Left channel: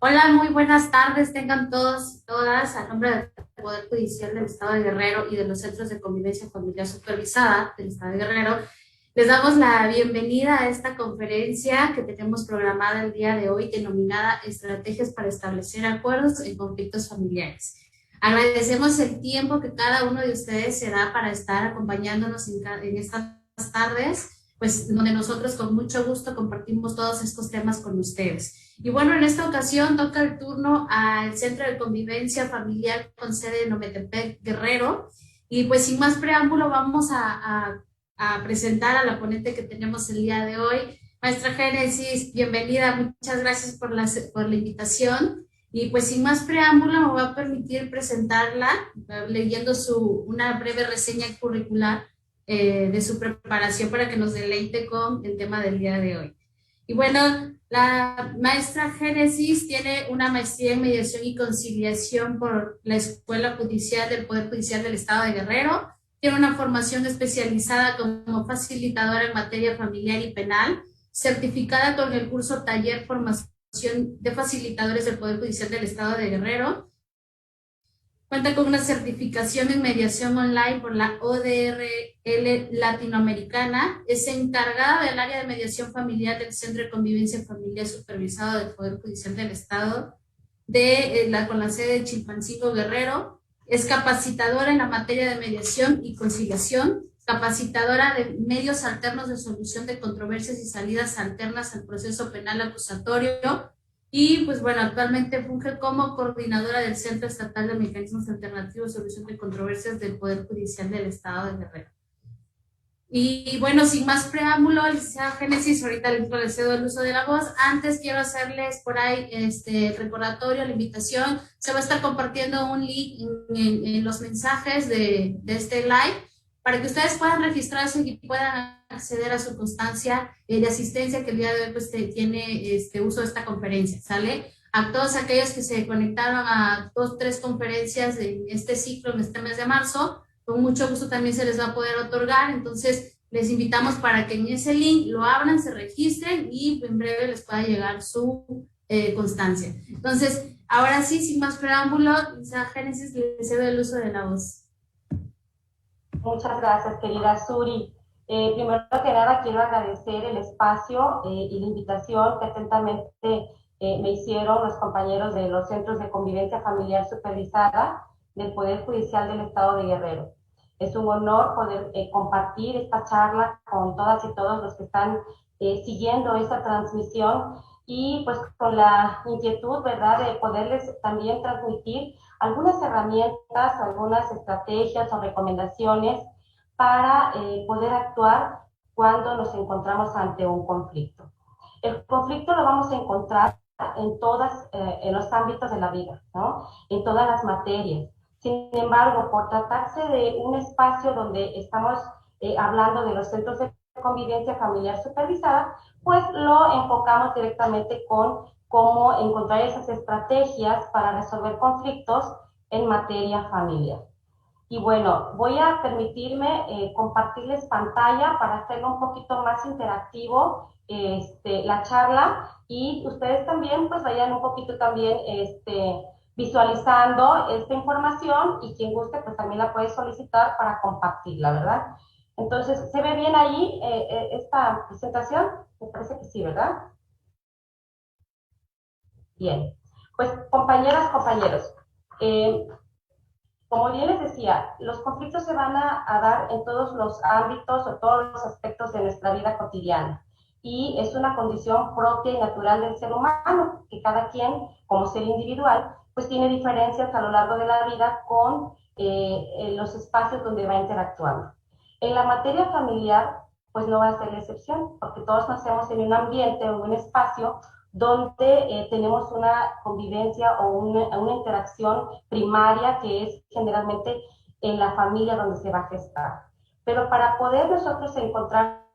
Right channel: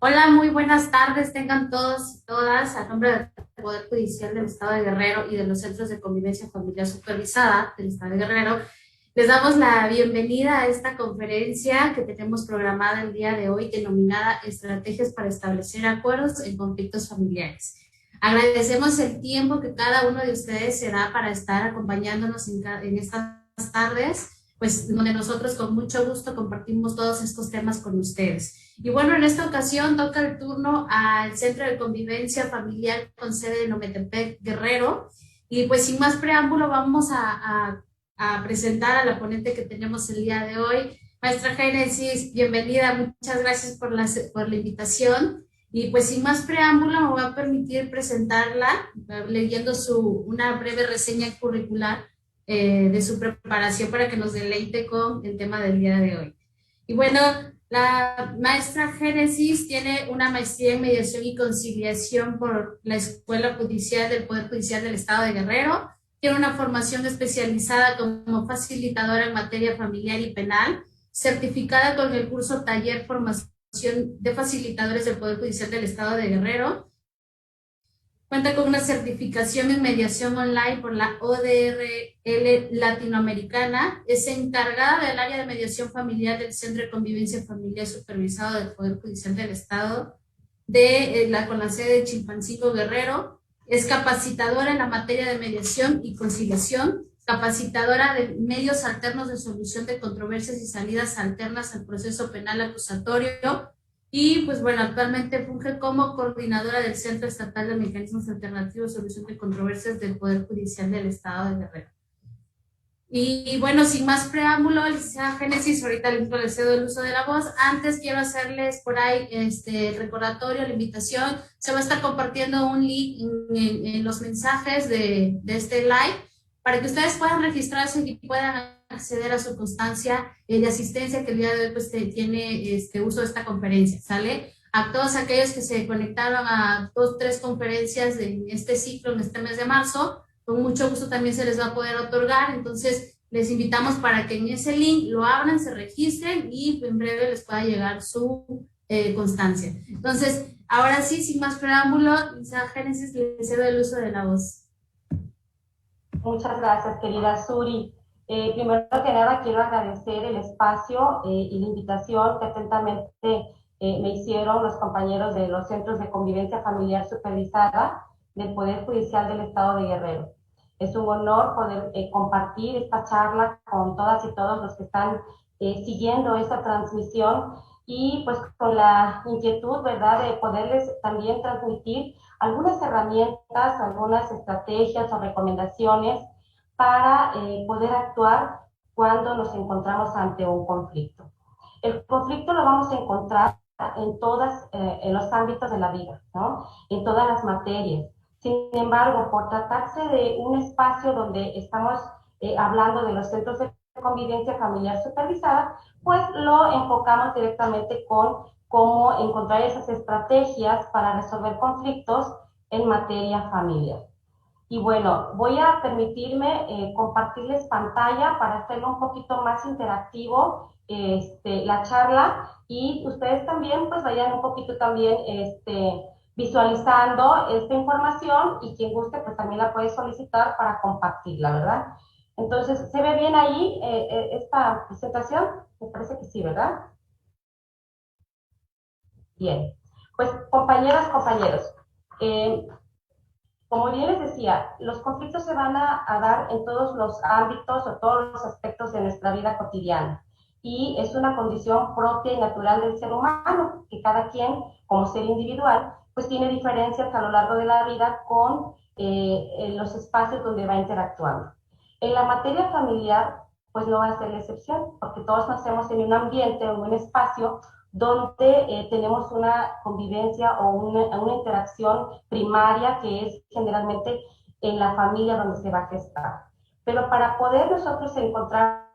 Hola, muy buenas tardes, tengan todos y todas, a nombre del Poder Judicial del Estado de Guerrero y de los Centros de Convivencia Familiar Supervisada del Estado de Guerrero. Les damos la bienvenida a esta conferencia que tenemos programada el día de hoy, denominada Estrategias para establecer acuerdos en conflictos familiares. Agradecemos el tiempo que cada uno de ustedes se da para estar acompañándonos en estas tardes, pues donde nosotros con mucho gusto compartimos todos estos temas con ustedes. Y bueno, en esta ocasión toca el turno al Centro de Convivencia Familiar con sede en Ometepec, Guerrero. Y pues sin más preámbulo vamos a presentar a la ponente que tenemos el día de hoy. Maestra Génesis, bienvenida, muchas gracias por la invitación. Y pues sin más preámbulo me voy a permitir presentarla leyendo una breve reseña curricular de su preparación para que nos deleite con el tema del día de hoy. Y bueno, la maestra Génesis tiene una maestría en mediación y conciliación por la Escuela Judicial del Poder Judicial del Estado de Guerrero. Tiene una formación especializada como facilitadora en materia familiar y penal, certificada con el curso Taller Formación de Facilitadores del Poder Judicial del Estado de Guerrero. Cuenta con una certificación en mediación online por la ODRL Latinoamericana. Es encargada del área de mediación familiar del Centro de Convivencia Familiar Supervisado del Poder Judicial del Estado con la sede de Chilpancingo, Guerrero. Es capacitadora en la materia de mediación y conciliación, capacitadora de medios alternos de solución de controversias y salidas alternas al proceso penal acusatorio, y pues bueno, actualmente funge como coordinadora del Centro Estatal de Mecanismos Alternativos de Solución de Controversias del Poder Judicial del Estado de Guerrero. Y bueno, sin más preámbulo, licenciada Génesis, ahorita le cedo el uso de la voz. Antes quiero hacerles por ahí el recordatorio, la invitación. Se va a estar compartiendo un link en los mensajes de este live para que ustedes puedan registrarse y puedan acceder a su constancia de asistencia que el día de hoy pues tiene uso de esta conferencia, ¿sale? A todos aquellos que se conectaron a 2, 3 conferencias de este ciclo en este mes de marzo, con mucho gusto también se les va a poder otorgar. Entonces les invitamos para que en ese link lo abran, se registren y en breve les pueda llegar su constancia. Entonces, ahora sí, sin más preámbulo, a Génesis le cedo el uso de la voz. Muchas gracias, querida Suri. Primero que nada, quiero agradecer el espacio y la invitación que atentamente me hicieron los compañeros de los Centros de Convivencia Familiar Supervisada del Poder Judicial del Estado de Guerrero. Es un honor poder compartir esta charla con todas y todos los que están siguiendo esta transmisión y pues con la inquietud, ¿verdad?, de poderles también transmitir algunas herramientas, algunas estrategias o recomendaciones para poder actuar cuando nos encontramos ante un conflicto. El conflicto lo vamos a encontrar en los ámbitos de la vida, ¿no? En todas las materias. Sin embargo, por tratarse de un espacio donde estamos hablando de los centros de convivencia familiar supervisada, pues lo enfocamos directamente con cómo encontrar esas estrategias para resolver conflictos en materia familiar. Y bueno, voy a permitirme compartirles pantalla para hacerlo un poquito más interactivo la charla, y ustedes también pues vayan un poquito también visualizando esta información, y quien guste pues también la puede solicitar para compartirla, ¿verdad? Entonces, ¿se ve bien ahí esta presentación? Me parece que sí, ¿verdad? Bien, pues compañeras, compañeros, eh, como bien les decía, los conflictos se van a dar en todos los ámbitos o todos los aspectos de nuestra vida cotidiana, y es una condición propia y natural del ser humano, que cada quien, como ser individual, pues tiene diferencias a lo largo de la vida con los espacios donde va interactuando. En la materia familiar, pues no va a ser la excepción, porque todos nacemos en un ambiente o en un espacio donde tenemos una convivencia o una interacción primaria, que es generalmente en la familia donde se va a gestar. Pero para poder nosotros encontrar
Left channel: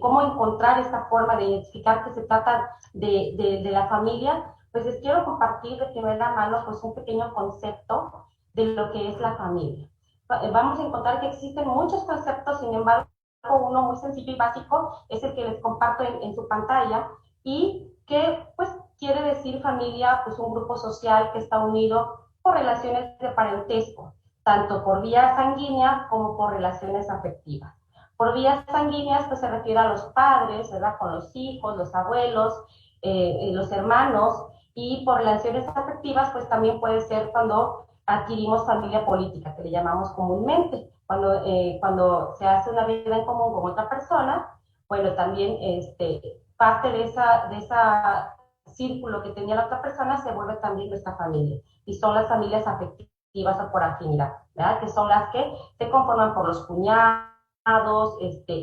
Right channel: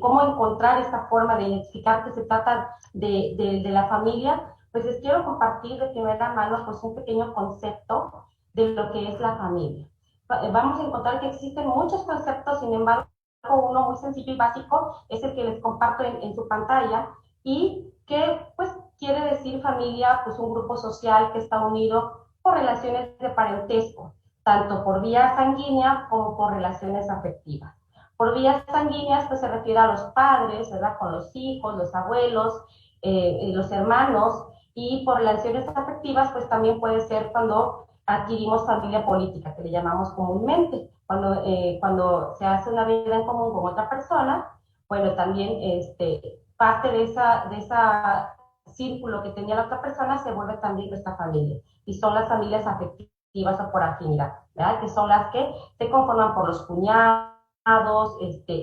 cómo encontrar esta forma de identificar que se trata de la familia, pues les quiero compartir de primera mano pues un pequeño concepto de lo que es la familia. Vamos a encontrar que existen muchos conceptos, sin embargo, uno muy sencillo y básico es el que les comparto en su pantalla, y que pues quiere decir familia, pues un grupo social que está unido por relaciones de parentesco, tanto por vía sanguínea como por relaciones afectivas. Por vías sanguíneas, pues se refiere a los padres, ¿verdad? Con los hijos, los abuelos, los hermanos, y por relaciones afectivas, pues también puede ser cuando adquirimos familia política, que le llamamos comúnmente, cuando se hace una vida en común con otra persona, bueno, también parte de esa círculo que tenía la otra persona se vuelve también nuestra familia, y son las familias afectivas o por afinidad, ¿verdad? Que son las que se conforman por los cuñados,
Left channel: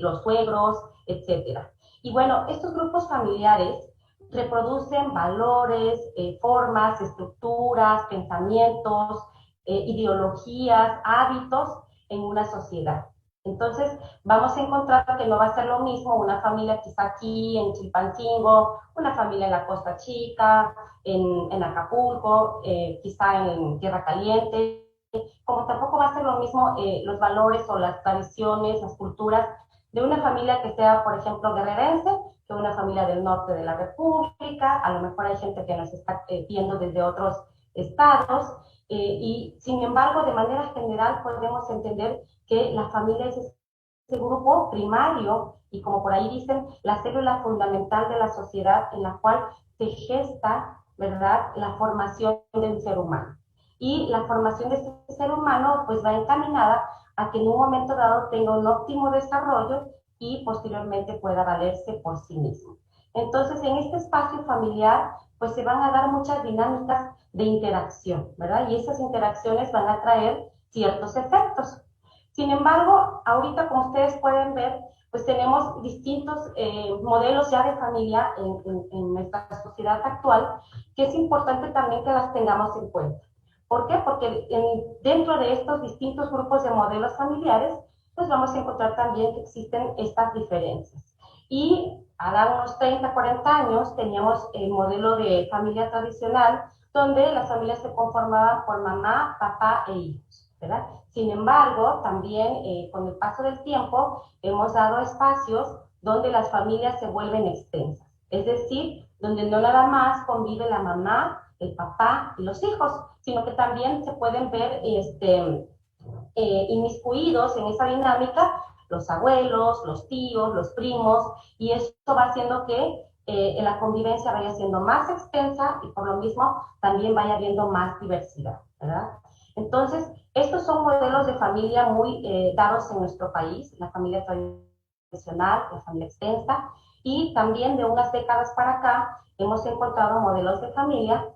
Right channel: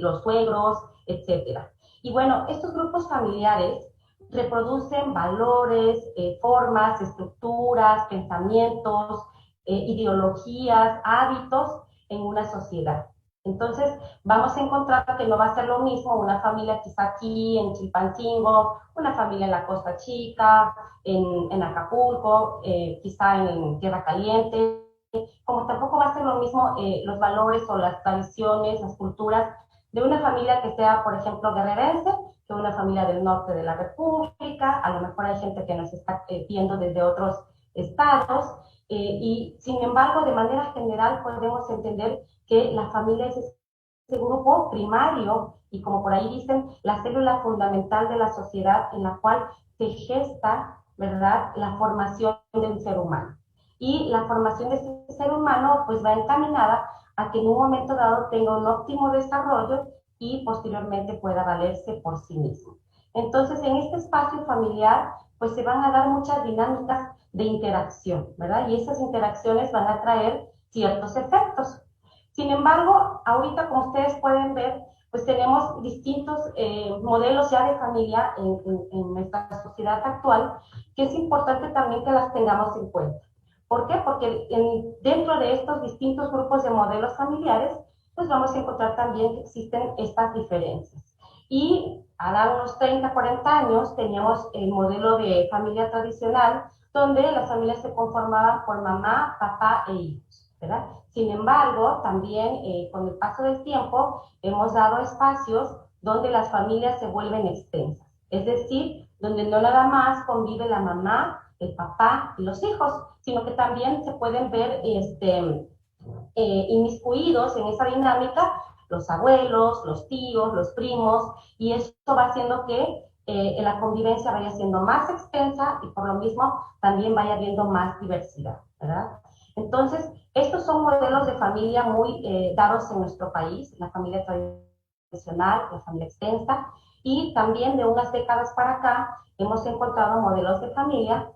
los suegros, etcétera. Y bueno, estos grupos familiares reproducen valores, formas, estructuras, pensamientos, ideologías, hábitos en una sociedad. Entonces, vamos a encontrar que no va a ser lo mismo una familia quizá aquí en Chilpancingo, una familia en la Costa Chica, en Acapulco, quizá en Tierra Caliente, como tampoco va a ser lo mismo los valores o las tradiciones, las culturas de una familia que sea, por ejemplo, guerrerense, que una familia del norte de la República. A lo mejor hay gente que nos está viendo desde otros estados, y sin embargo, de manera general podemos entender que la familia es ese grupo primario y, como por ahí dicen, la célula fundamental de la sociedad en la cual se gesta, ¿verdad?, la formación del ser humano. Y la formación de ese ser humano pues va encaminada a que en un momento dado tenga un óptimo desarrollo y posteriormente pueda valerse por sí mismo. Entonces, en este espacio familiar pues se van a dar muchas dinámicas de interacción, ¿verdad? Y esas interacciones van a traer ciertos efectos. Sin embargo, ahorita, como ustedes pueden ver, pues tenemos distintos modelos ya de familia en nuestra sociedad actual, que es importante también que las tengamos en cuenta. ¿Por qué? Porque dentro de estos distintos grupos de modelos familiares, pues vamos a encontrar también que existen estas diferencias. Y a dar unos 30, 40 años teníamos el modelo de familia tradicional, donde las familias se conformaban por mamá, papá e hijos, ¿verdad? Sin embargo, también con el paso del tiempo hemos dado espacios donde las familias se vuelven extensas, es decir, donde no nada más convive la mamá, el papá y los hijos, sino que también se pueden ver inmiscuidos en esa dinámica los abuelos, los tíos, los primos, y eso va haciendo que la convivencia vaya siendo más extensa y por lo mismo también vaya habiendo más diversidad, ¿verdad? Entonces, estos son modelos de familia muy dados en nuestro país, la familia tradicional, la familia extensa, y también de unas décadas para acá hemos encontrado modelos de familia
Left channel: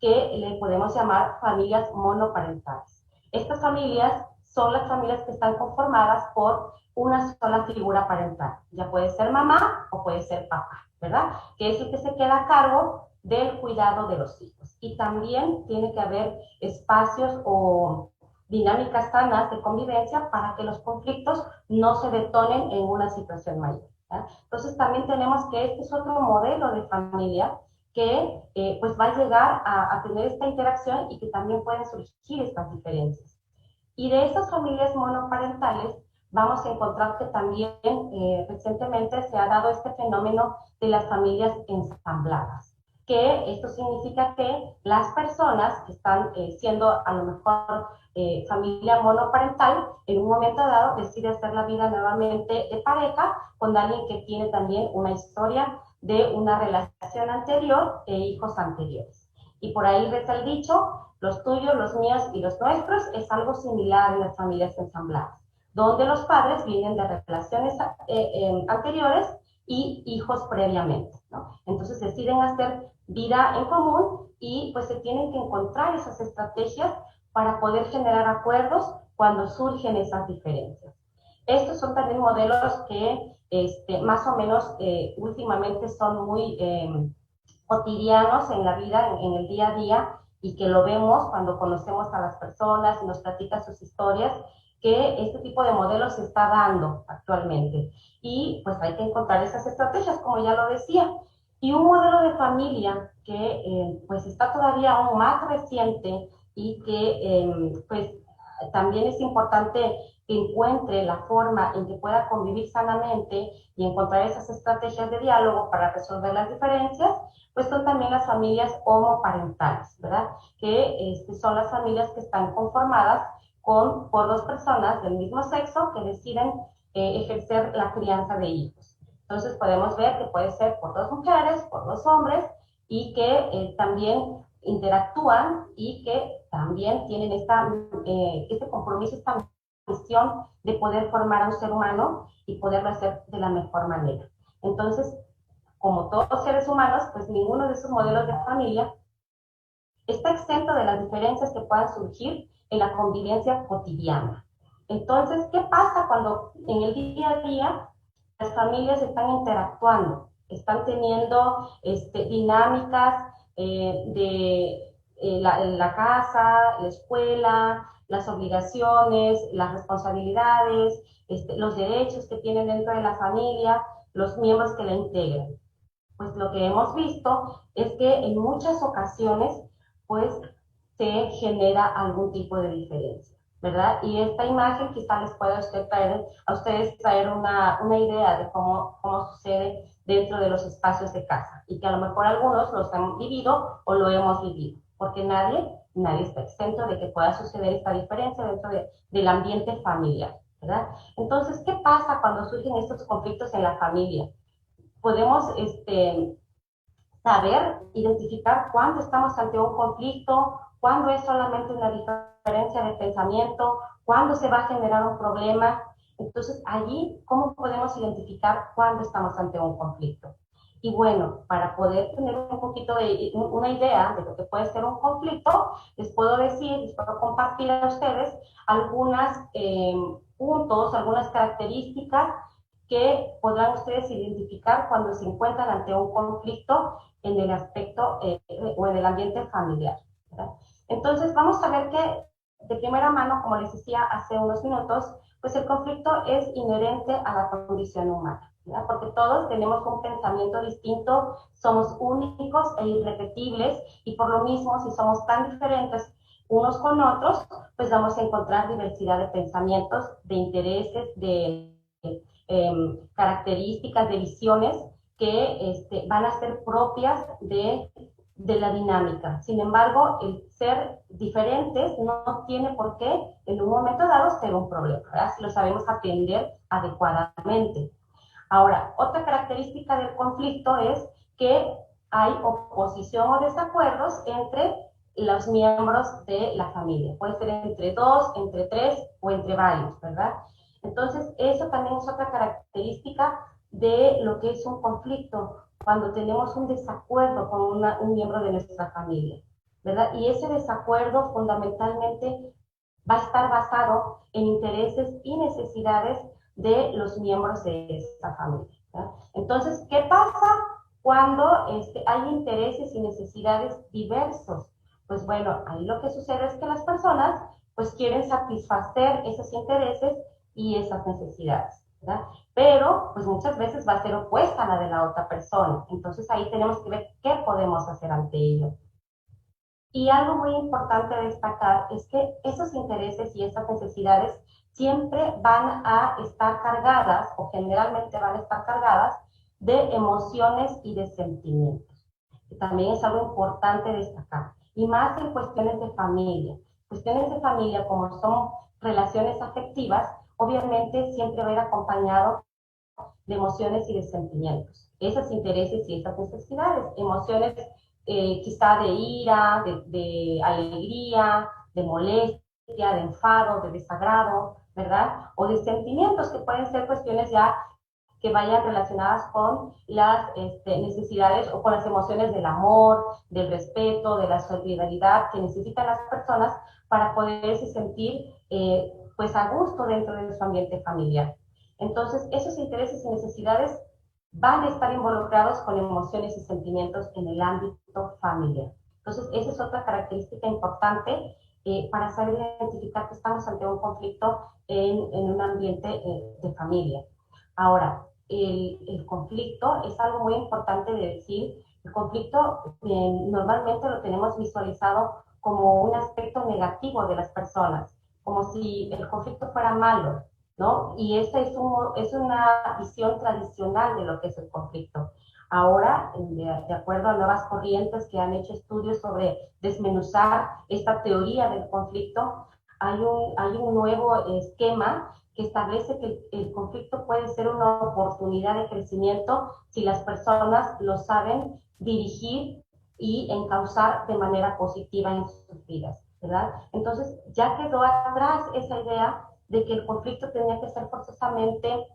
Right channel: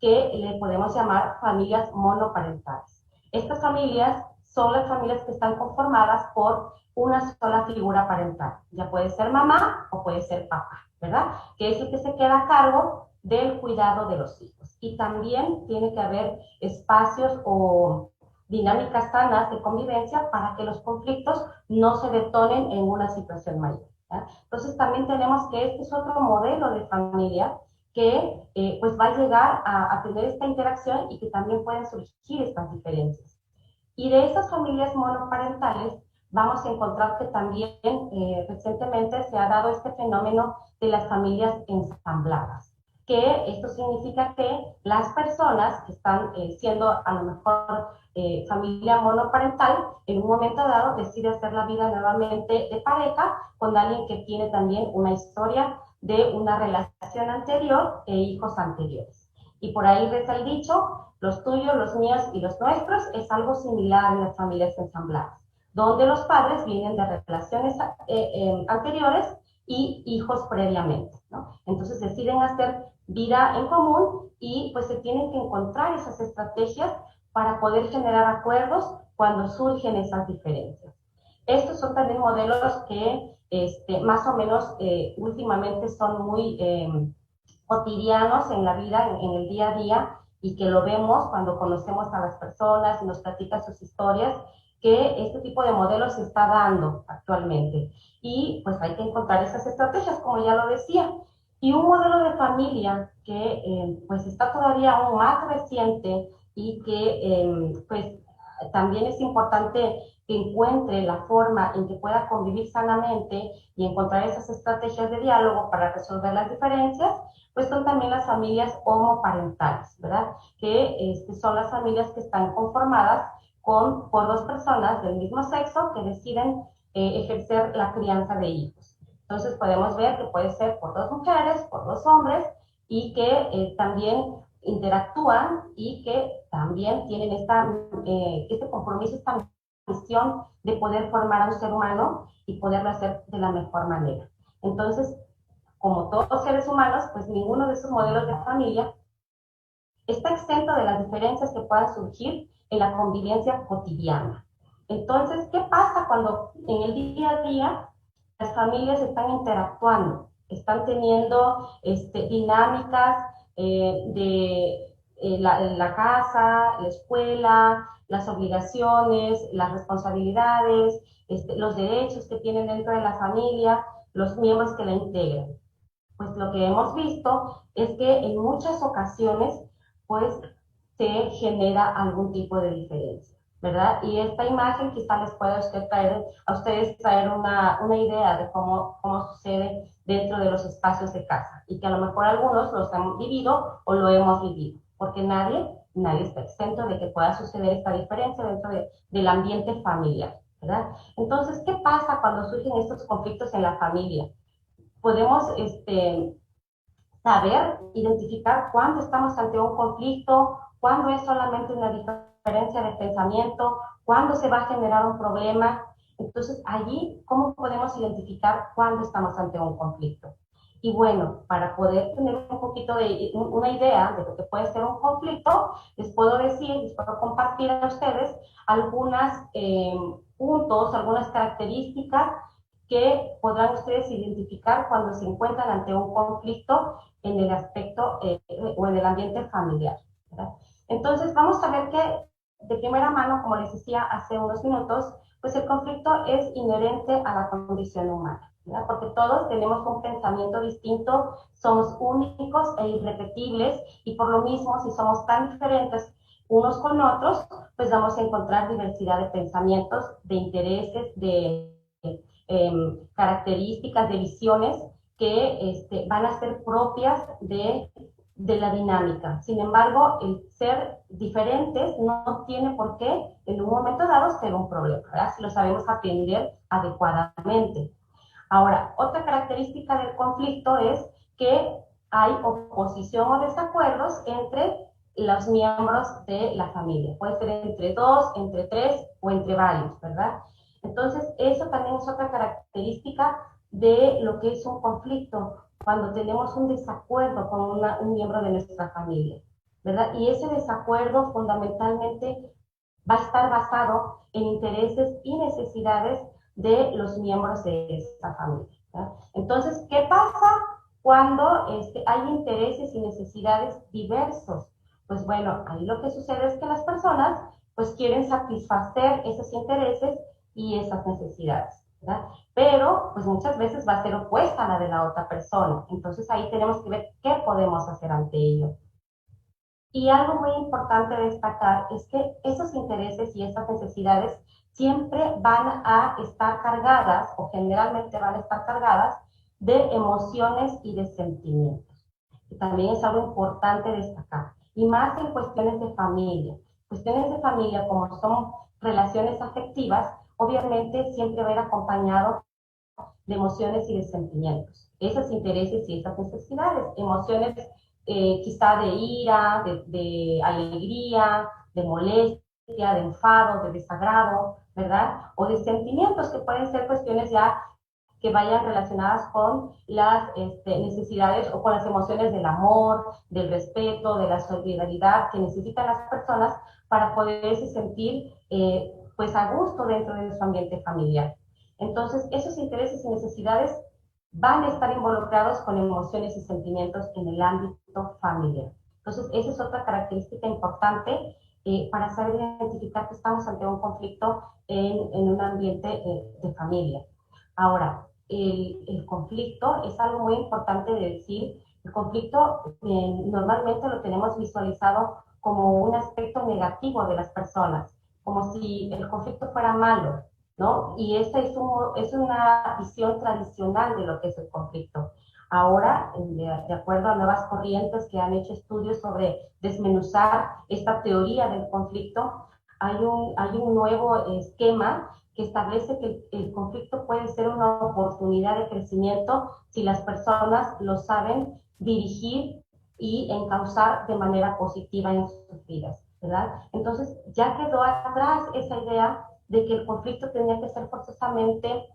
que le podemos llamar familias monoparentales. Estas familias son las familias que están conformadas por una sola figura parental. Ya puede ser mamá o puede ser papá, ¿verdad? Que es el que se queda a cargo del cuidado de los hijos. Y también tiene que haber espacios o dinámicas sanas de convivencia para que los conflictos no se detonen en una situación mayor, ¿verdad? Entonces también tenemos que este es otro modelo de familia que pues va a llegar a tener esta interacción y que también pueden surgir estas diferencias. Y de esas familias monoparentales vamos a encontrar que también recientemente se ha dado este fenómeno de las familias ensambladas, que esto significa que las personas que están siendo a lo mejor familia monoparental, en un momento dado decide hacer la vida nuevamente de pareja con alguien que tiene también una historia de una relación anterior e hijos anteriores. Y por ahí reza el dicho, los tuyos, los míos y los nuestros, es algo similar en las familias ensambladas, donde los padres vienen de relaciones anteriores y hijos previamente, ¿no? Entonces deciden hacer vida en común y pues se tienen que encontrar esas estrategias para poder generar acuerdos cuando surgen esas diferencias. Estos son también modelos que más o menos últimamente son muy cotidianos en la vida, en el día a día, y que lo vemos cuando conocemos a las personas y nos platican sus historias, que este tipo de modelos se está dando actualmente. Y pues hay que encontrar esas estrategias, como ya lo decía. Y un modelo de familia que pues está todavía aún más reciente y que pues también es importante que encuentre la forma en que pueda convivir sanamente y encontrar esas estrategias de diálogo para resolver las diferencias, pues son también las familias homoparentales, ¿verdad? Que son las familias que están conformadas por dos personas del mismo sexo que deciden ejercer la crianza de hijos. Entonces podemos ver que puede ser por dos mujeres, por dos hombres, y que también interactúan y que también tienen este compromiso, esta misión de poder formar a un ser humano y poderlo hacer de la mejor manera. Entonces, como todos seres humanos, pues ninguno de esos modelos de familia está exento de las diferencias que puedan surgir en la convivencia cotidiana. Entonces, ¿qué pasa cuando en el día a día las familias están interactuando? Están teniendo dinámicas la casa, la escuela, las obligaciones, las responsabilidades, los derechos que tienen dentro de la familia, los miembros que la integran. Pues lo que hemos visto es que en muchas ocasiones pues se genera algún tipo de diferencia, ¿verdad? Y esta imagen quizá les pueda a ustedes traer una idea de cómo sucede dentro de los espacios de casa y que a lo mejor algunos los han vivido o lo hemos vivido, porque nadie está exento de que pueda suceder esta diferencia dentro del ambiente familiar, ¿verdad? Entonces, ¿qué pasa cuando surgen estos conflictos en la familia? Podemos saber identificar cuándo estamos ante un conflicto, cuándo es solamente una diferencia de pensamiento, cuándo se va a generar un problema. Entonces, allí, ¿cómo podemos identificar cuándo estamos ante un conflicto? Y bueno, para poder tener un poquito de una idea de lo que puede ser un conflicto, les puedo compartir a ustedes algunos puntos, algunas características que podrán ustedes identificar cuando se encuentran ante un conflicto en el aspecto o en el ambiente familiar, ¿verdad? Entonces, vamos a ver que de primera mano, como les decía hace unos minutos, pues el conflicto es inherente a la condición humana, ¿verdad? Porque todos tenemos un pensamiento distinto, somos únicos e irrepetibles, y por lo mismo, si somos tan diferentes unos con otros, pues vamos a encontrar diversidad de pensamientos, de intereses, de características, de visiones que van a ser propias de la dinámica. Sin embargo, el ser diferentes no tiene por qué en un momento dado ser un problema, ¿verdad? Si lo sabemos atender adecuadamente. Ahora, otra característica del conflicto es que hay oposición o desacuerdos entre los miembros de la familia. Puede ser entre dos, entre tres o entre varios, ¿verdad? Entonces, eso también es otra característica de lo que es un conflicto, cuando tenemos un desacuerdo con un miembro de nuestra familia, ¿verdad? Y ese desacuerdo fundamentalmente va a estar basado en intereses y necesidades de los miembros de esta familia, ¿verdad? Entonces, ¿qué pasa cuando hay intereses y necesidades diversos? Pues bueno, ahí lo que sucede es que las personas pues quieren satisfacer esos intereses y esas necesidades, ¿verdad? Pero pues muchas veces va a ser opuesta a la de la otra persona. Entonces ahí tenemos que ver qué podemos hacer ante ello. Y algo muy importante destacar es que esos intereses y esas necesidades siempre van a estar cargadas, o generalmente van a estar cargadas, de emociones y de sentimientos. Que también es algo importante destacar. Y más en cuestiones de familia. Cuestiones de familia, como son relaciones afectivas, obviamente siempre va a ir acompañado de emociones y de sentimientos. Esos intereses y esas necesidades, emociones quizá de ira, de alegría, de molestia, de enfado, de desagrado, ¿verdad? O de sentimientos que pueden ser cuestiones ya que vayan relacionadas con las necesidades o con las emociones del amor, del respeto, de la solidaridad que necesitan las personas para poderse sentir pues a gusto dentro de su ambiente familiar. Entonces, esos intereses y necesidades van a estar involucrados con emociones y sentimientos en el ámbito familiar. Entonces, esa es otra característica importante para saber identificar que estamos ante un conflicto en un ambiente de familia. Ahora, el conflicto es algo muy importante de decir. El conflicto normalmente lo tenemos visualizado como un aspecto negativo de las personas, como si el conflicto fuera malo, ¿no? Y esa es una visión tradicional de lo que es el conflicto. Ahora, de acuerdo a nuevas corrientes que han hecho estudios sobre desmenuzar esta teoría del conflicto, hay un nuevo esquema que establece que el conflicto puede ser una oportunidad de crecimiento si las personas lo saben dirigir y encauzar de manera positiva en sus vidas, ¿verdad? Entonces ya quedó atrás esa idea de que el conflicto tenía que ser forzosamente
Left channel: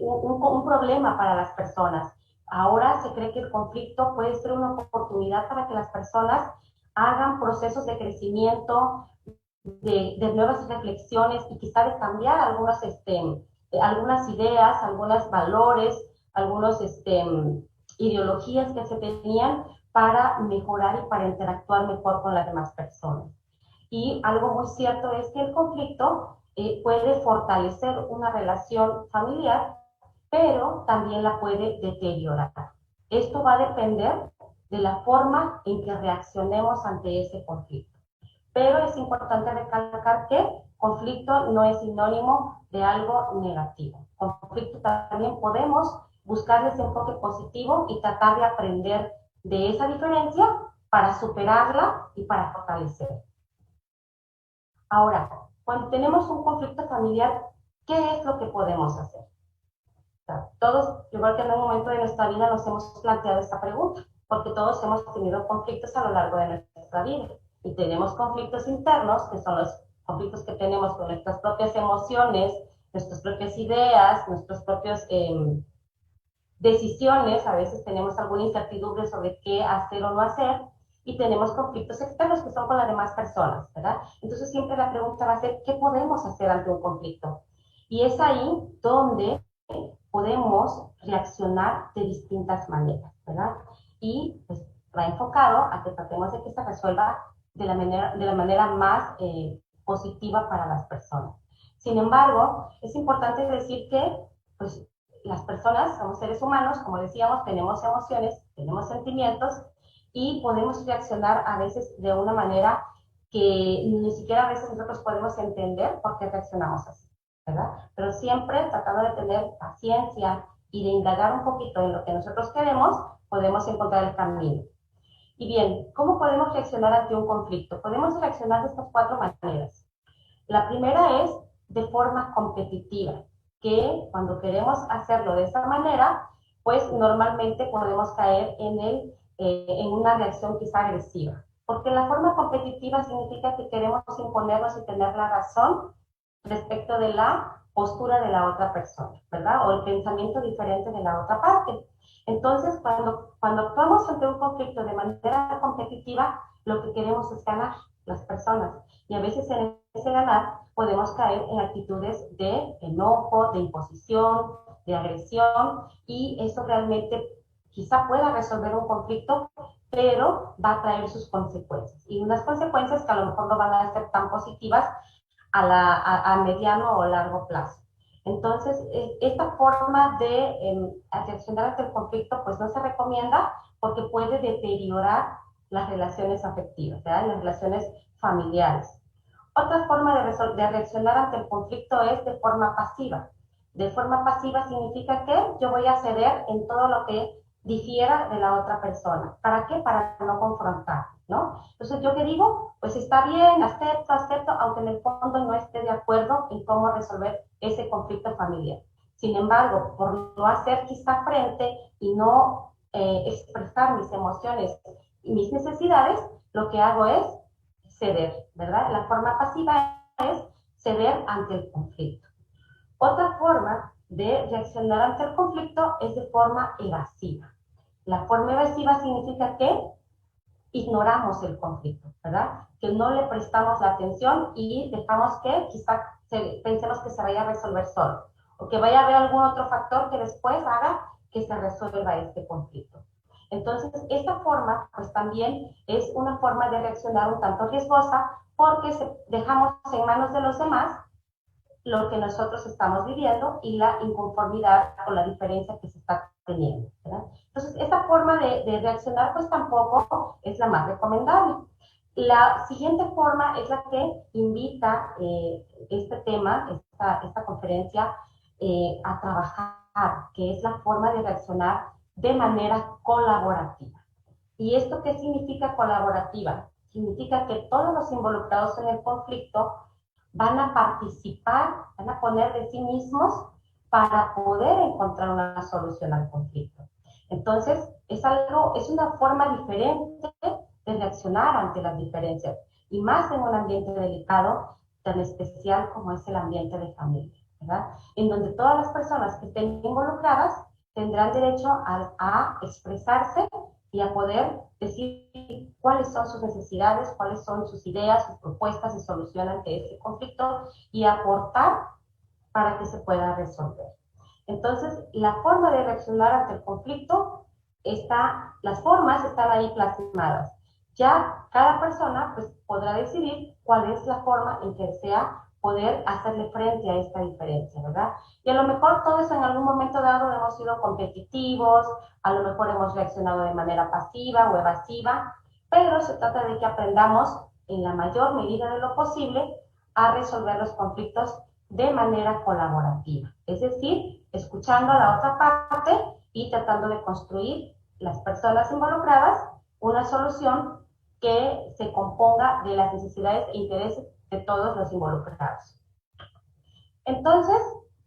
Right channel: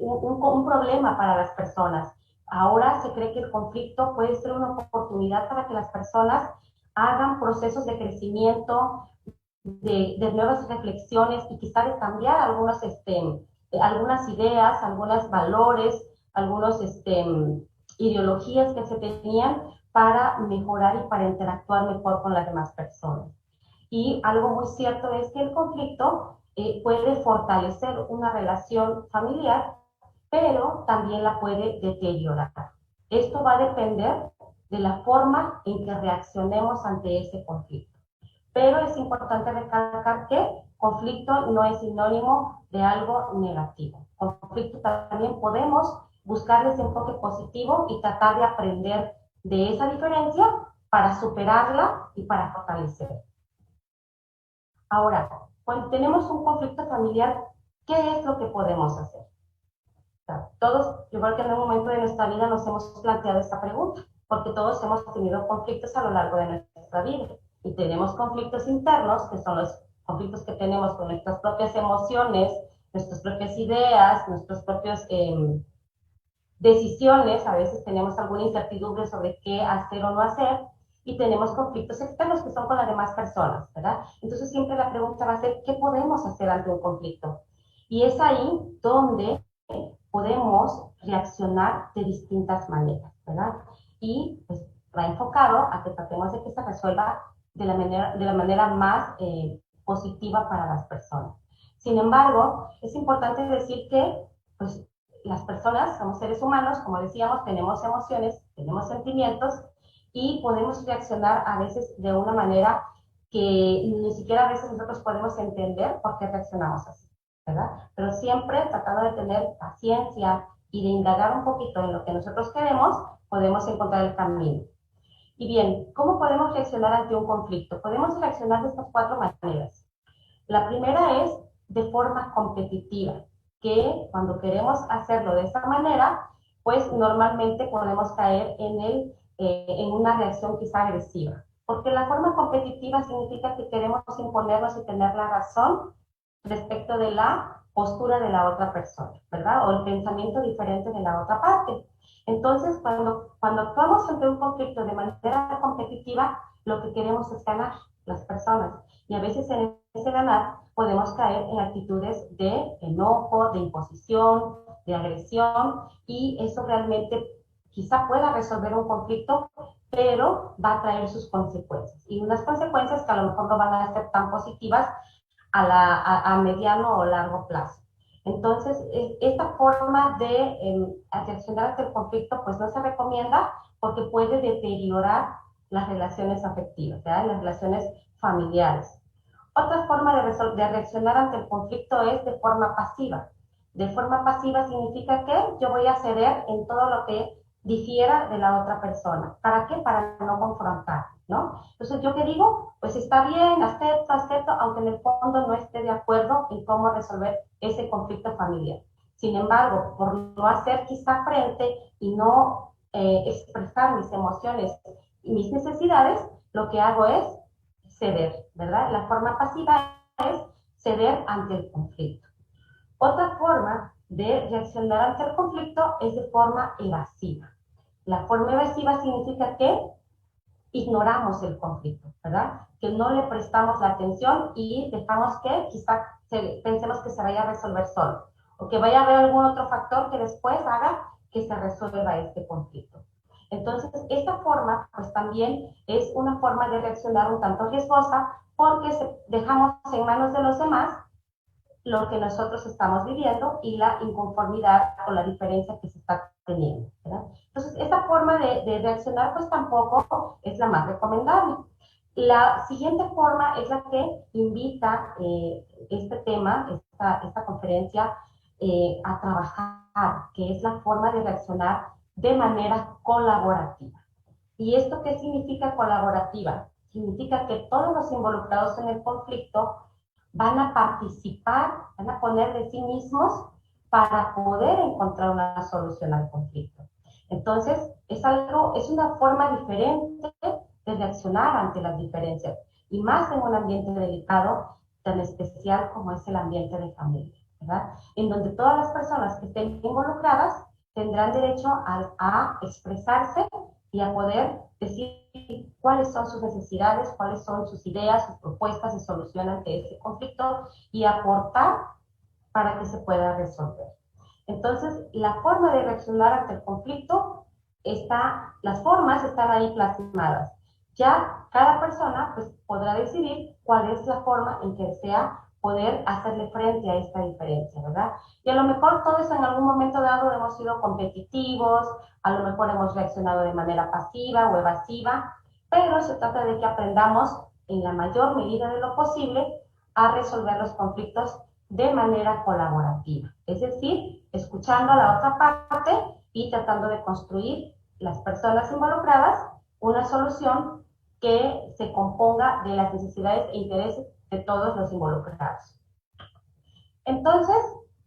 un problema para las personas. Ahora se cree que el conflicto puede ser una oportunidad para que las personas hagan procesos de crecimiento, de nuevas reflexiones y quizá de cambiar algunas ideas, algunos valores, algunas ideologías que se tenían para mejorar y para interactuar mejor con las demás personas. Y algo muy cierto es que el conflicto puede fortalecer una relación familiar, pero también la puede deteriorar. Esto va a depender de la forma en que reaccionemos ante ese conflicto. Pero es importante recalcar que conflicto no es sinónimo de algo negativo. Conflicto también podemos buscar ese enfoque positivo y tratar de aprender de esa diferencia para superarla y para fortalecer. Ahora, cuando tenemos un conflicto familiar, ¿qué es lo que podemos hacer? O sea, todos, yo creo que en un momento de nuestra vida nos hemos planteado esta pregunta, porque todos hemos tenido conflictos a lo largo de nuestra vida y tenemos conflictos internos, que son los conflictos que tenemos con nuestras propias emociones, nuestras propias ideas, nuestras propias decisiones, a veces tenemos alguna incertidumbre sobre qué hacer o no hacer, y tenemos conflictos externos que son con las demás personas, ¿verdad? Entonces siempre la pregunta va a ser, ¿qué podemos hacer ante un conflicto? Y es ahí donde podemos reaccionar de distintas maneras, ¿verdad? Y pues va enfocado a que tratemos de que se resuelva de la manera más positiva para las personas. Sin embargo, es importante decir que pues, las personas somos seres humanos, como decíamos, tenemos emociones, tenemos sentimientos y podemos reaccionar a veces de una manera que ni siquiera a veces nosotros podemos entender por qué reaccionamos así, ¿verdad? Pero siempre tratando de tener paciencia y de indagar un poquito en lo que nosotros queremos, podemos encontrar el camino. Y bien, ¿cómo podemos reaccionar ante un conflicto? Podemos reaccionar de estas cuatro maneras. La primera es de forma competitiva, que cuando queremos hacerlo de esa manera, pues normalmente podemos caer en una reacción quizá agresiva. Porque la forma competitiva significa que queremos imponernos y tener la razón respecto de la postura de la otra persona, ¿verdad? O el pensamiento diferente de la otra parte. Entonces, cuando actuamos ante un conflicto de manera competitiva, lo que queremos es ganar las personas. Y a veces en ese ganar podemos caer en actitudes de enojo, de imposición, de agresión, y eso realmente quizá pueda resolver un conflicto, pero va a traer sus consecuencias. Y unas consecuencias que a lo mejor no van a ser tan positivas a mediano o largo plazo. Entonces, esta forma de reaccionar ante el conflicto, pues no se recomienda porque puede deteriorar las relaciones afectivas, ¿verdad? Las relaciones familiares. Otra forma de reaccionar ante el conflicto es de forma pasiva. De forma pasiva significa que yo voy a ceder en todo lo que difiera de la otra persona. ¿Para qué? Para no confrontar, ¿no? Entonces, ¿yo qué digo? Pues está bien, acepto, aunque en el fondo no esté de acuerdo en cómo resolver ese conflicto familiar. Sin embargo, por no hacer quizá frente y no expresar mis emociones y mis necesidades, lo que hago es ceder, ¿verdad? La forma pasiva es ceder ante el conflicto. Otra forma de reaccionar ante el conflicto es de forma evasiva. La forma evasiva significa que ignoramos el conflicto, ¿verdad? Que no le prestamos la atención y dejamos que quizá pensemos que se vaya a resolver solo o que vaya a haber algún otro factor que después haga que se resuelva este conflicto. Entonces, esta forma, pues también es una forma de reaccionar un tanto riesgosa porque dejamos en manos de los demás lo que nosotros estamos viviendo y la inconformidad o la diferencia que se está teniendo, ¿verdad? Entonces, esta forma de reaccionar pues tampoco es la más recomendable. La siguiente forma es la que invita este tema, esta conferencia, a trabajar, que es la forma de reaccionar de manera colaborativa. ¿Y esto qué significa colaborativa? Significa que todos los involucrados en el conflicto van a participar, van a poner de sí mismos para poder encontrar una solución al conflicto. Entonces, es una forma diferente de reaccionar ante las diferencias, y más en un ambiente delicado, tan especial como es el ambiente de familia, ¿verdad? En donde todas las personas que estén involucradas tendrán derecho a expresarse y a poder decir cuáles son sus necesidades, cuáles son sus ideas, sus propuestas de solución ante ese conflicto, y aportar para que se pueda resolver. Entonces, la forma de reaccionar ante el conflicto las formas están ahí plasmadas. Ya cada persona pues, podrá decidir cuál es la forma en que desea poder hacerle frente a esta diferencia, ¿verdad? Y a lo mejor todos en algún momento dado hemos sido competitivos, a lo mejor hemos reaccionado de manera pasiva o evasiva, pero se trata de que aprendamos en la mayor medida de lo posible a resolver los conflictos de manera colaborativa, es decir, escuchando a la otra parte y tratando de construir las personas involucradas una solución que se componga de las necesidades e intereses de todos los involucrados. Entonces,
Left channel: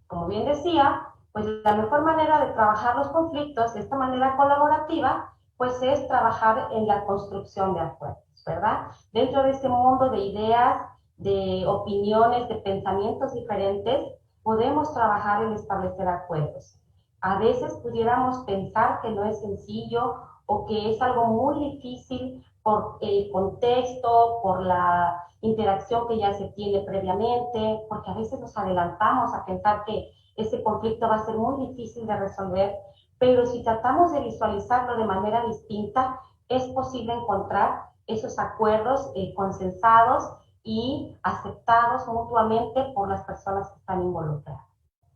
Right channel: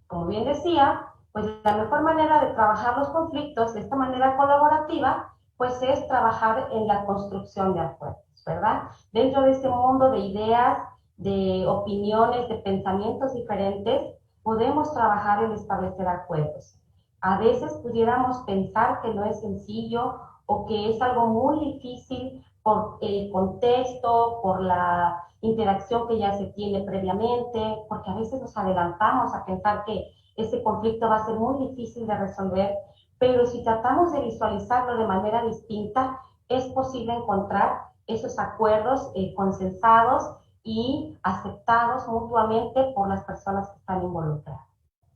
como bien decía, pues la mejor manera de trabajar los conflictos de esta manera colaborativa, pues es trabajar en la construcción de acuerdos, ¿verdad? Dentro de este mundo de ideas, de opiniones, de pensamientos diferentes, podemos trabajar en establecer acuerdos. A veces pudiéramos pensar que no es sencillo o que es algo muy difícil por el contexto, por la interacción que ya se tiene previamente, porque a veces nos adelantamos a pensar que ese conflicto va a ser muy difícil de resolver, pero si tratamos de visualizarlo de manera distinta, es posible encontrar esos acuerdos consensados y aceptados mutuamente por las personas que están involucradas.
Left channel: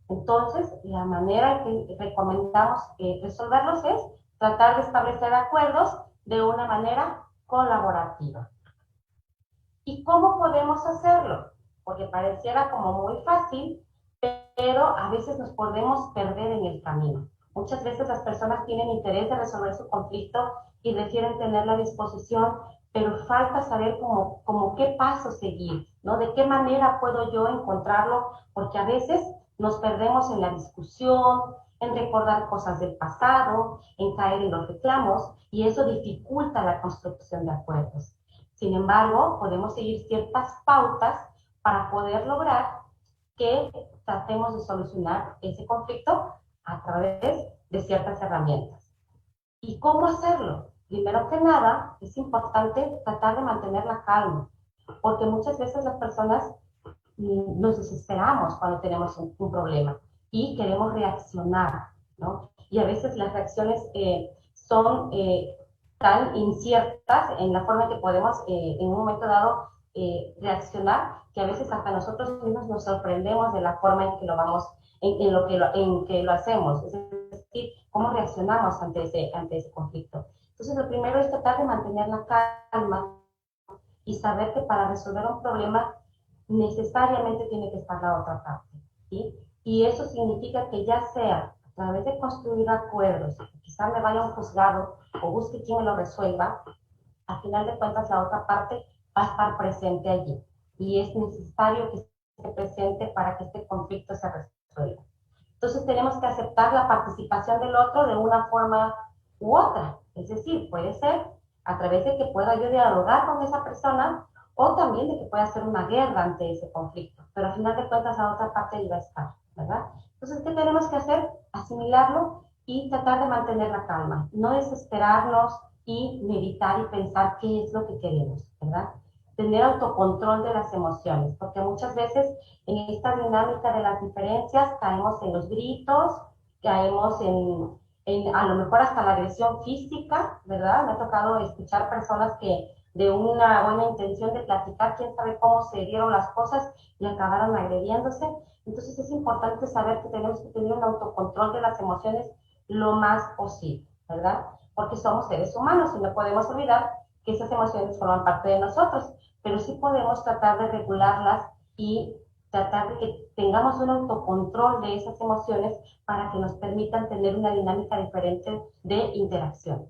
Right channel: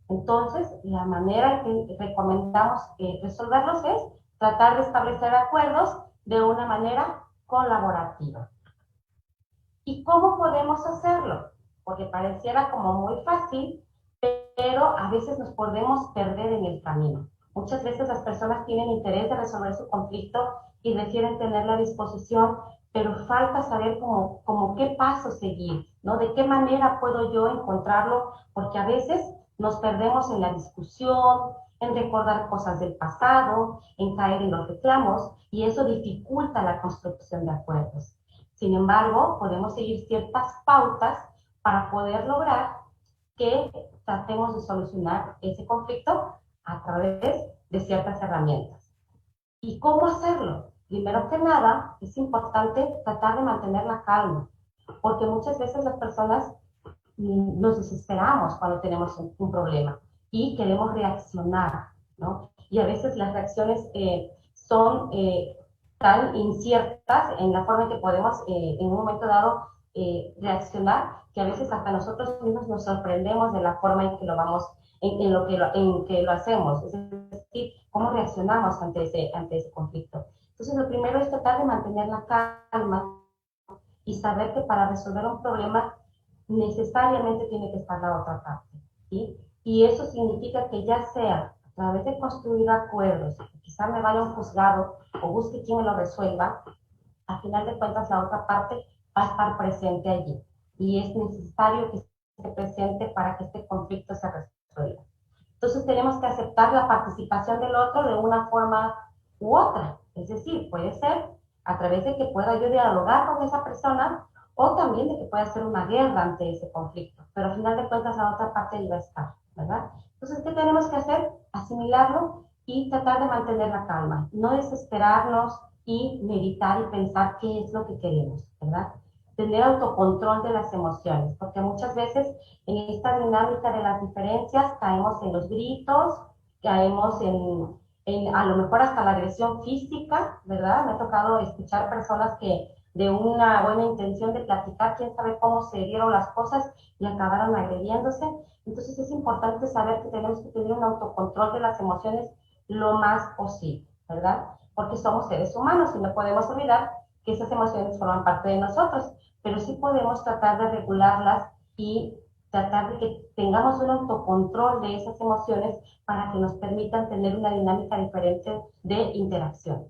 Entonces, la manera que recomendamos resolverlos es tratar de establecer acuerdos de una manera colaborativa. ¿Y cómo podemos hacerlo? Porque pareciera como muy fácil, pero a veces nos podemos perder en el camino. Muchas veces las personas tienen interés de resolver su conflicto y requieren tener a disposición, pero falta saber cómo qué paso seguir, ¿no? De qué manera puedo yo encontrarlo, porque a veces nos perdemos en la discusión, en recordar cosas del pasado, en caer en los reclamos, y eso dificulta la construcción de acuerdos. Sin embargo, podemos seguir ciertas pautas para poder lograr que tratemos de solucionar ese conflicto a través de ciertas herramientas. ¿Y cómo hacerlo? Primero que nada, es importante tratar de mantener la calma, porque muchas veces las personas nos desesperamos cuando tenemos un problema y queremos reaccionar, ¿no? Y a veces las reacciones son tan inciertas en la forma en que podemos en un momento dado reaccionar, que a veces hasta nosotros mismos nos sorprendemos de la forma en que lo vamos, en que lo hacemos, es decir, cómo reaccionamos ante ese conflicto. Entonces, lo primero es tratar de mantener la calma y saber que para resolver un problema necesariamente tiene que estar la otra parte, ¿sí? Y eso significa que ya sea a través de construir acuerdos, quizá me vaya a un juzgado o busque quien me lo resuelva, al final de cuentas la otra parte va a estar presente allí. Y es necesario que esté presente para que este conflicto se resuelva. Entonces tenemos que aceptar la participación del otro de una forma u otra. Es decir, puede ser a través de que pueda yo dialogar con esa persona o también de que pueda hacer una guerra ante ese conflicto. Pero al final de cuentas la otra parte iba a estar, ¿verdad? Entonces, ¿qué tenemos que hacer? Asimilarlo y tratar de mantener la calma. No desesperarnos y meditar y pensar qué es lo que queremos, ¿verdad? Tener autocontrol de las emociones, porque muchas veces en esta dinámica de las diferencias caemos en los gritos, caemos a lo mejor hasta la agresión física, ¿verdad? Me ha tocado escuchar personas que de una buena intención de platicar, quién sabe cómo se dieron las cosas y acabaron agrediéndose. Entonces es importante saber que tenemos que tener un autocontrol de las emociones lo más posible, ¿verdad? Porque somos seres humanos y no podemos olvidar que esas emociones forman parte de nosotros, pero sí podemos tratar de regularlas y tratar de que tengamos un autocontrol de esas emociones para que nos permitan tener una dinámica diferente de interacción.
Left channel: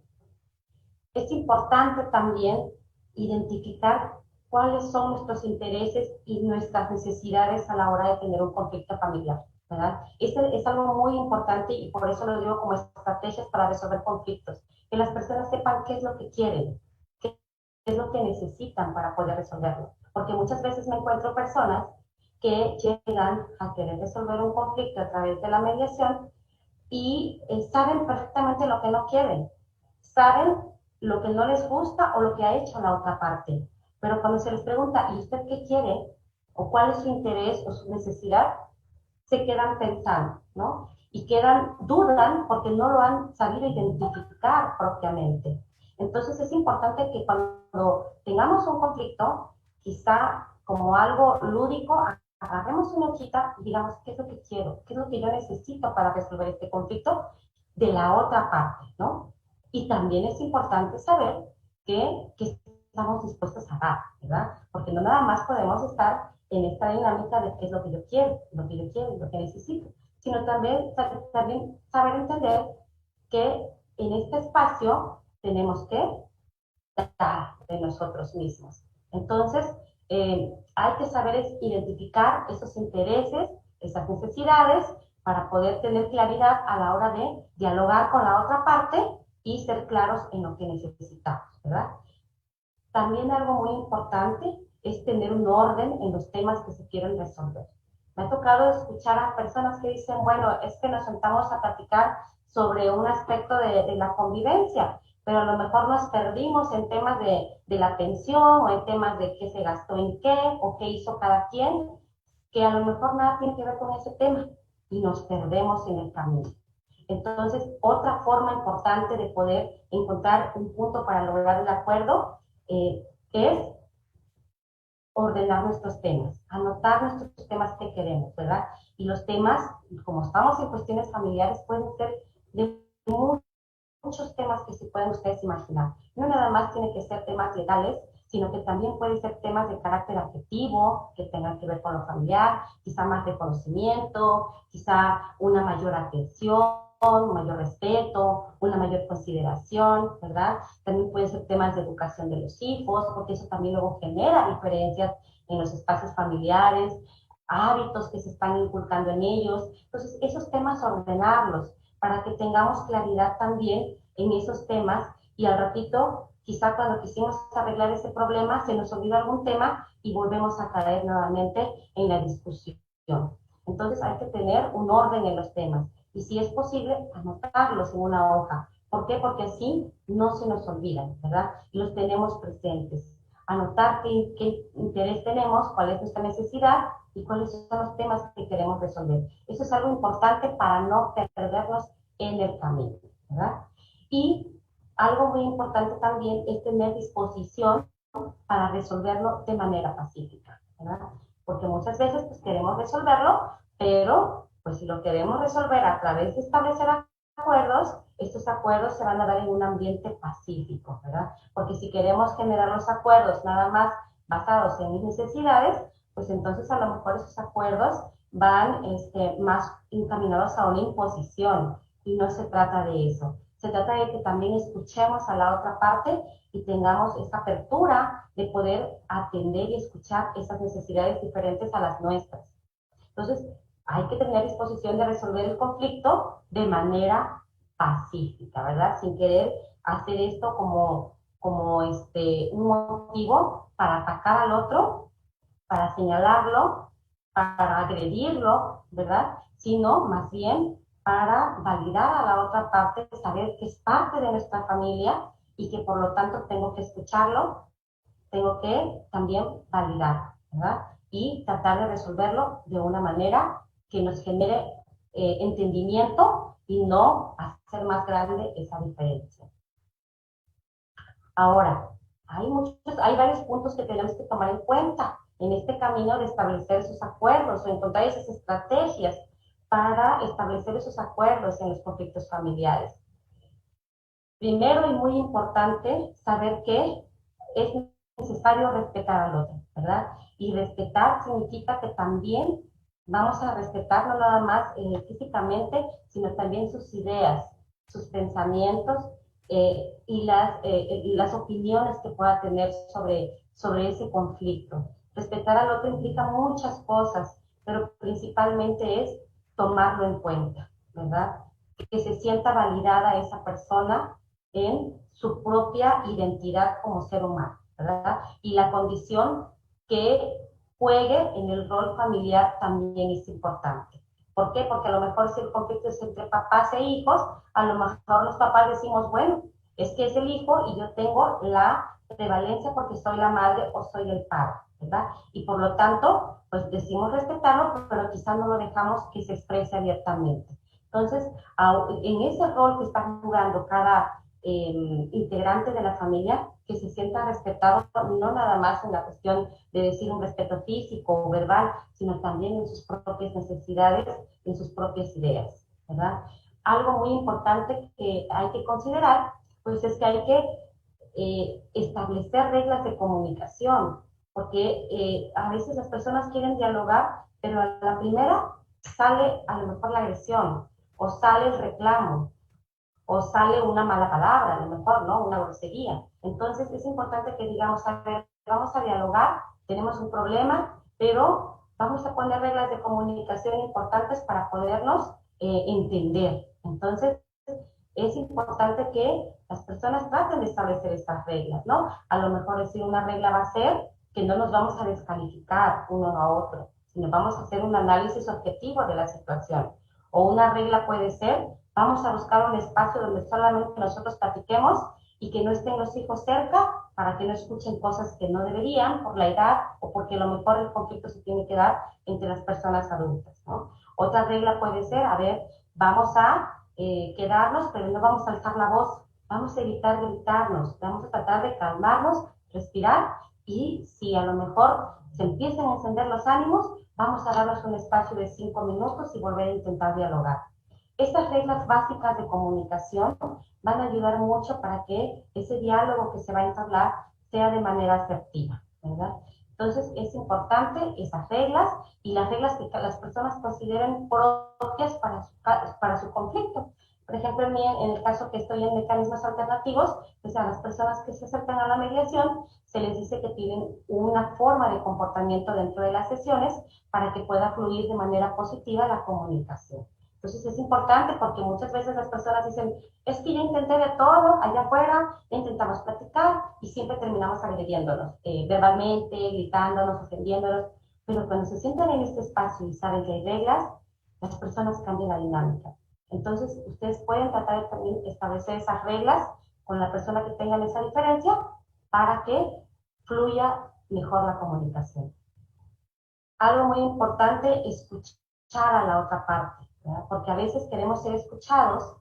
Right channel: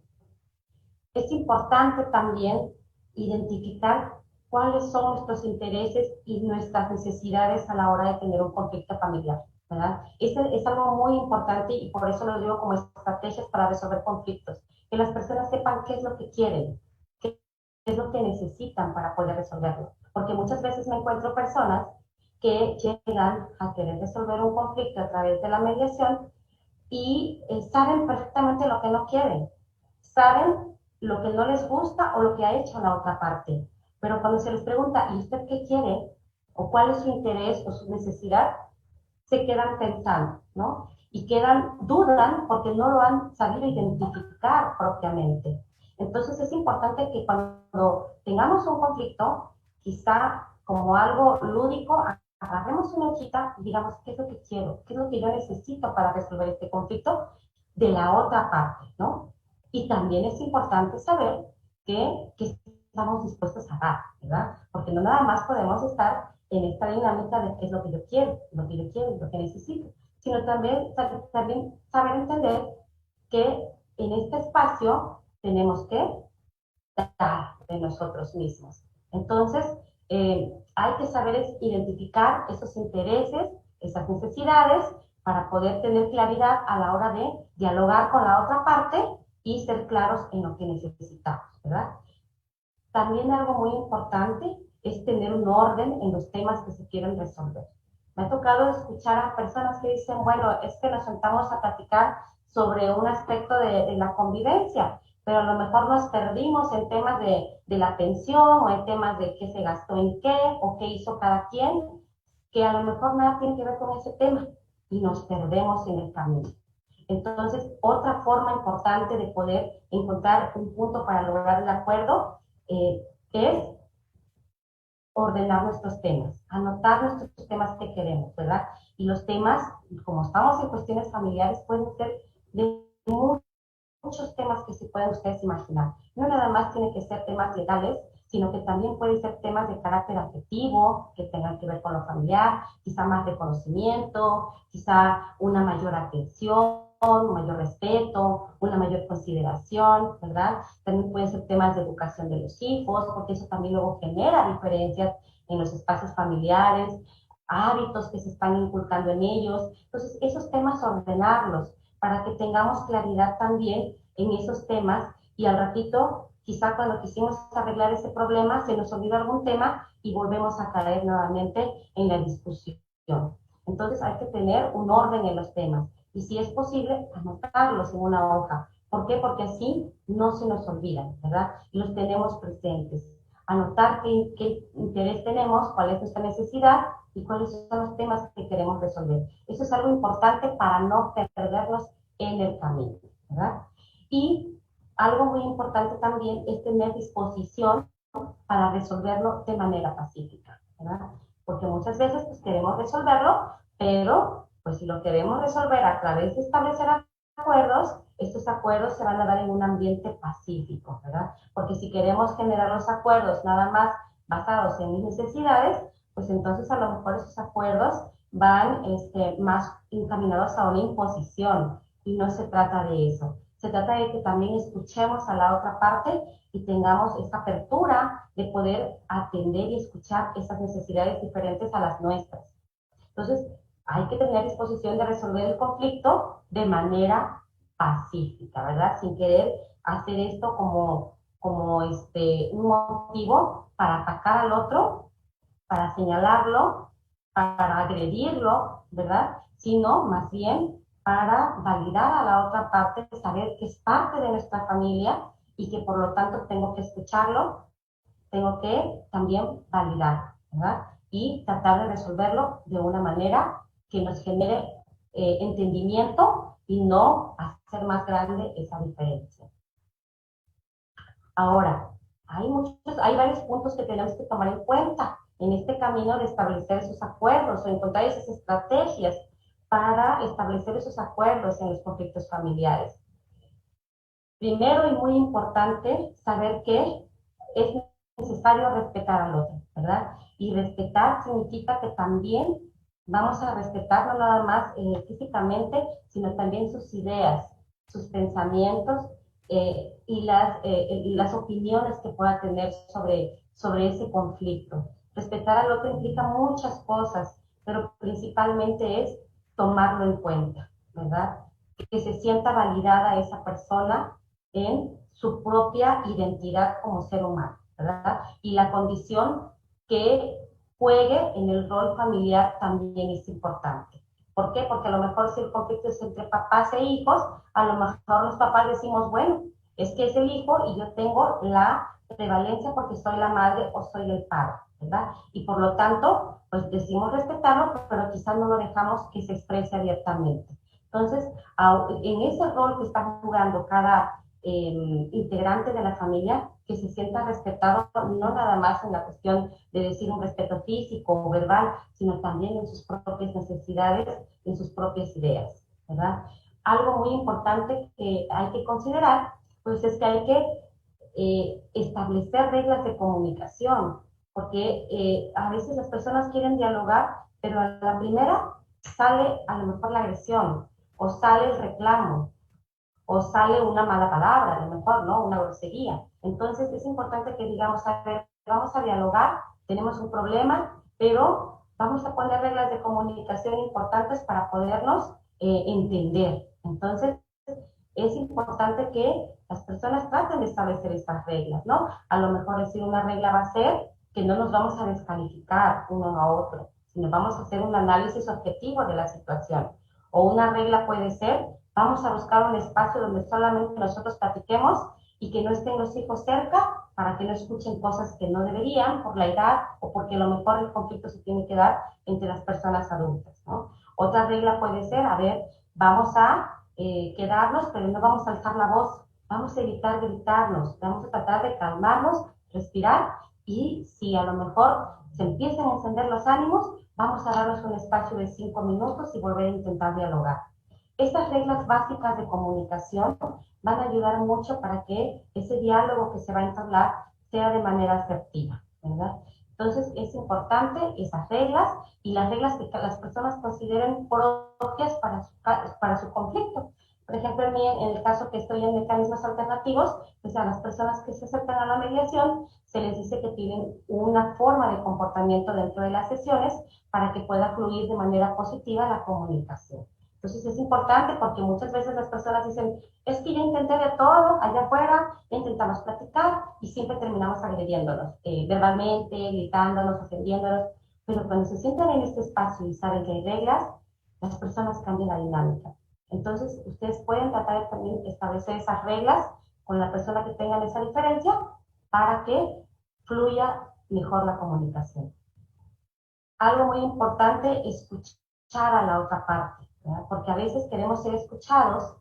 Es importante también identificar cuáles son nuestros intereses y nuestras necesidades a la hora de tener un conflicto familiar, ¿verdad? Este es algo muy importante y por eso lo digo como estrategias para resolver conflictos. Que las personas sepan qué es lo que quieren, qué es lo que necesitan para poder resolverlo. Porque muchas veces me encuentro personas que llegan a querer resolver un conflicto a través de la mediación y saben perfectamente lo que no quieren, saben lo que no les gusta o lo que ha hecho la otra parte. Pero cuando se les pregunta, ¿y usted qué quiere? ¿O cuál es su interés o su necesidad? Se quedan pensando, ¿no? Y dudan porque no lo han sabido identificar propiamente. Entonces es importante que cuando tengamos un conflicto, quizá como algo lúdico, agarremos una hojita y digamos qué es lo que quiero, qué es lo que yo necesito para resolver este conflicto de la otra parte, ¿no? Y también es importante saber que estamos dispuestos a dar, ¿verdad? Porque no nada más podemos estar en esta dinámica de qué es lo que yo quiero, lo que yo quiero, lo que necesito, sino también saber entender que en este espacio tenemos que dar de nosotros mismos. Entonces, hay que saber identificar esos intereses, esas necesidades, para poder tener claridad a la hora de dialogar con la otra parte y ser claros en lo que necesitamos, ¿verdad? También algo muy importante es tener un orden en los temas que se quieren resolver. Me ha tocado escuchar a personas que dicen, bueno, es que nos sentamos a platicar sobre un aspecto de la convivencia, pero a lo mejor nos perdimos en temas de la pensión o en temas de qué se gastó en qué o qué hizo cada quien, que a lo mejor nada tiene que ver con ese tema y nos perdemos en el camino. Entonces, otra forma importante de poder encontrar un punto para lograr el acuerdo es ordenar nuestros temas, anotar nuestros temas que queremos, ¿verdad? Y los temas, como estamos en cuestiones familiares, pueden ser de muchos temas que se pueden ustedes imaginar. No nada más tiene que ser temas legales, sino que también pueden ser temas de carácter afectivo, que tengan que ver con lo familiar, quizá más reconocimiento, quizá una mayor atención, un mayor respeto, una mayor consideración, ¿verdad? También pueden ser temas de educación de los hijos, porque eso también luego genera diferencias en los espacios familiares, hábitos que se están inculcando en ellos. Entonces, esos temas ordenarlos para que tengamos claridad también en esos temas y al ratito, quizá cuando quisimos arreglar ese problema, se nos olvidó algún tema y volvemos a caer nuevamente en la discusión. Entonces hay que tener un orden en los temas y si es posible, anotarlos en una hoja. ¿Por qué? Porque así no se nos olvidan, ¿verdad? Los tenemos presentes. Anotar qué interés tenemos, cuál es nuestra necesidad y cuáles son los temas que queremos resolver. Eso es algo importante para no perdernos en el camino, ¿verdad? Y algo muy importante también es tener disposición para resolverlo de manera pacífica, ¿verdad? Porque muchas veces pues, queremos resolverlo, pero pues si lo queremos resolver a través de establecer acuerdos, estos acuerdos se van a dar en un ambiente pacífico, ¿verdad? Porque si queremos generar los acuerdos nada más basados en mis necesidades, pues entonces a lo mejor esos acuerdos van más encaminados a una imposición y no se trata de eso. Se trata de que también escuchemos a la otra parte y tengamos esa apertura de poder atender y escuchar esas necesidades diferentes a las nuestras. Entonces, hay que tener disposición de resolver el conflicto de manera pacífica, ¿verdad? Sin querer hacer esto como un motivo para atacar al otro, para señalarlo, para agredirlo, ¿verdad? Sino más bien para validar a la otra parte, saber que es parte de nuestra familia y que por lo tanto tengo que escucharlo, tengo que también validar, ¿verdad? Y tratar de resolverlo de una manera que nos genere entendimiento y no hacer más grande esa diferencia. Ahora, hay varios puntos que tenemos que tomar en cuenta en este camino de establecer esos acuerdos o encontrar esas estrategias para establecer esos acuerdos en los conflictos familiares. Primero y muy importante, saber que es necesario respetar al otro, ¿verdad? Y respetar significa que también vamos a respetar no nada más físicamente, sino también sus ideas, sus pensamientos y las opiniones que pueda tener sobre ese conflicto. Respetar al otro implica muchas cosas, pero principalmente es tomarlo en cuenta, ¿verdad? Que se sienta validada esa persona en su propia identidad como ser humano, ¿verdad? Y la condición que juegue en el rol familiar también es importante. ¿Por qué? Porque a lo mejor si el conflicto es entre papás e hijos, a lo mejor los papás decimos, bueno, es que es el hijo y yo tengo la prevalencia porque soy la madre o soy el padre, ¿verdad? Y por lo tanto, pues decimos respetarlo, pero quizás no lo dejamos que se exprese abiertamente. Entonces, en ese rol que está jugando cada integrante de la familia, que se sienta respetado, no nada más en la cuestión de decir un respeto físico o verbal, sino también en sus propias necesidades, en sus propias ideas, ¿verdad? Algo muy importante que hay que considerar, pues es que hay que establecer reglas de comunicación, porque a veces las personas quieren dialogar, pero a la primera sale a lo mejor la agresión, o sale el reclamo, o sale una mala palabra, a lo mejor, ¿no? Una grosería. Entonces es importante que digamos, a ver, vamos a dialogar, tenemos un problema, pero vamos a poner reglas de comunicación importantes para podernos entender. Entonces es importante que las personas traten de establecer estas reglas, ¿no? A lo mejor decir una regla va a ser que no nos vamos a descalificar uno a otro, sino vamos a hacer un análisis objetivo de la situación. O una regla puede ser, vamos a buscar un espacio donde solamente nosotros platiquemos y que no estén los hijos cerca para que no escuchen cosas que no deberían por la edad o porque a lo mejor el conflicto se tiene que dar entre las personas adultas, ¿no? Otra regla puede ser, a ver, vamos a quedarnos, pero no vamos a alzar la voz, vamos a evitar gritarnos, vamos a tratar de calmarnos, respirar y si a lo mejor se empiezan a encender los ánimos, vamos a darnos un espacio de 5 minutos y volver a intentar dialogar. Estas reglas básicas de comunicación van a ayudar mucho para que ese diálogo que se va a entablar sea de manera asertiva, ¿verdad? Entonces es importante esas reglas y las reglas que las personas consideren propias para su conflicto. Por ejemplo, en el caso que estoy en mecanismos alternativos, pues a las personas que se acercan a la mediación se les dice que tienen una forma de comportamiento dentro de las sesiones para que pueda fluir de manera positiva la comunicación. Entonces es importante porque muchas veces las personas dicen, es que yo intenté de todo allá afuera, intentamos platicar y siempre terminamos agrediéndonos, verbalmente, gritándonos, ofendiéndonos, pero cuando se sientan en este espacio y saben que hay reglas, las personas cambian la dinámica. Entonces ustedes pueden tratar de también establecer esas reglas con la persona que tengan esa diferencia para que fluya mejor la comunicación. Algo muy importante, escuchar a la otra parte, ¿verdad? Porque a veces queremos ser escuchados,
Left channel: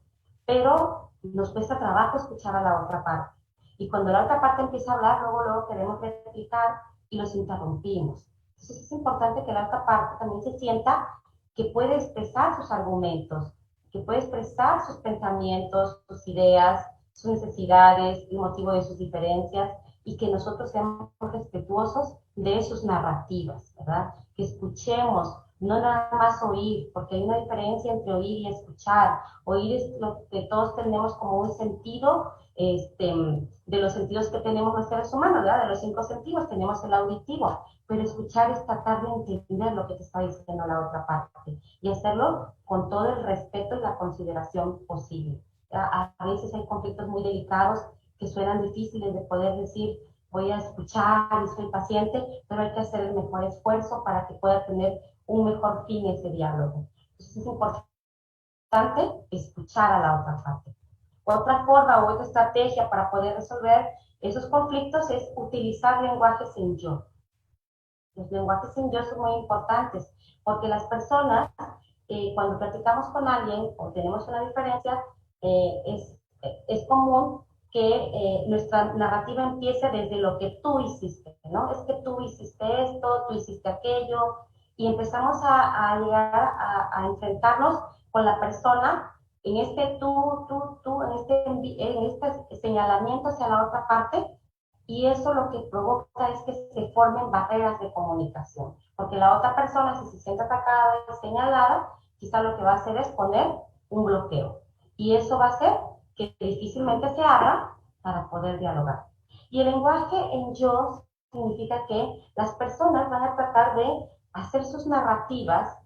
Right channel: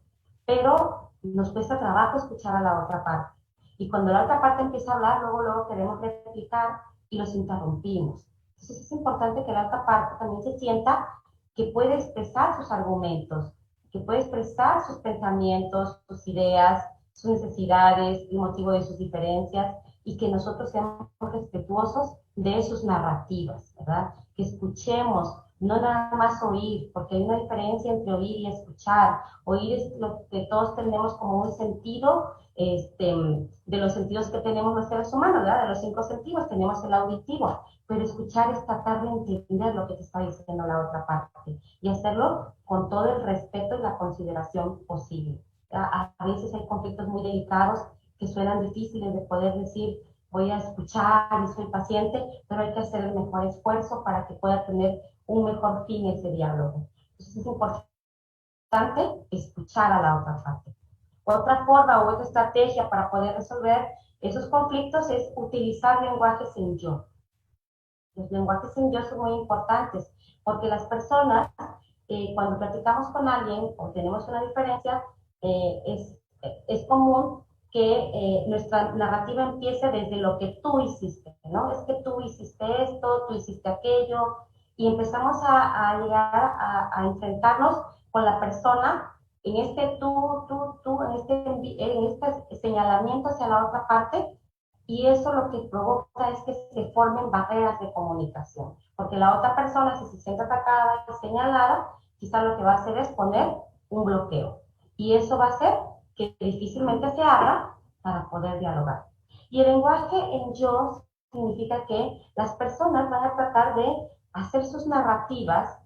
pero nos cuesta trabajo escuchar a la otra parte. Y cuando la otra parte empieza a hablar, luego queremos replicar y los interrumpimos. Entonces es importante que la otra parte también se sienta que puede expresar sus argumentos, que puede expresar sus pensamientos, sus ideas, sus necesidades, el motivo de sus diferencias, y que nosotros seamos respetuosos de sus narrativas, ¿verdad? Que escuchemos, no nada más oír, porque hay una diferencia entre oír y escuchar. Oír es lo que todos tenemos como un sentido, de los sentidos que tenemos los seres humanos, ¿verdad? De los 5 sentidos tenemos el auditivo, pero escuchar es tratar de entender lo que te está diciendo la otra parte y hacerlo con todo el respeto y la consideración posible. A veces hay conflictos muy delicados que suenan difíciles de poder decir, voy a escuchar y soy paciente, pero hay que hacer el mejor esfuerzo para que pueda tener un mejor fin ese diálogo. Entonces es importante escuchar a la otra parte. Otra forma o otra estrategia para poder resolver esos conflictos es utilizar lenguajes en yo. Los lenguajes en yo son muy importantes porque las personas, cuando platicamos con alguien o tenemos una diferencia, es común que nuestra narrativa empiece desde lo que tú hiciste, ¿no? Es que tú hiciste esto, tú hiciste aquello, y empezamos a llegar a enfrentarnos con la persona en este tú, en este señalamiento hacia la otra parte, Y eso lo que provoca es que se formen barreras de comunicación, porque la otra persona, si se siente atacada y señalada, quizá lo que va a hacer es poner un bloqueo. Y eso va a hacer que difícilmente se abra para poder dialogar. Y el lenguaje en yo significa que las personas van a tratar de hacer sus narrativas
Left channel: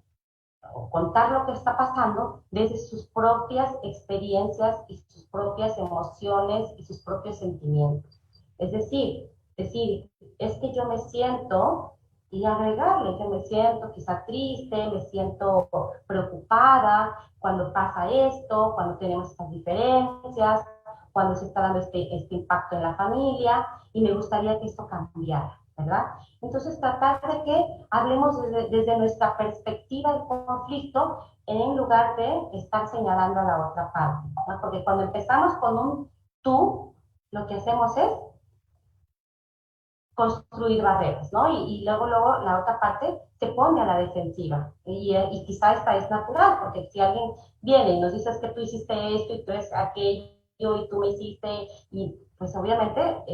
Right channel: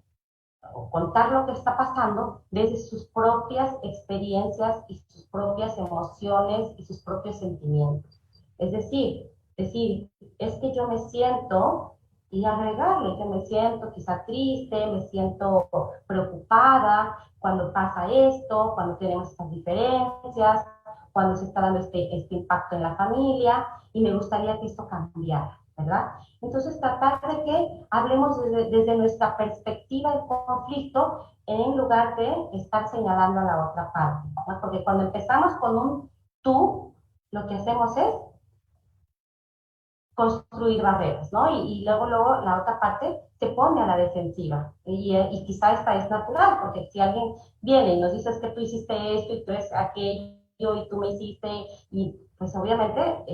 o contar lo que está pasando desde sus propias experiencias y sus propias emociones y sus propios sentimientos. Es decir, es que yo me siento y agregarle que me siento quizá triste, me siento preocupada cuando pasa esto, cuando tenemos estas diferencias, cuando se está dando este impacto en la familia y me gustaría que esto cambiara, ¿verdad? Entonces, tratar de que hablemos desde nuestra perspectiva del conflicto en lugar de estar señalando a la otra parte, ¿no? Porque cuando empezamos con un tú, lo que hacemos es construir barreras, ¿no? Luego la otra parte se pone a la defensiva. Y quizá esta es natural, porque si alguien viene y nos dice que tú hiciste esto y tú es aquello y tú me hiciste, y pues obviamente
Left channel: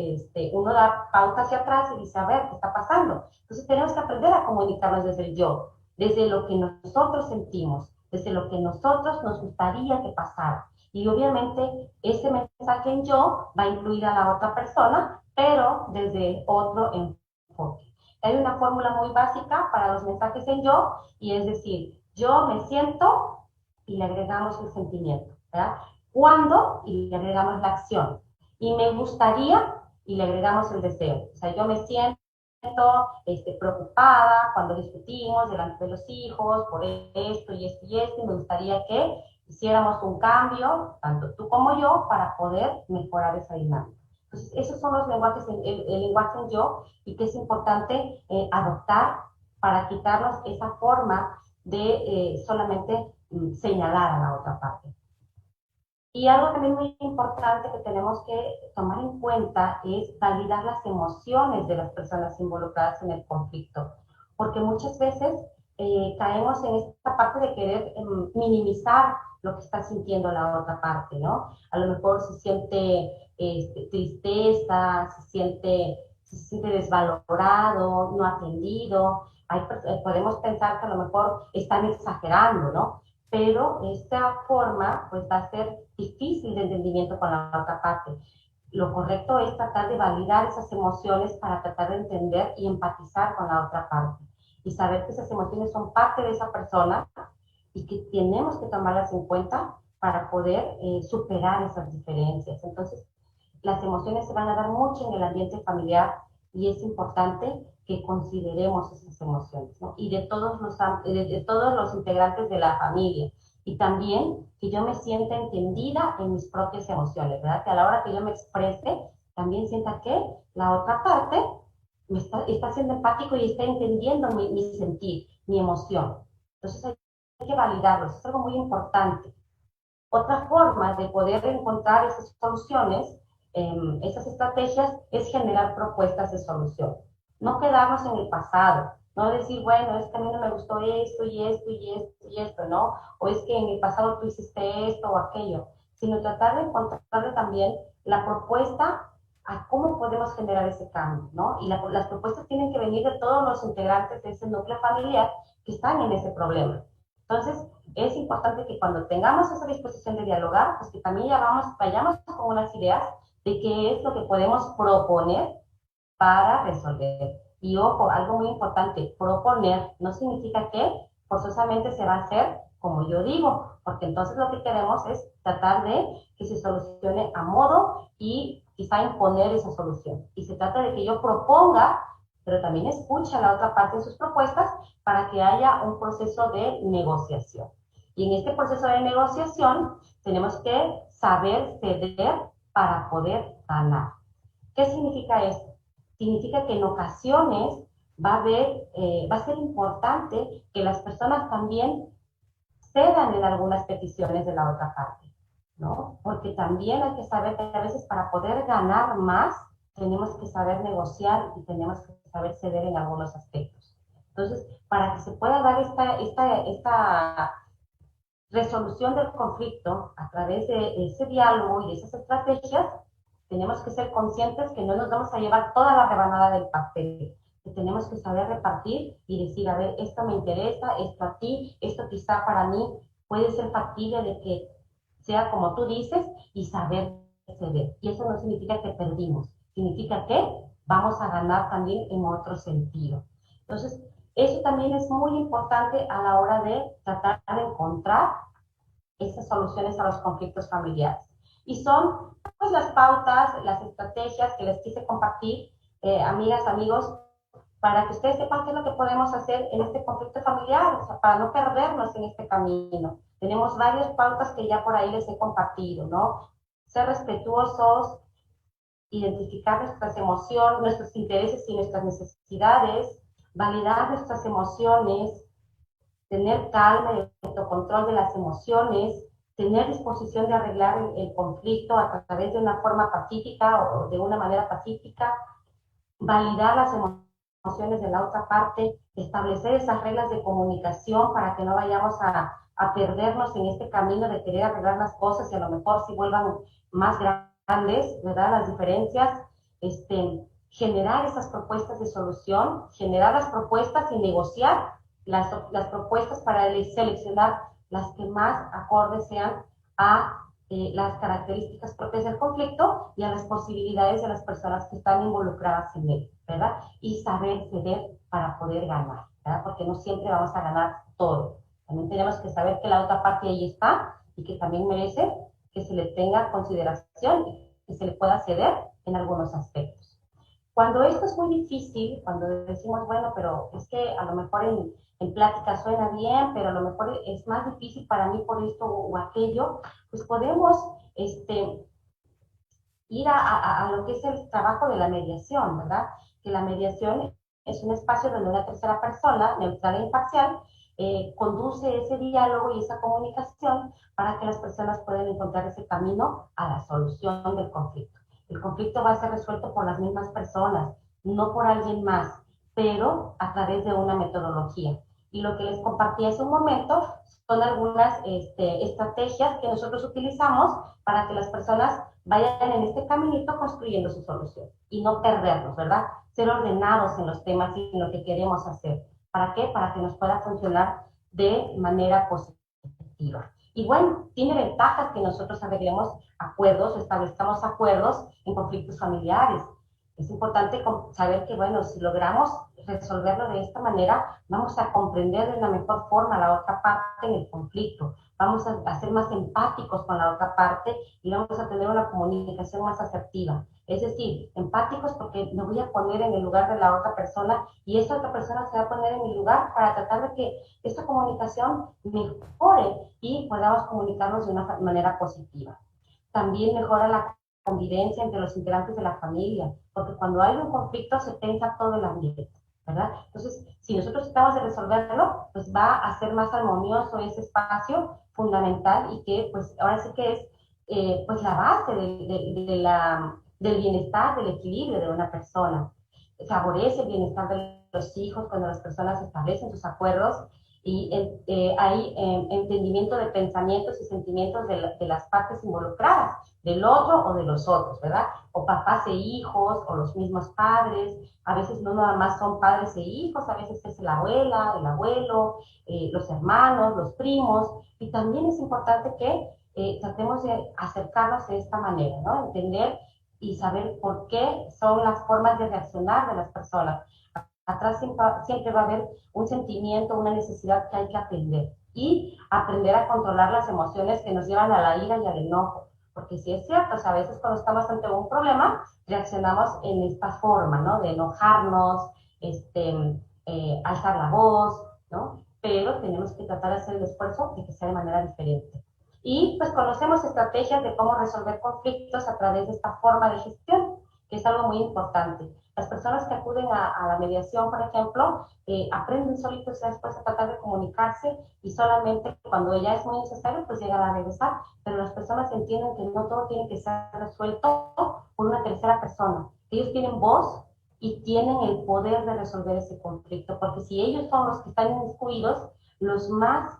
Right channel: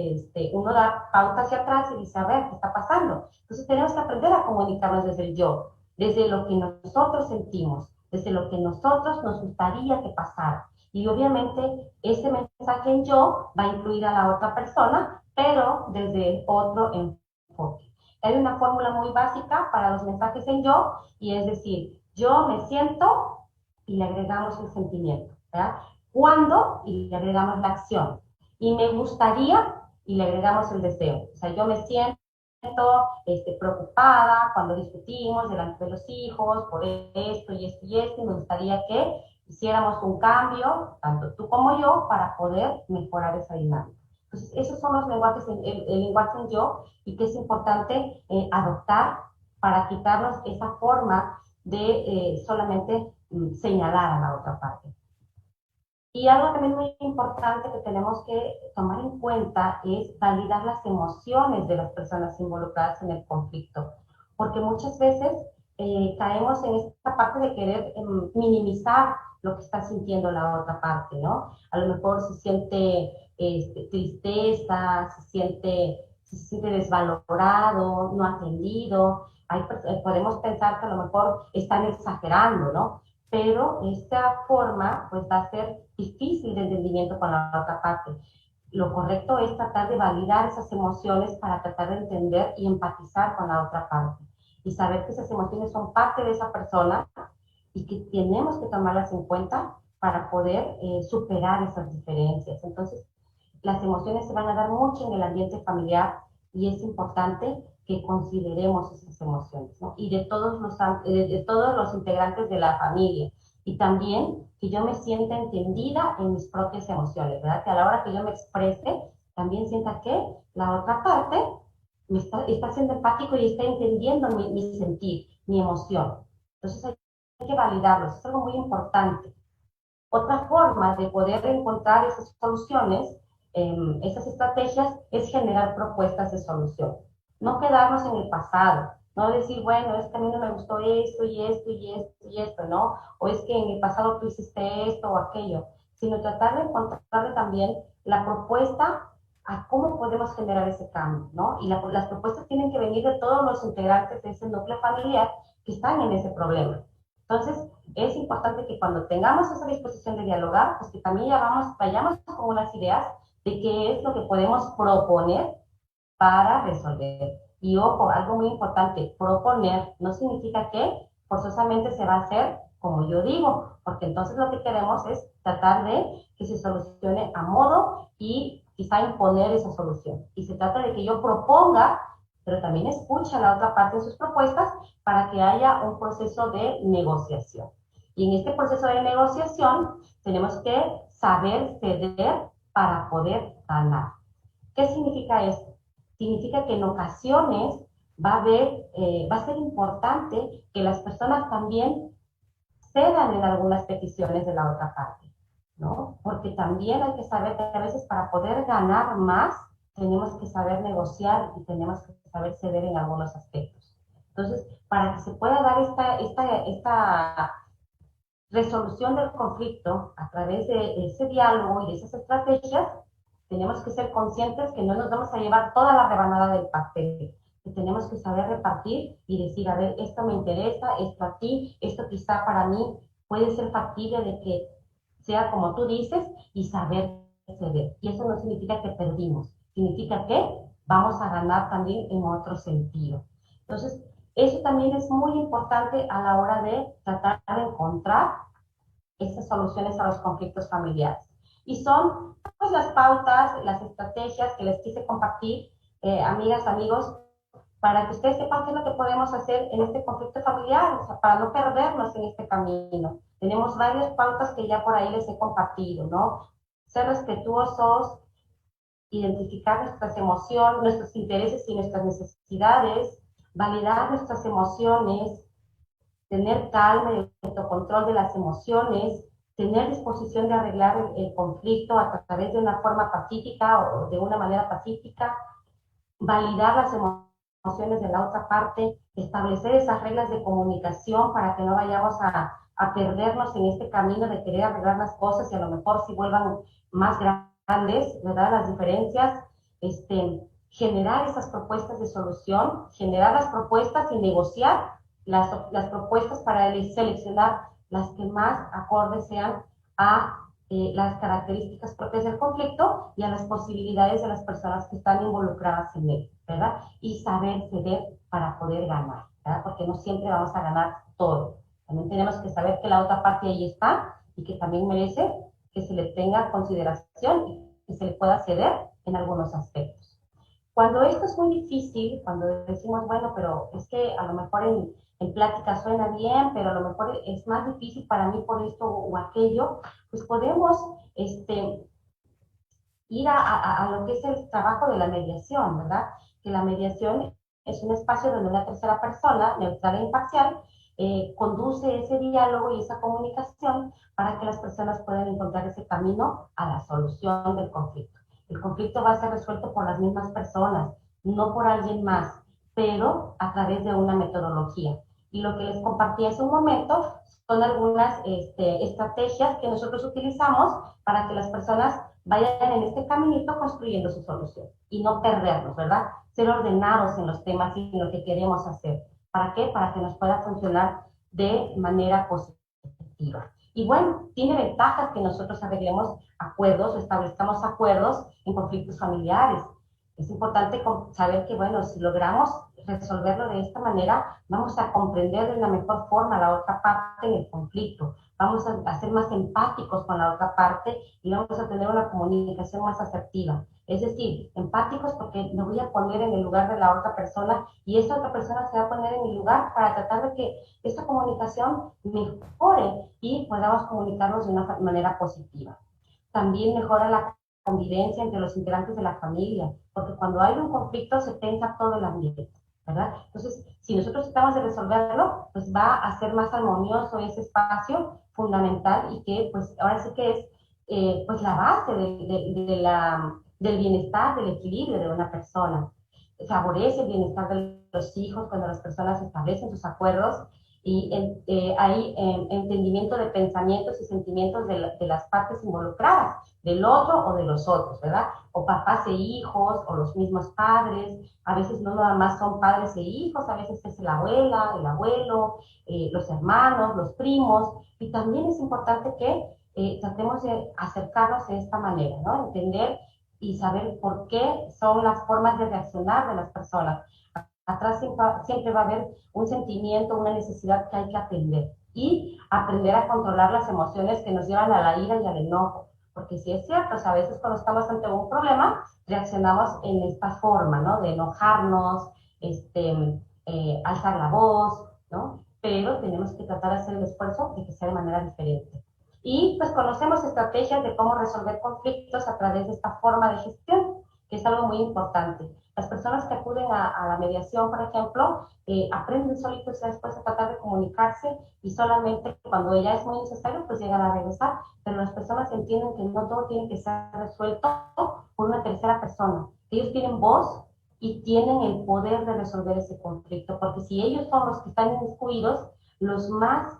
uno da pauta hacia atrás y dice, a ver, ¿qué está pasando? Entonces tenemos que aprender a comunicarnos desde el yo, desde lo que nosotros sentimos, desde lo que nosotros nos gustaría que pasara. Y obviamente ese mensaje en yo va a incluir a la otra persona, pero desde otro enfoque. Hay una fórmula muy básica para los mensajes en yo, y es decir, yo me siento y le agregamos el sentimiento, ¿verdad? Cuando y le agregamos la acción. Y me gustaría y le agregamos el deseo. O sea, yo me siento preocupada cuando discutimos delante de los hijos por esto y esto y esto, y me gustaría que hiciéramos un cambio, tanto tú como yo, para poder mejorar esa dinámica. Entonces, esos son los lenguajes, el lenguaje en yo, y que es importante adoptar para quitarnos esa forma de solamente señalar a la otra parte. Y algo también muy importante que tenemos que tomar en cuenta es validar las emociones de las personas involucradas en el conflicto, porque muchas veces caemos en esta parte de querer minimizar lo que está sintiendo la otra parte, ¿no? A lo mejor se siente tristeza, se siente desvalorado, no atendido. Podemos pensar que a lo mejor están exagerando, ¿no? Pero esta forma pues va a ser difícil de entendimiento con la otra parte. Lo correcto es tratar de validar esas emociones para tratar de entender y empatizar con la otra parte y saber que esas emociones son parte de esa persona y que tenemos que tomarlas en cuenta para poder superar esas diferencias. Entonces, las emociones se van a dar mucho en el ambiente familiar y es importante que consideremos esas emociones, ¿no? Y de todos los integrantes de la familia. Y también que yo me sienta entendida en mis propias emociones, ¿verdad? Que a la hora que yo me exprese, también sienta que la otra parte está siendo empático y está entendiendo mi sentir, mi emoción. Entonces hay que validarlo, eso es algo muy importante. Otra forma de poder encontrar esas soluciones, esas estrategias, es generar propuestas de solución. No quedarnos en el pasado, no decir, bueno, es que a mí no me gustó esto y esto y esto y esto, ¿no? O es que en el pasado tú hiciste esto o aquello, sino tratar de encontrarle también la propuesta a cómo podemos generar ese cambio, ¿no? Y las propuestas tienen que venir de todos los integrantes de ese núcleo familiar que están en ese problema. Entonces, es importante que cuando tengamos esa disposición de dialogar, pues que también ya vayamos con unas ideas de qué es lo que podemos proponer para resolver. Y ojo, algo muy importante, proponer no significa que forzosamente se va a hacer como yo digo, porque entonces lo que queremos es tratar de que se solucione a modo y quizá imponer esa solución. Y se trata de que yo proponga, pero también escuche a la otra parte de sus propuestas para que haya un proceso de negociación. Y en este proceso de negociación tenemos que saber ceder para poder ganar. ¿Qué significa esto? Significa que en ocasiones va a ser importante que las personas también cedan en algunas peticiones de la otra parte, ¿no? Porque también hay que saber que a veces para poder ganar más, tenemos que saber negociar y tenemos que saber ceder en algunos aspectos. Entonces, para que se pueda dar esta resolución del conflicto a través de ese diálogo y de esas estrategias, Tenemos que ser conscientes que no nos vamos a llevar toda la rebanada del pastel, que tenemos que saber repartir y decir, a ver, esto me interesa, esto a ti, esto quizá para mí puede ser factible de que sea como tú dices y saber ceder. Y eso no significa que perdimos, significa que vamos a ganar también en otro sentido. Entonces, eso también es muy importante a la hora de tratar de encontrar esas soluciones a los conflictos familiares. Y son pues las pautas, las estrategias que les quise compartir, amigas, amigos, para que ustedes sepan qué es lo que podemos hacer en este conflicto familiar, o sea, para no perdernos en este camino. Tenemos varias pautas que ya por ahí les he compartido, ¿no? Ser respetuosos, identificar nuestras emociones, nuestros intereses y nuestras necesidades, validar nuestras emociones, tener calma y autocontrol de las emociones, tener disposición de arreglar el conflicto a través de una forma pacífica o de una manera pacífica, validar las emociones de la otra parte, establecer esas reglas de comunicación para que no vayamos a perdernos en este camino de querer arreglar las cosas y a lo mejor si vuelvan más grandes, ¿verdad? Las diferencias, generar esas propuestas de solución, generar las propuestas y negociar las propuestas para seleccionar las que más acordes sean a las características propias del conflicto y a las posibilidades de las personas que están involucradas en él, ¿verdad? Y saber ceder para poder ganar, ¿verdad? Porque no siempre vamos a ganar todo. También tenemos que saber que la otra parte ahí está y que también merece que se le tenga consideración y que se le pueda ceder en algunos aspectos. Cuando esto es muy difícil, cuando decimos, bueno, pero es que a lo mejor en plática suena bien, pero a lo mejor es más difícil para mí por esto o aquello, pues podemos ir a lo que es el trabajo de la mediación, ¿verdad? Que la mediación es un espacio donde una tercera persona, neutral e imparcial, conduce ese diálogo y esa comunicación para que las personas puedan encontrar ese camino a la solución del conflicto. El conflicto va a ser resuelto por las mismas personas, no por alguien más, pero a través de una metodología. Y lo que les compartí hace un momento son algunas estrategias que nosotros utilizamos para que las personas vayan en este caminito construyendo su solución y no perdernos, ¿verdad? Ser ordenados en los temas y en lo que queremos hacer. ¿Para qué? Para que nos pueda funcionar de manera positiva. Y bueno, tiene ventajas que nosotros arreglemos acuerdos o establezcamos acuerdos en conflictos familiares. Es importante saber que, bueno, si logramos resolverlo de esta manera, vamos a comprender de la mejor forma a la otra parte en el conflicto. Vamos a ser más empáticos con la otra parte y vamos a tener una comunicación más asertiva. Es decir, empáticos porque me voy a poner en el lugar de la otra persona y esa otra persona se va a poner en mi lugar para tratar de que esta comunicación mejore y podamos comunicarnos de una manera positiva. También mejora la convivencia entre los integrantes de la familia, porque cuando hay un conflicto se tensa todo el ambiente, ¿verdad? Entonces, si nosotros tratamos de resolverlo, pues va a ser más armonioso ese espacio fundamental y que pues ahora sí que es pues la base del bienestar, del equilibrio de una persona. Favorece el bienestar de los hijos cuando las personas establecen sus acuerdos y hay entendimiento de pensamientos y sentimientos de las partes involucradas, del otro o de los otros, ¿verdad? O papás e hijos, o los mismos padres, a veces no nada más son padres e hijos, a veces es la abuela, el abuelo, los hermanos, los primos, y también es importante que tratemos de acercarnos de esta manera, ¿no? Entender y saber por qué son las formas de reaccionar de las personas. Atrás siempre va a haber un sentimiento, una necesidad que hay que atender y aprender a controlar las emociones que nos llevan a la ira y al enojo. Porque sí es cierto, o sea, a veces cuando estamos ante un problema, reaccionamos en esta forma, ¿no? De enojarnos, alzar la voz, ¿no? Pero tenemos que tratar de hacer el esfuerzo de que sea de manera diferente. Y pues conocemos estrategias de cómo resolver conflictos a través de esta forma de gestión, que es algo muy importante. Las personas que acuden a la mediación, por ejemplo, aprenden solitos y después a tratar de comunicarse y solamente cuando ya es muy necesario, pues llegan a regresar. Pero las personas entienden que no todo tiene que ser resuelto por una tercera persona. Ellos tienen voz y tienen el poder de resolver ese conflicto, porque si ellos son los que están inmiscuidos, los más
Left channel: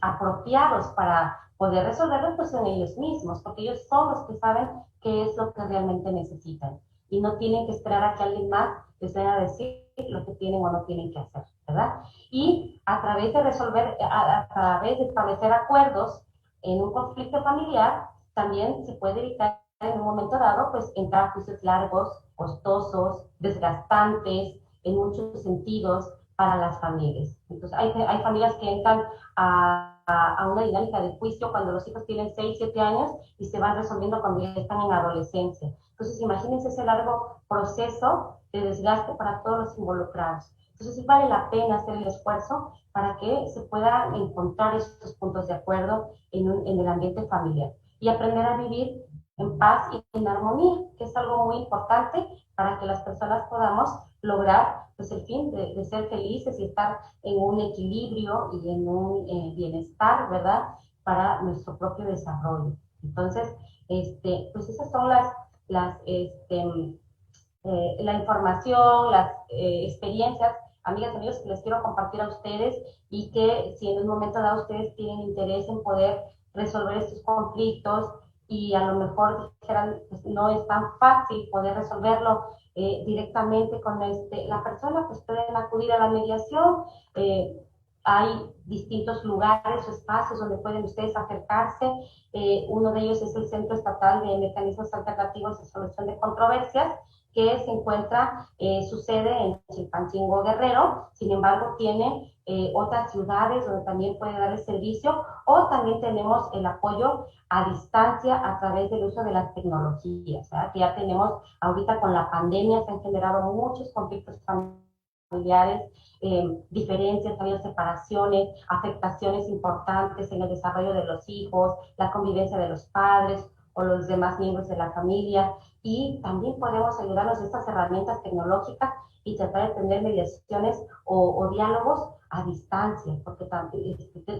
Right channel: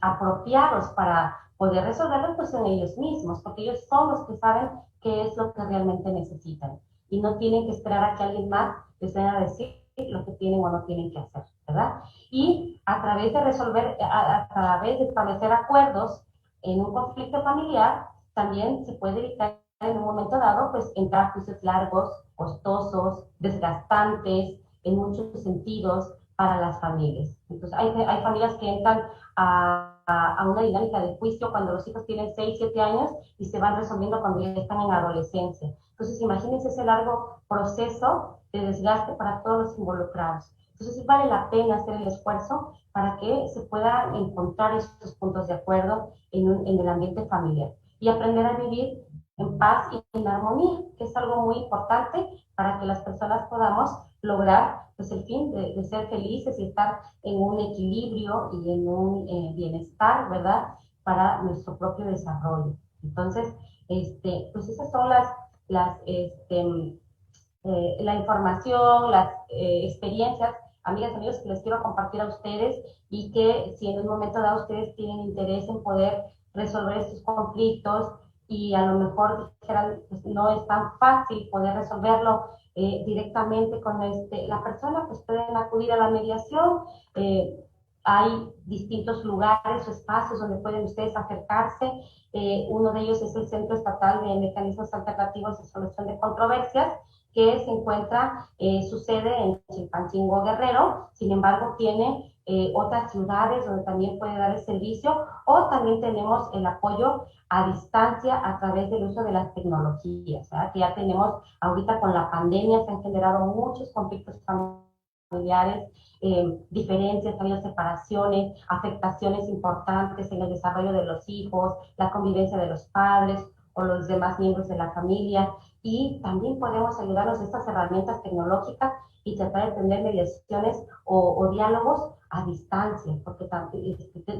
apropiados para poder resolverlo pues en ellos mismos, porque ellos son los que saben qué es lo que realmente necesitan y no tienen que esperar a que alguien más les venga a decir lo que tienen o no tienen que hacer, ¿verdad? Y a través de resolver, a través de establecer acuerdos en un conflicto familiar, también se puede evitar en un momento dado, pues entrar a juicios largos, costosos, desgastantes, en muchos sentidos para las familias. Entonces, hay familias que entran a una dinámica de juicio cuando los hijos tienen 6, 7 años y se van resolviendo cuando ya están en la adolescencia. Entonces, imagínense ese largo proceso de desgaste para todos los involucrados. Entonces, sí vale la pena hacer el esfuerzo para que se puedan encontrar esos puntos de acuerdo en el ambiente familiar y aprender a vivir en paz y en armonía, que es algo muy importante para que las personas podamos lograr pues, el fin de ser felices y estar en un equilibrio y en un bienestar, ¿verdad? Para nuestro propio desarrollo. Entonces, pues esas son la información, las experiencias, amigas, amigos, que les quiero compartir a ustedes y que si en un momento dado ustedes tienen interés en poder resolver estos conflictos y a lo mejor dijeran, pues no es tan fácil poder resolverlo directamente con la persona, pues pueden acudir a la mediación. Hay distintos lugares o espacios donde pueden ustedes acercarse. Uno de ellos es el Centro Estatal de Mecanismos Alternativos de Solución de Controversias, que se encuentra, su sede en Chilpancingo, Guerrero. Sin embargo, tiene otras ciudades donde también puede dar el servicio, o también tenemos el apoyo a distancia a través del uso de las tecnologías, ¿verdad? Que ya tenemos ahorita con la pandemia, se han generado muchos conflictos familiares, diferencias, ha habido separaciones, afectaciones importantes en el desarrollo de los hijos, la convivencia de los padres o los demás miembros de la familia, y también podemos ayudarnos a estas herramientas tecnológicas y tratar de tener mediaciones o diálogos a distancia, porque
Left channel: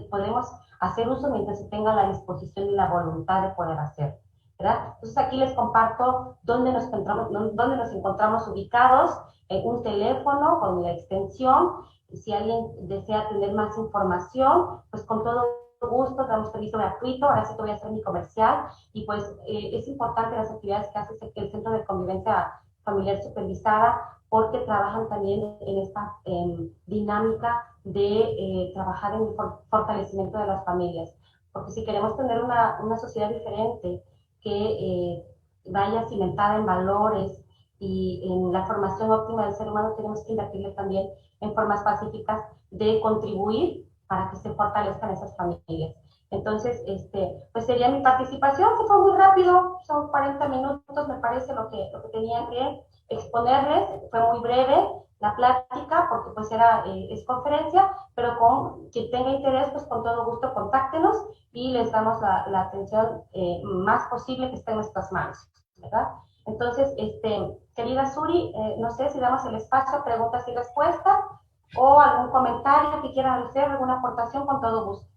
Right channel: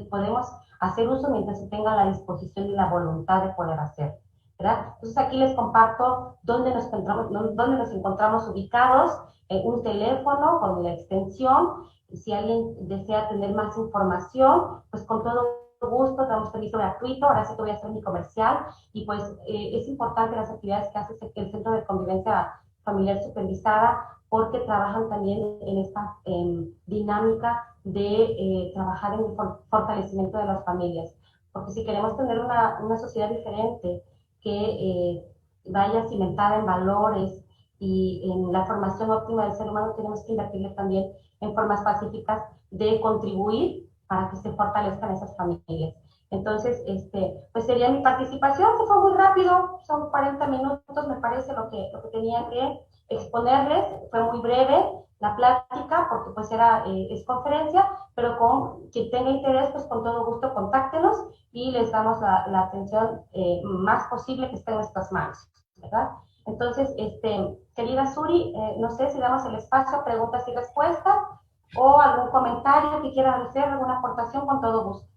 podemos hacer uso mientras se tenga la disposición y la voluntad de poder hacer, ¿verdad? Entonces aquí les comparto dónde nos encontramos ubicados, un teléfono con la extensión. Si alguien desea tener más información, pues con todo gusto, damos servicio gratuito. Ahora sí que voy a hacer mi comercial. Y pues es importante las actividades que hace el Centro de Convivencia Familiar Supervisada, porque trabajan también en esta dinámica de trabajar en el fortalecimiento de las familias. Porque si queremos tener una sociedad diferente, que vaya cimentada en valores y en la formación óptima del ser humano, tenemos que invertirle también en formas pacíficas de contribuir para que se fortalezcan esas familias. Entonces, pues sería mi participación, que fue muy rápido, son 40 minutos, me parece, lo que tenía que exponerles. Fue muy breve la plática, porque pues es conferencia, pero con quien tenga interés, pues con todo gusto contáctenos y les damos la atención más posible que esté en nuestras manos, ¿verdad? Entonces, querida Suri, no sé si damos el espacio a preguntas y respuestas o algún comentario que quieran hacer, alguna aportación, con todo gusto.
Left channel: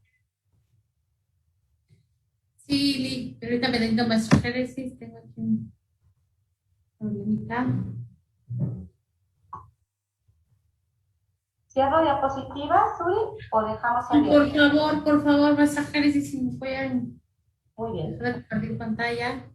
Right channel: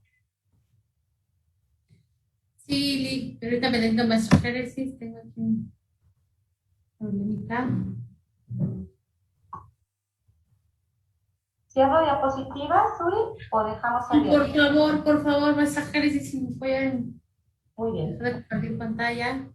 Sí, Li, ahorita me necesito maestro Génesis, tengo aquí un problemita. ¿Cierro diapositivas, Suri, o dejamos Sí, abierto? por favor, maestra Génesis, si me pueden Muy bien. dejar de compartir pantalla.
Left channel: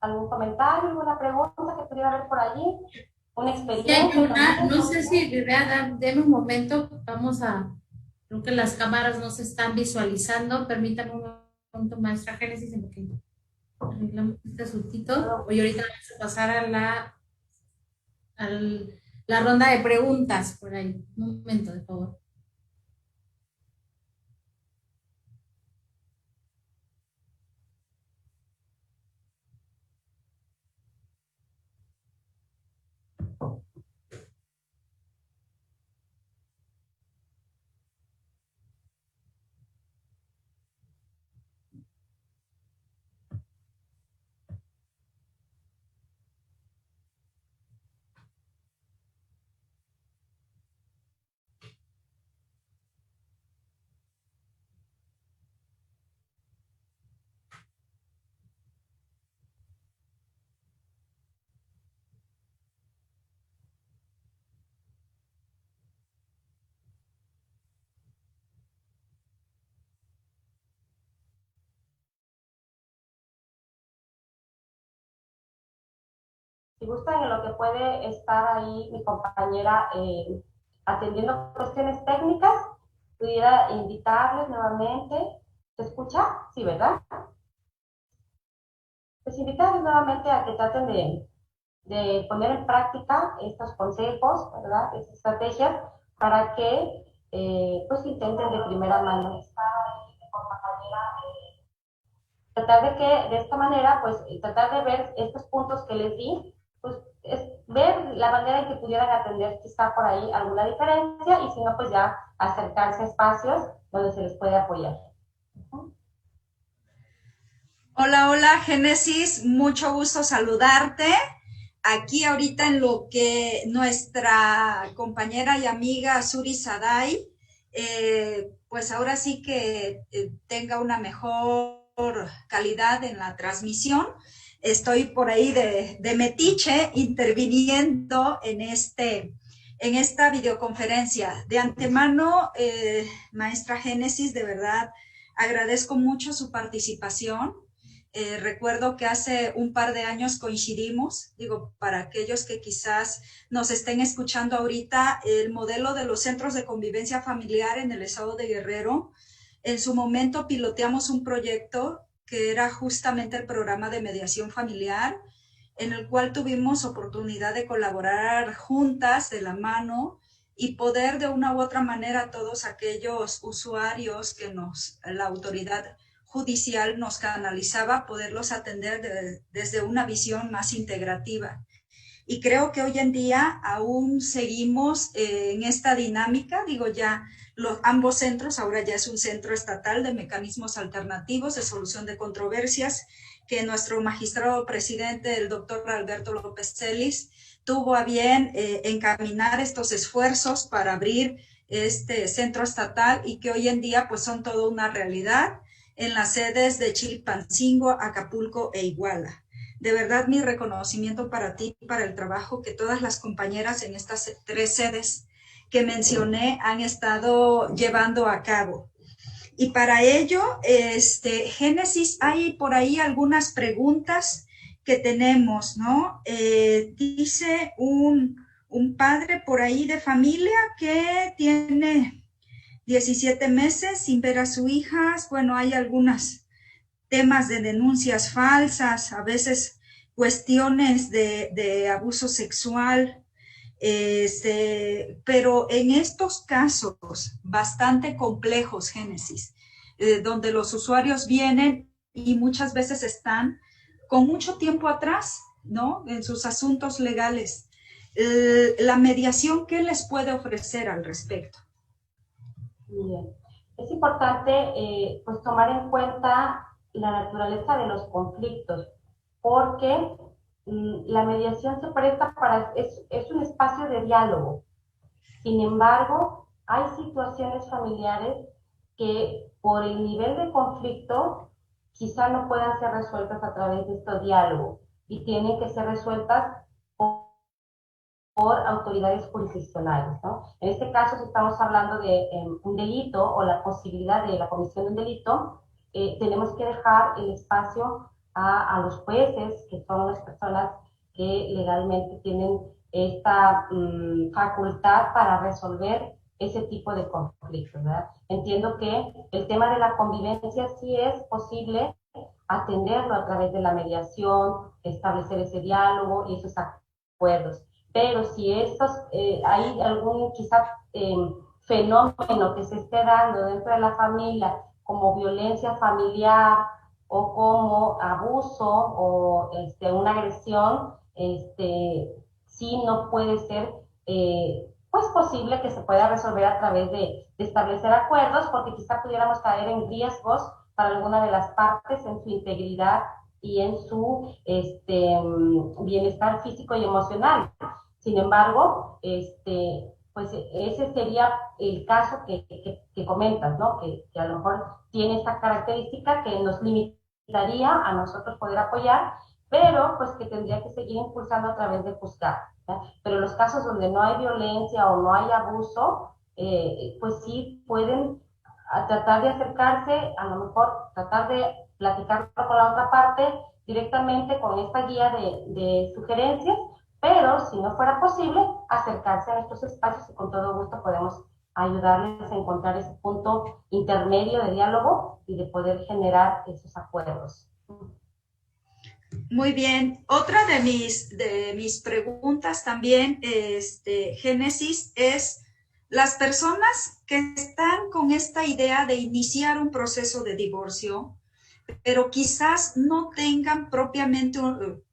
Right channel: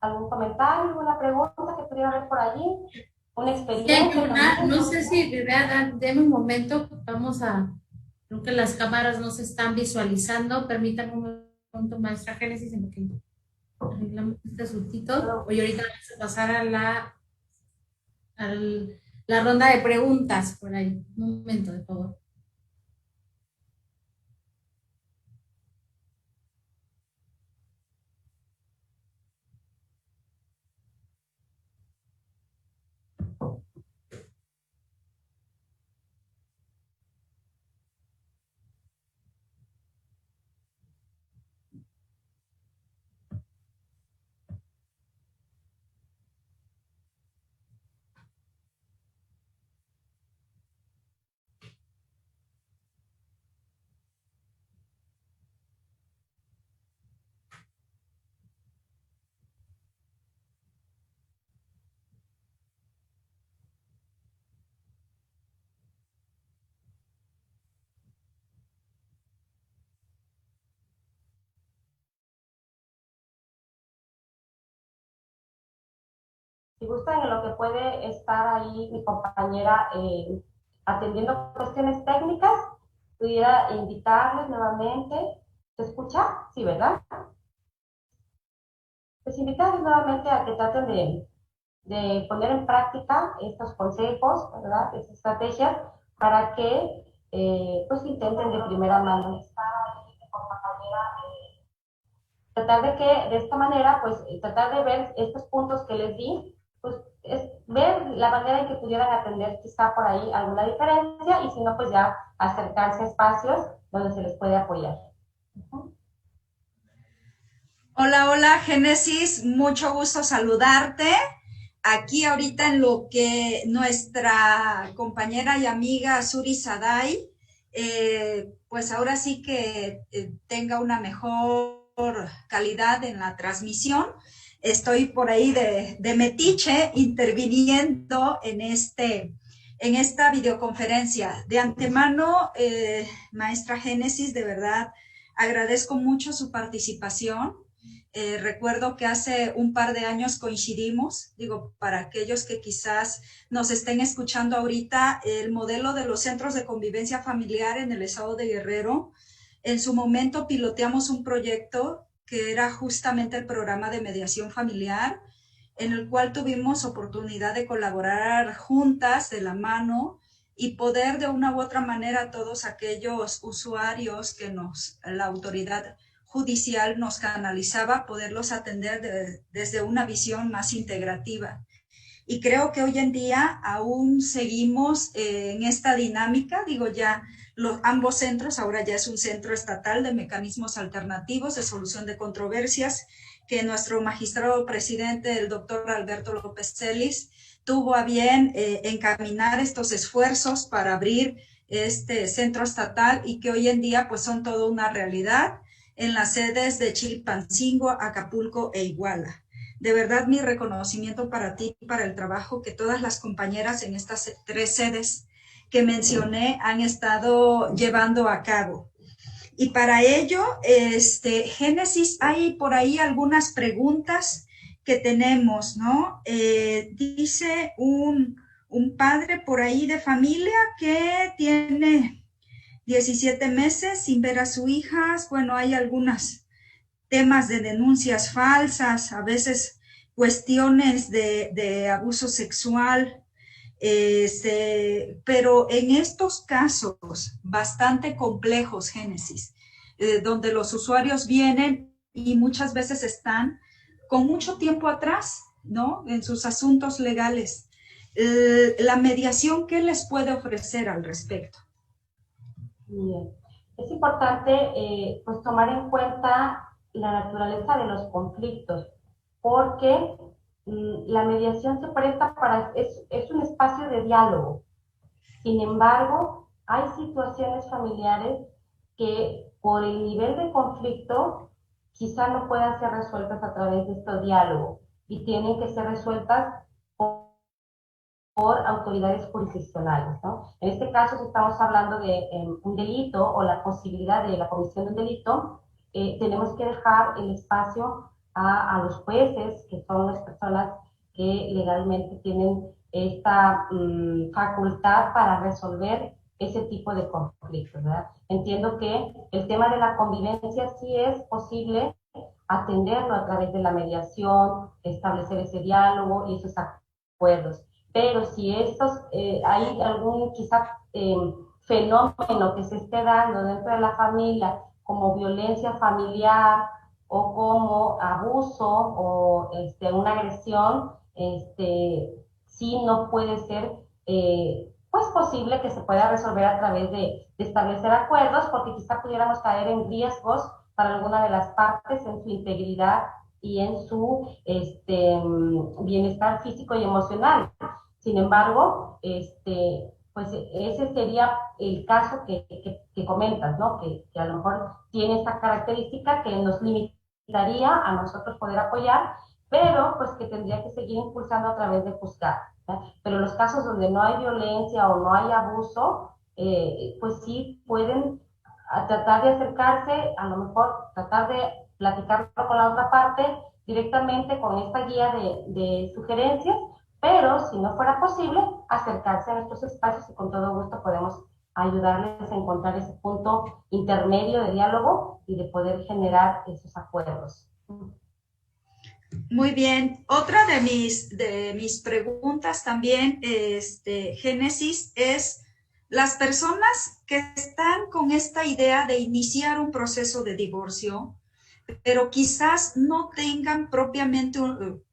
¿Algún comentario, alguna pregunta que pudiera haber por allí? ¿Una Sí, hay experiencia una, también? no sé si deme un momento, creo que las cámaras no se están visualizando, permítame un momento, maestra Génesis, en lo que arreglamos este asuntito. Hoy ahorita vamos a pasar a la ronda de preguntas por ahí. Un momento, de favor. Si gustan, en lo que puede estar ahí mi compañera atendiendo cuestiones técnicas, pudiera invitarles nuevamente. ¿Se escucha? Sí, ¿verdad? Pues invitarles nuevamente a que traten de poner en práctica estos consejos, ¿verdad? Estas estrategias para que pues intenten de primera mano tratar de que de esta manera, pues tratar de ver estos puntos que les di, pues es ver la manera en que pudieran atender quizá por ahí alguna diferencia y si no, pues ya acercarse a espacios donde se les puede apoyar. Hola, hola, Génesis, mucho gusto saludarte. Aquí ahorita en lo que nuestra compañera y amiga Suri Saday, pues ahora sí que tenga una mejor calidad en la transmisión. Estoy por ahí de metiche interviniendo en esta videoconferencia. De antemano, maestra Génesis, de verdad agradezco mucho su participación. Recuerdo que hace un par de años coincidimos, digo, para aquellos que quizás nos estén escuchando ahorita, el modelo de los centros de convivencia familiar en el estado de Guerrero, en su momento piloteamos un proyecto que era justamente el programa de mediación familiar, en el cual tuvimos oportunidad de colaborar juntas de la mano y poder de una u otra manera todos aquellos usuarios que la autoridad judicial nos canalizaba, poderlos atender desde una visión más integrativa. Y creo que hoy en día aún seguimos en esta dinámica, digo ya, ambos centros, ahora ya es un centro estatal de mecanismos alternativos de solución de controversias, que nuestro magistrado presidente, el doctor Alberto López Celis, tuvo a bien encaminar estos esfuerzos para abrir este centro estatal y que hoy en día pues son toda una realidad en las sedes de Chilpancingo, Acapulco e Iguala. De verdad, mi reconocimiento para ti y para el trabajo que todas las compañeras en estas 3 sedes que mencioné han estado llevando a cabo. Y para ello, Génesis, hay por ahí algunas preguntas que tenemos, ¿no? Dice un padre por ahí de familia que tiene 17 meses sin ver a su hija. Bueno, hay algunos temas de denuncias falsas, a veces cuestiones de abuso sexual, pero en estos casos bastante complejos, Génesis, donde los usuarios vienen y muchas veces están con mucho tiempo atrás, ¿no? En sus asuntos legales. La mediación, ¿qué les puede ofrecer al respecto? Bien. Es importante pues tomar en cuenta la naturaleza de los conflictos, porque la mediación se presta para, es un espacio de diálogo. Sin embargo, hay situaciones familiares que por el nivel de conflicto quizá no puedan ser resueltas a través de este diálogo y tienen que ser resueltas por autoridades jurisdiccionales, ¿no? En este caso, si estamos hablando de un delito o la posibilidad de la comisión de un delito, tenemos que dejar el espacio a los jueces, que son las personas que legalmente tienen esta facultad para resolver ese tipo de conflictos, ¿verdad? Entiendo que el tema de la convivencia sí es posible atenderlo a través de la mediación, establecer ese diálogo y esos acuerdos. Pero si hay algún quizá fenómeno que se esté dando dentro de la familia, como violencia familiar o como abuso o una agresión, sí no puede ser pues posible que se pueda resolver a través de establecer acuerdos, porque quizá pudiéramos caer en riesgos para alguna de las partes en su integridad y en su bienestar físico y emocional. Sin embargo, pues ese sería el caso que comentas, ¿no? Que a lo mejor tiene esta característica que nos limitaría a nosotros poder apoyar, pero pues que tendría que seguir impulsando a través de juzgar. Pero los casos donde no hay violencia o no hay abuso, pues sí pueden tratar de acercarse, a lo mejor tratar de platicarlo con la otra parte directamente con esta guía de sugerencias pero si no fuera posible, acercarse a estos espacios y con todo gusto podemos ayudarles a encontrar ese punto intermedio de diálogo y de poder generar esos acuerdos. Muy bien. Otra de mis preguntas también, Génesis, es las personas que están con esta idea de iniciar un proceso de divorcio, pero quizás no tengan propiamente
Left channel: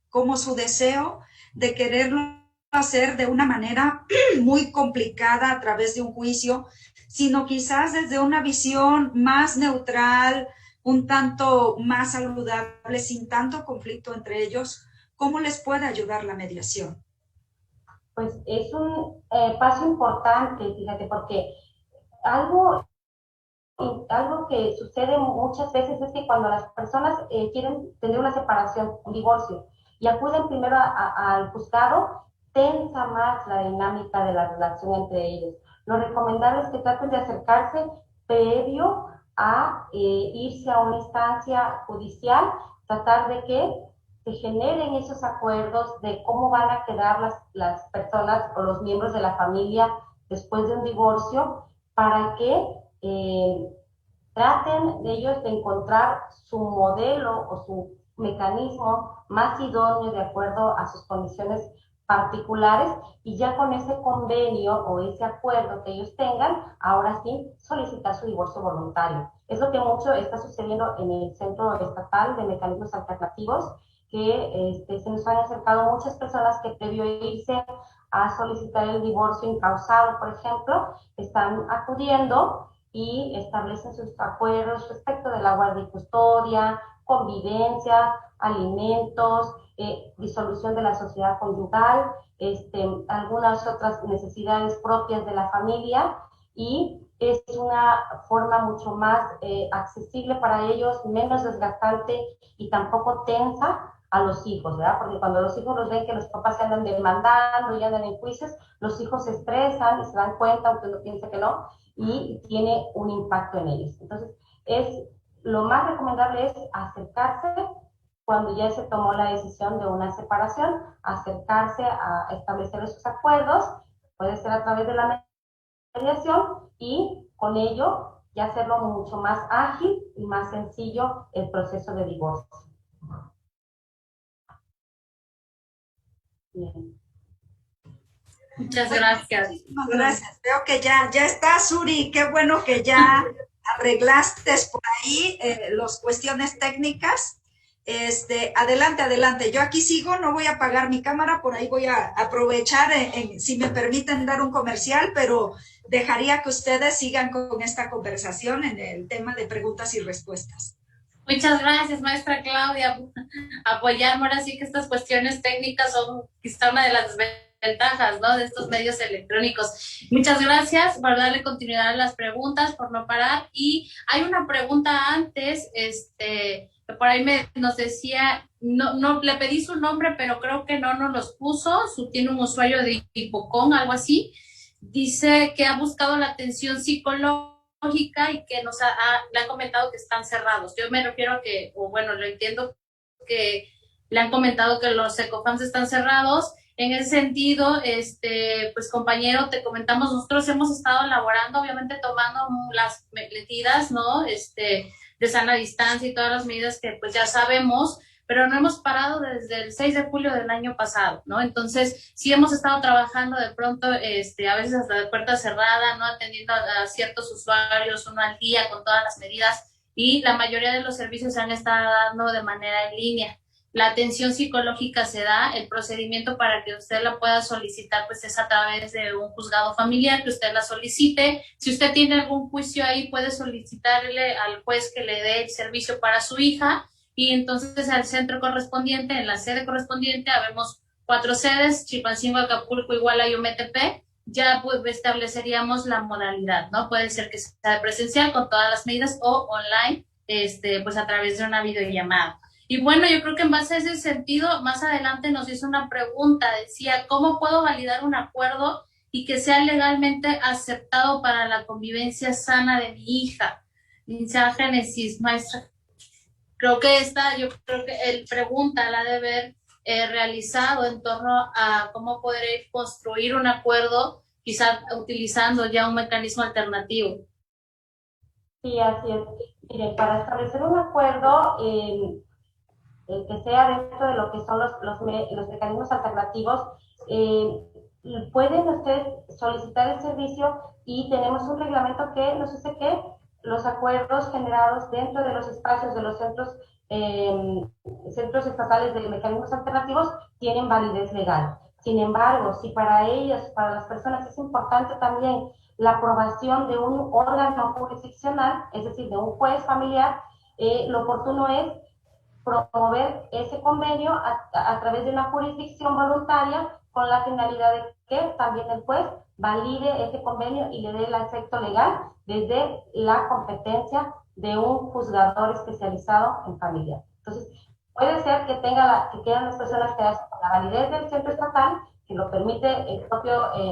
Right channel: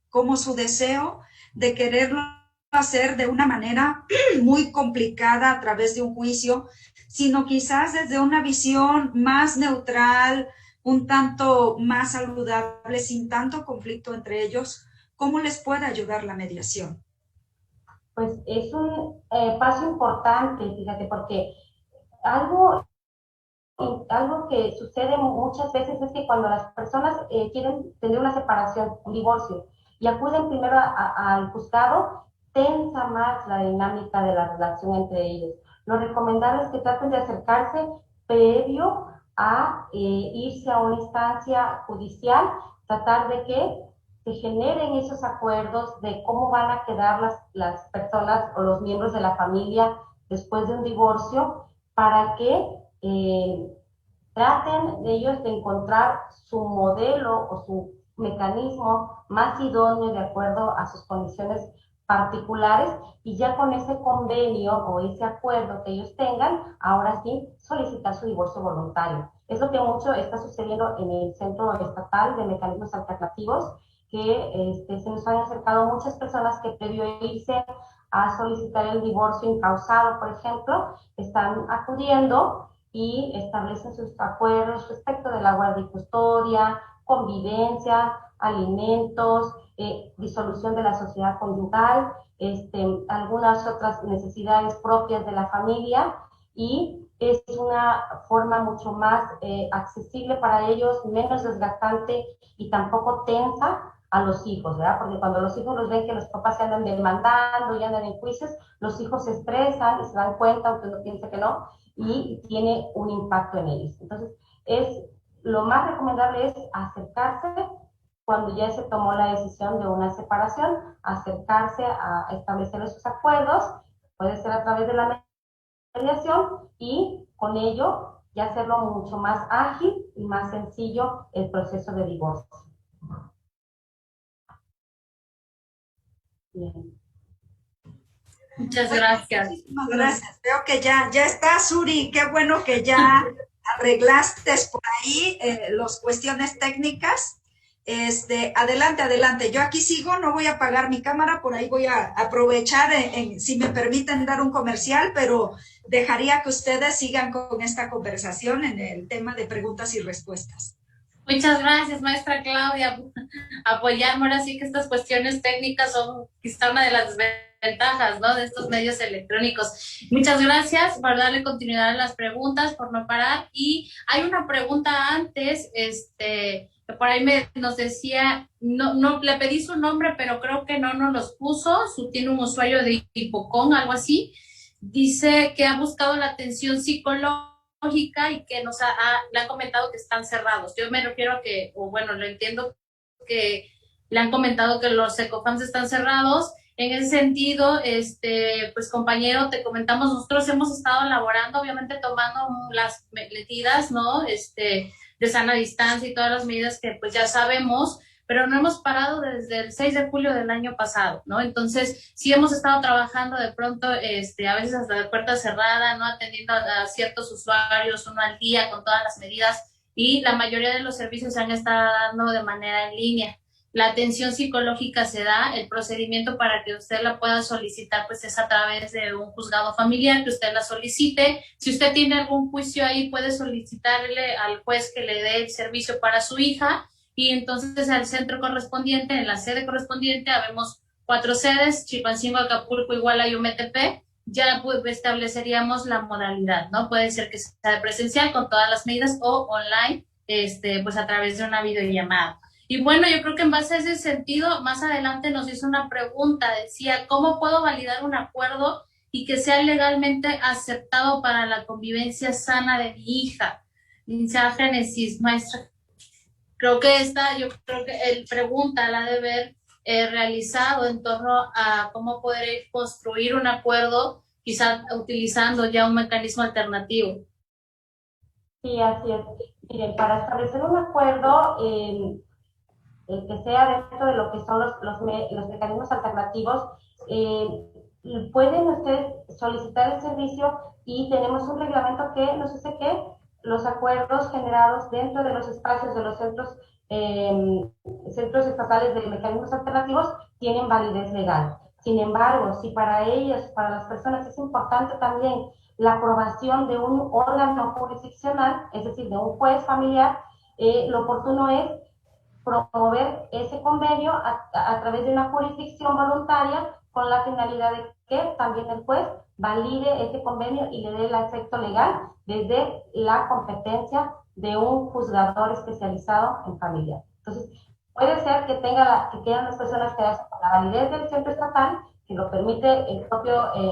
como su deseo de quererlo hacer de una manera muy complicada a través de un juicio, sino quizás desde una visión más neutral, un tanto más saludable, sin tanto conflicto entre ellos. ¿Cómo les puede ayudar la mediación? Pues es un paso importante, fíjate, porque algo, algo que sucede muchas veces es que cuando las personas quieren tener una separación, un divorcio, y acuden primero al juzgado, tensa más la dinámica de la relación entre ellos. Lo recomendable es que traten de acercarse previo a irse a una instancia judicial, tratar de que se generen esos acuerdos de cómo van a quedar las personas o los miembros de la familia después de un divorcio, para que traten de ellos de encontrar su modelo o su mecanismo más idóneo de acuerdo a sus condiciones particulares, y ya con ese convenio o ese acuerdo que ellos tengan, ahora sí solicitar su divorcio voluntario. Es lo que mucho está sucediendo en el Centro Estatal de Mecanismos Alternativos, que se nos han acercado muchas personas que previo a irse a solicitar el divorcio incausado, por ejemplo, están acudiendo y establecen sus acuerdos respecto de la guardia y custodia, convivencia, alimentos, disolución de la sociedad conyugal, algunas otras necesidades propias de la familia, y es una forma mucho más accesible para ellos, menos desgastante y tampoco tensa a los hijos, ¿verdad? Porque cuando los hijos los ven que los papás se andan demandando y andan en juicios, los hijos se estresan y se dan cuenta, aunque uno piense que no, y tiene un impacto en ellos. Entonces, lo más recomendable es acercarse cuando ya se tomó la decisión de una separación, acercarse a establecer esos acuerdos, puede ser a través de la mediación, y con ello ya hacerlo mucho más ágil y más sencillo el proceso de divorcio. Bien. Muchas gracias. Muchísimas gracias. Veo que ya está, Suri. Qué bueno que ya arreglaste por ahí las cuestiones técnicas. Adelante, adelante. Yo aquí sigo, no voy a apagar mi cámara, por ahí voy a aprovechar, si me permiten dar un comercial, pero dejaría que ustedes sigan con esta conversación en el tema de preguntas y respuestas. Muchas gracias, maestra Claudia, apoyarme. Ahora sí que estas cuestiones técnicas son quizá una de las ventajas, ¿no?, de estos medios electrónicos. Muchas gracias por darle continuidad a las preguntas, por no parar. Y hay una pregunta antes, que por ahí nos decía, no le pedí su nombre, pero creo que no nos los puso, tiene un usuario de Hipocón, algo así. Dice que ha buscado la atención psicológica y que le han comentado que están cerrados. Yo me refiero a que, o bueno, lo entiendo que le han comentado que los Ecofams están cerrados. En ese sentido, pues compañero, te comentamos, nosotros hemos estado elaborando, obviamente tomando las medidas, ¿no?, de sana distancia y todas las medidas que pues ya sabemos, pero no hemos parado desde el 6 de julio del año pasado, ¿no? Entonces, sí hemos estado trabajando de pronto, a veces hasta de puerta cerrada, ¿no?, atendiendo a ciertos usuarios, uno al día, con todas las medidas, y la mayoría de los servicios se han estado dando de manera en línea. La atención psicológica se da, el procedimiento para que usted la pueda solicitar pues es a través de un juzgado familiar, que usted la solicite. Si usted tiene algún juicio ahí, puede solicitarle al juez que le dé el servicio para su hija, y entonces al centro correspondiente, en la sede correspondiente, habemos 4 sedes, Chilpancingo, Acapulco, Iguala y Ometepe. Ya pues estableceríamos la modalidad, ¿no? Puede ser que sea presencial con todas las medidas o online, pues a través de una videollamada. Y bueno, yo creo que en base a ese sentido, más adelante nos hizo una pregunta, decía, ¿cómo puedo validar un acuerdo y que sea legalmente aceptado para la convivencia sana de mi hija? Dice Génesis, maestra. Yo creo que él pregunta, la de ver realizado en torno a cómo poder construir un acuerdo, quizá utilizando ya un mecanismo alternativo. Sí, así es. Miren, para establecer un acuerdo que sea dentro de lo que son los mecanismos alternativos, eh, pueden ustedes solicitar el servicio y tenemos un reglamento que nos dice que los acuerdos generados dentro de los espacios de los centros estatales de mecanismos alternativos tienen validez legal. Sin embargo, si para ellos, para las personas es importante también la aprobación de un órgano jurisdiccional, es decir, de un juez familiar, lo oportuno es promover ese convenio a través de una jurisdicción voluntaria con la finalidad de que también el juez valide ese convenio y le dé el efecto legal desde la competencia de un juzgador especializado en familia. Entonces, puede ser que quedan las personas que hacen la validez del centro estatal, que lo permite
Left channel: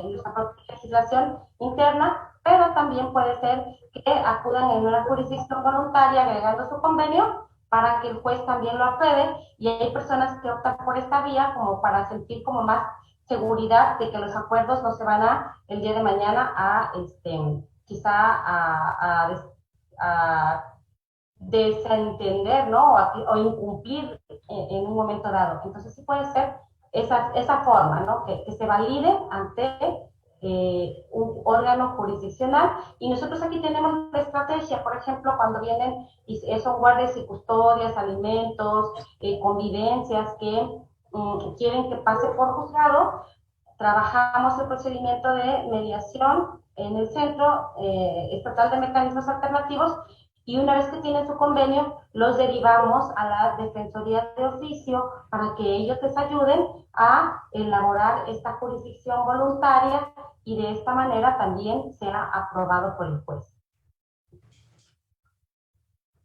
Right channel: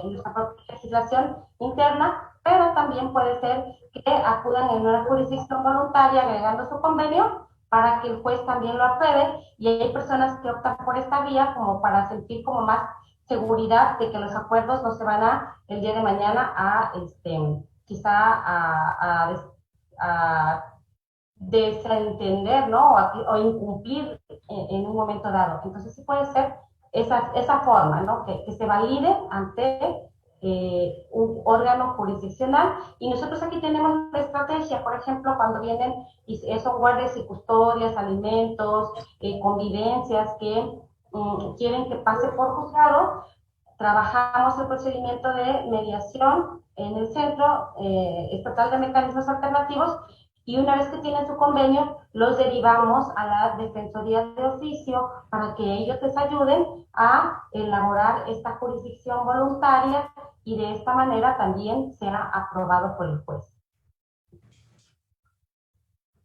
nuestra propia legislación interna, pero también puede ser que acudan en una jurisdicción voluntaria agregando su convenio para que el juez también lo apruebe, y hay personas que optan por esta vía como para sentir como más seguridad de que los acuerdos no se van el día de mañana quizá a desentender, ¿no? O incumplir en un momento dado. Entonces sí puede ser esa forma, ¿no? Que se valide ante un órgano jurisdiccional. Y nosotros aquí tenemos la estrategia, por ejemplo, cuando vienen y son guardias y custodias, alimentos, convivencias que quieren que pase por juzgado, trabajamos el procedimiento de mediación en el Centro Estatal de Mecanismos Alternativos, y una vez que tienen su convenio, los derivamos a la Defensoría de Oficio para que ellos les ayuden a elaborar esta jurisdicción voluntaria y de esta manera también sea aprobado por el juez.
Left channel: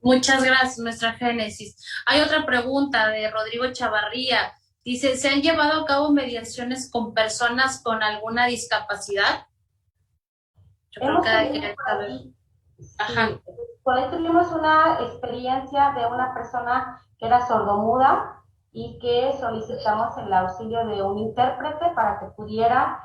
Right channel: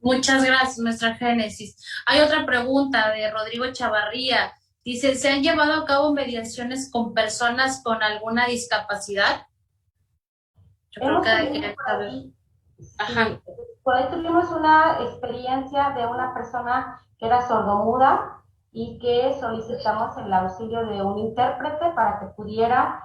Muchas gracias, nuestra Génesis. Hay otra pregunta de Rodrigo Chavarría. Dice, ¿se han llevado a cabo mediaciones con personas con alguna discapacidad? Yo creo que Ajá. Sí, por ahí tuvimos una experiencia de una persona que era sordomuda y que solicitamos el auxilio de un intérprete para que pudiera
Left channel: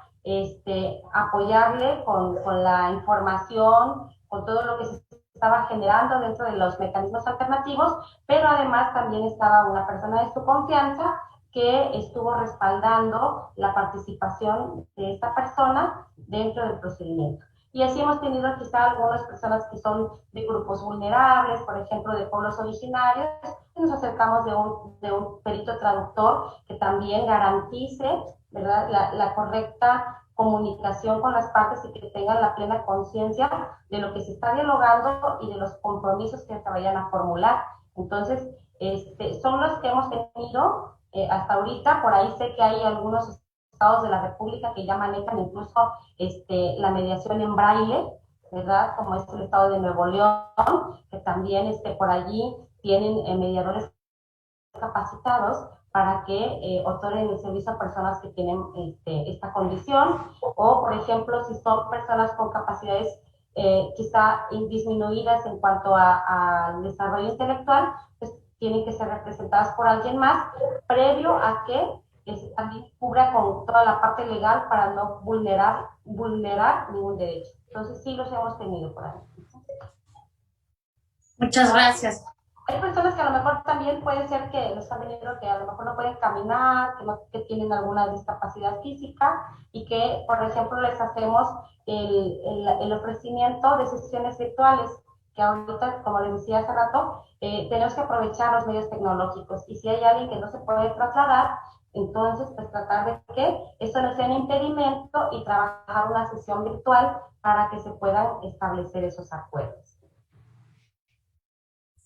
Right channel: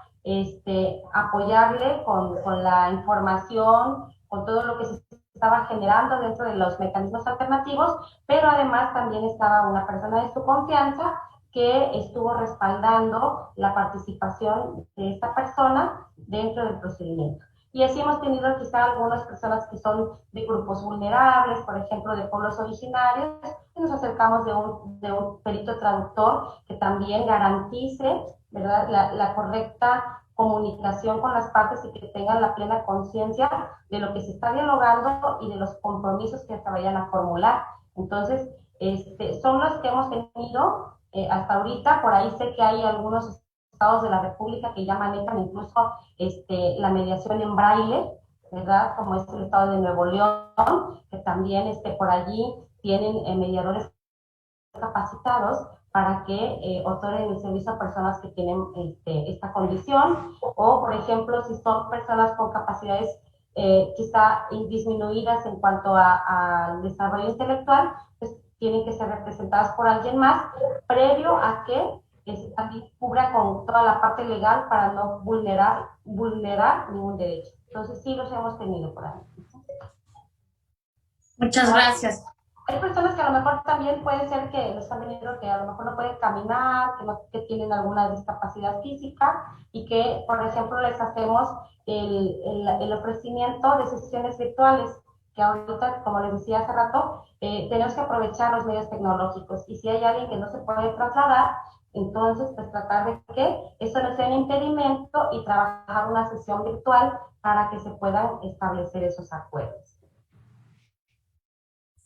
apoyarle con la información, con todo lo que se estaba generando dentro de los mecanismos alternativos, pero además también estaba una persona de su confianza que estuvo respaldando la participación de esta persona dentro del procedimiento. Y así hemos tenido quizá algunas personas que son de grupos vulnerables, por ejemplo, de pueblos originarios, y nos acercamos de un perito traductor que también garantice, ¿verdad?, la correcta comunicación con las partes y que tengan la plena conciencia de lo que se está dialogando y de los compromisos que se vayan a formular. Entonces, son los que hemos tenido hasta ahorita. Por ahí sé que hay algunos estados de la República que ya manejan incluso la mediación en braille, ¿verdad? Como es el estado de Nuevo León, que también por allí tienen mediadores capacitados para que otorguen el servicio a personas que tienen esta condición, o por ejemplo, si son personas con capacidades quizá disminuidas en cuanto al desarrollo intelectual, pues tienen que ser representadas por alguien más, previo a que se también cubra con toda la parte legal para no vulnerar ningún derecho. Entonces sí los hemos tenido por ahí. Muchas gracias. Hay personas que a lo mejor también puede ser que los han venido que a lo mejor no pueden caminar, que tienen alguna discapacidad física y que, por ejemplo, les hacemos el ofrecimiento de sesiones virtuales, que ahorita, como les decía hace rato, tenemos que aprovechar los medios tecnológicos, y si hay alguien que no se puede trasladar, entonces pues tratar de que eso no sea un impedimento y trabajar una sesión virtual para que se puedan establecer esos acuerdos.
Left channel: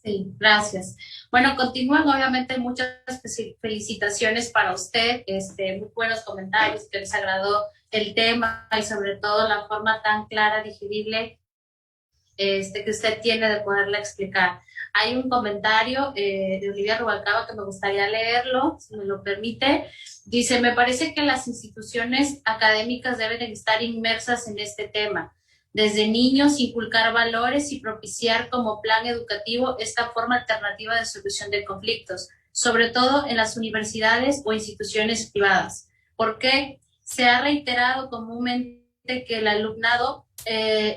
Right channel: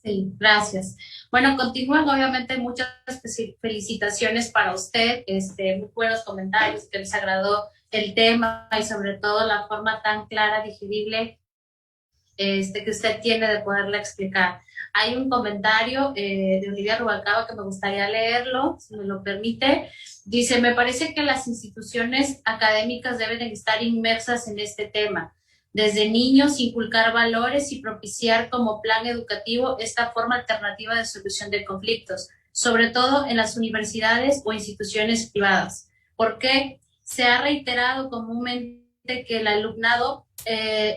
Sí, gracias. Bueno, continúan, obviamente, muchas felicitaciones para usted, muy buenos comentarios, que les agradó el tema y sobre todo la forma tan clara, digerible, que usted tiene de poderla explicar. Hay un comentario de Olivia Rubalcaba que me gustaría leerlo, si me lo permite. Dice, me parece que las instituciones académicas deben estar inmersas en este tema. Desde niños, inculcar valores y propiciar como plan educativo esta forma alternativa de solución de conflictos. sobre todo en las universidades o instituciones privadas. ¿Por qué? Se ha reiterado comúnmente que el alumnado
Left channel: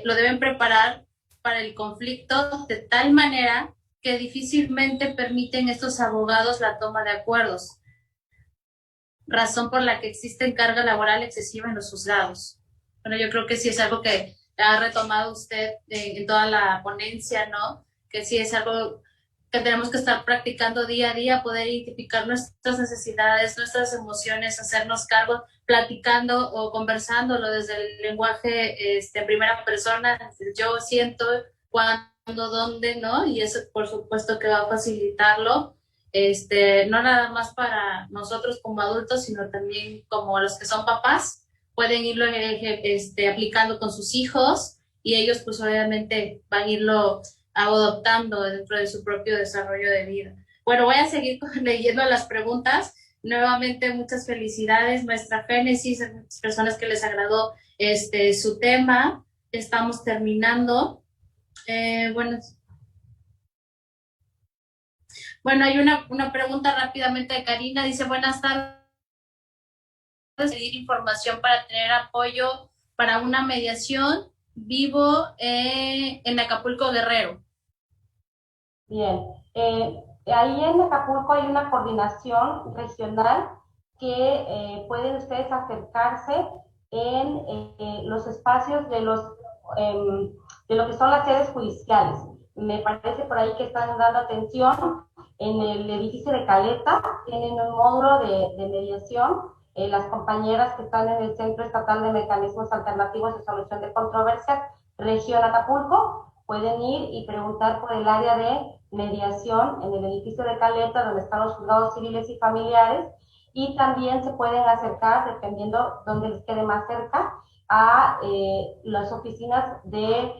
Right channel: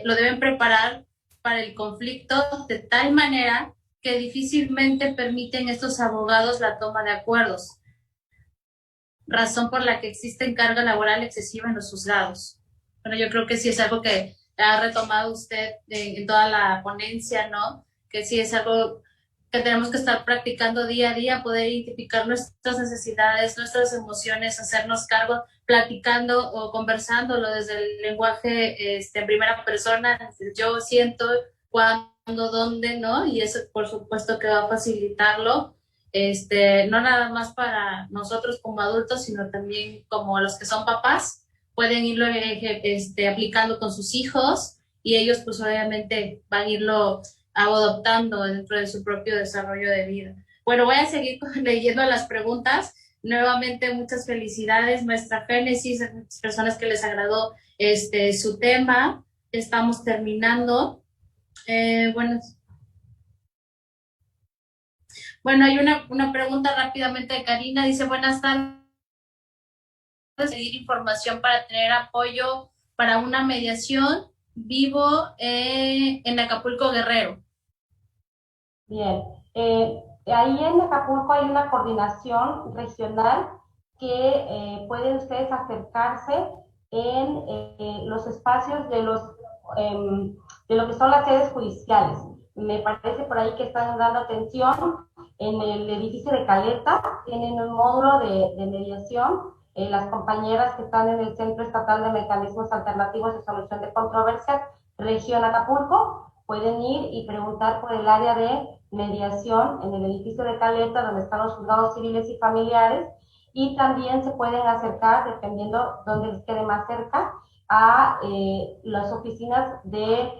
lo deben preparar para el conflicto de tal manera que difícilmente permiten estos abogados la toma de acuerdos, razón por la que existe carga laboral excesiva en los juzgados. Bueno, yo creo que sí es algo que ha retomado usted en toda la ponencia, ¿no? Que sí es algo que tenemos que estar practicando día a día, poder identificar nuestras necesidades, nuestras emociones, hacernos cargo, platicando o conversándolo desde el lenguaje en primera persona, yo siento, cuándo, dónde, ¿no? Y eso por supuesto que va a facilitarlo, no nada más para nosotros como adultos, sino también como los que son papás, pueden irlo aplicando con sus hijos y ellos pues obviamente van a irlo adoptando dentro de su propio desarrollo de vida. Bueno, voy a seguir leyendo las preguntas. Nuevamente, muchas felicidades, maestra Génesis, a muchas personas que les agradó su tema. Estamos terminando. Bueno, hay una pregunta rápidamente de Karina. Dice, buenas tardes. Seguir información para tener apoyo para una mediación. Vivo en Acapulco, Guerrero. Bien, ahí en Acapulco hay una coordinación regional que pueden ustedes acercarse en los espacios de lo que son las sedes judiciales. Me parece por ahí que están dando atención en el edificio de Caleta, tienen un módulo de mediación. Las compañeras que están en el Centro Estatal de Mecanismos Alternativos de Solución de Controversias, región Acapulco, pueden ir y preguntar por el área de mediación en el edificio de Caleta, donde están los juzgados civiles y familiares, y también se pueden acercar, dependiendo dónde les quede más cerca, a las oficinas del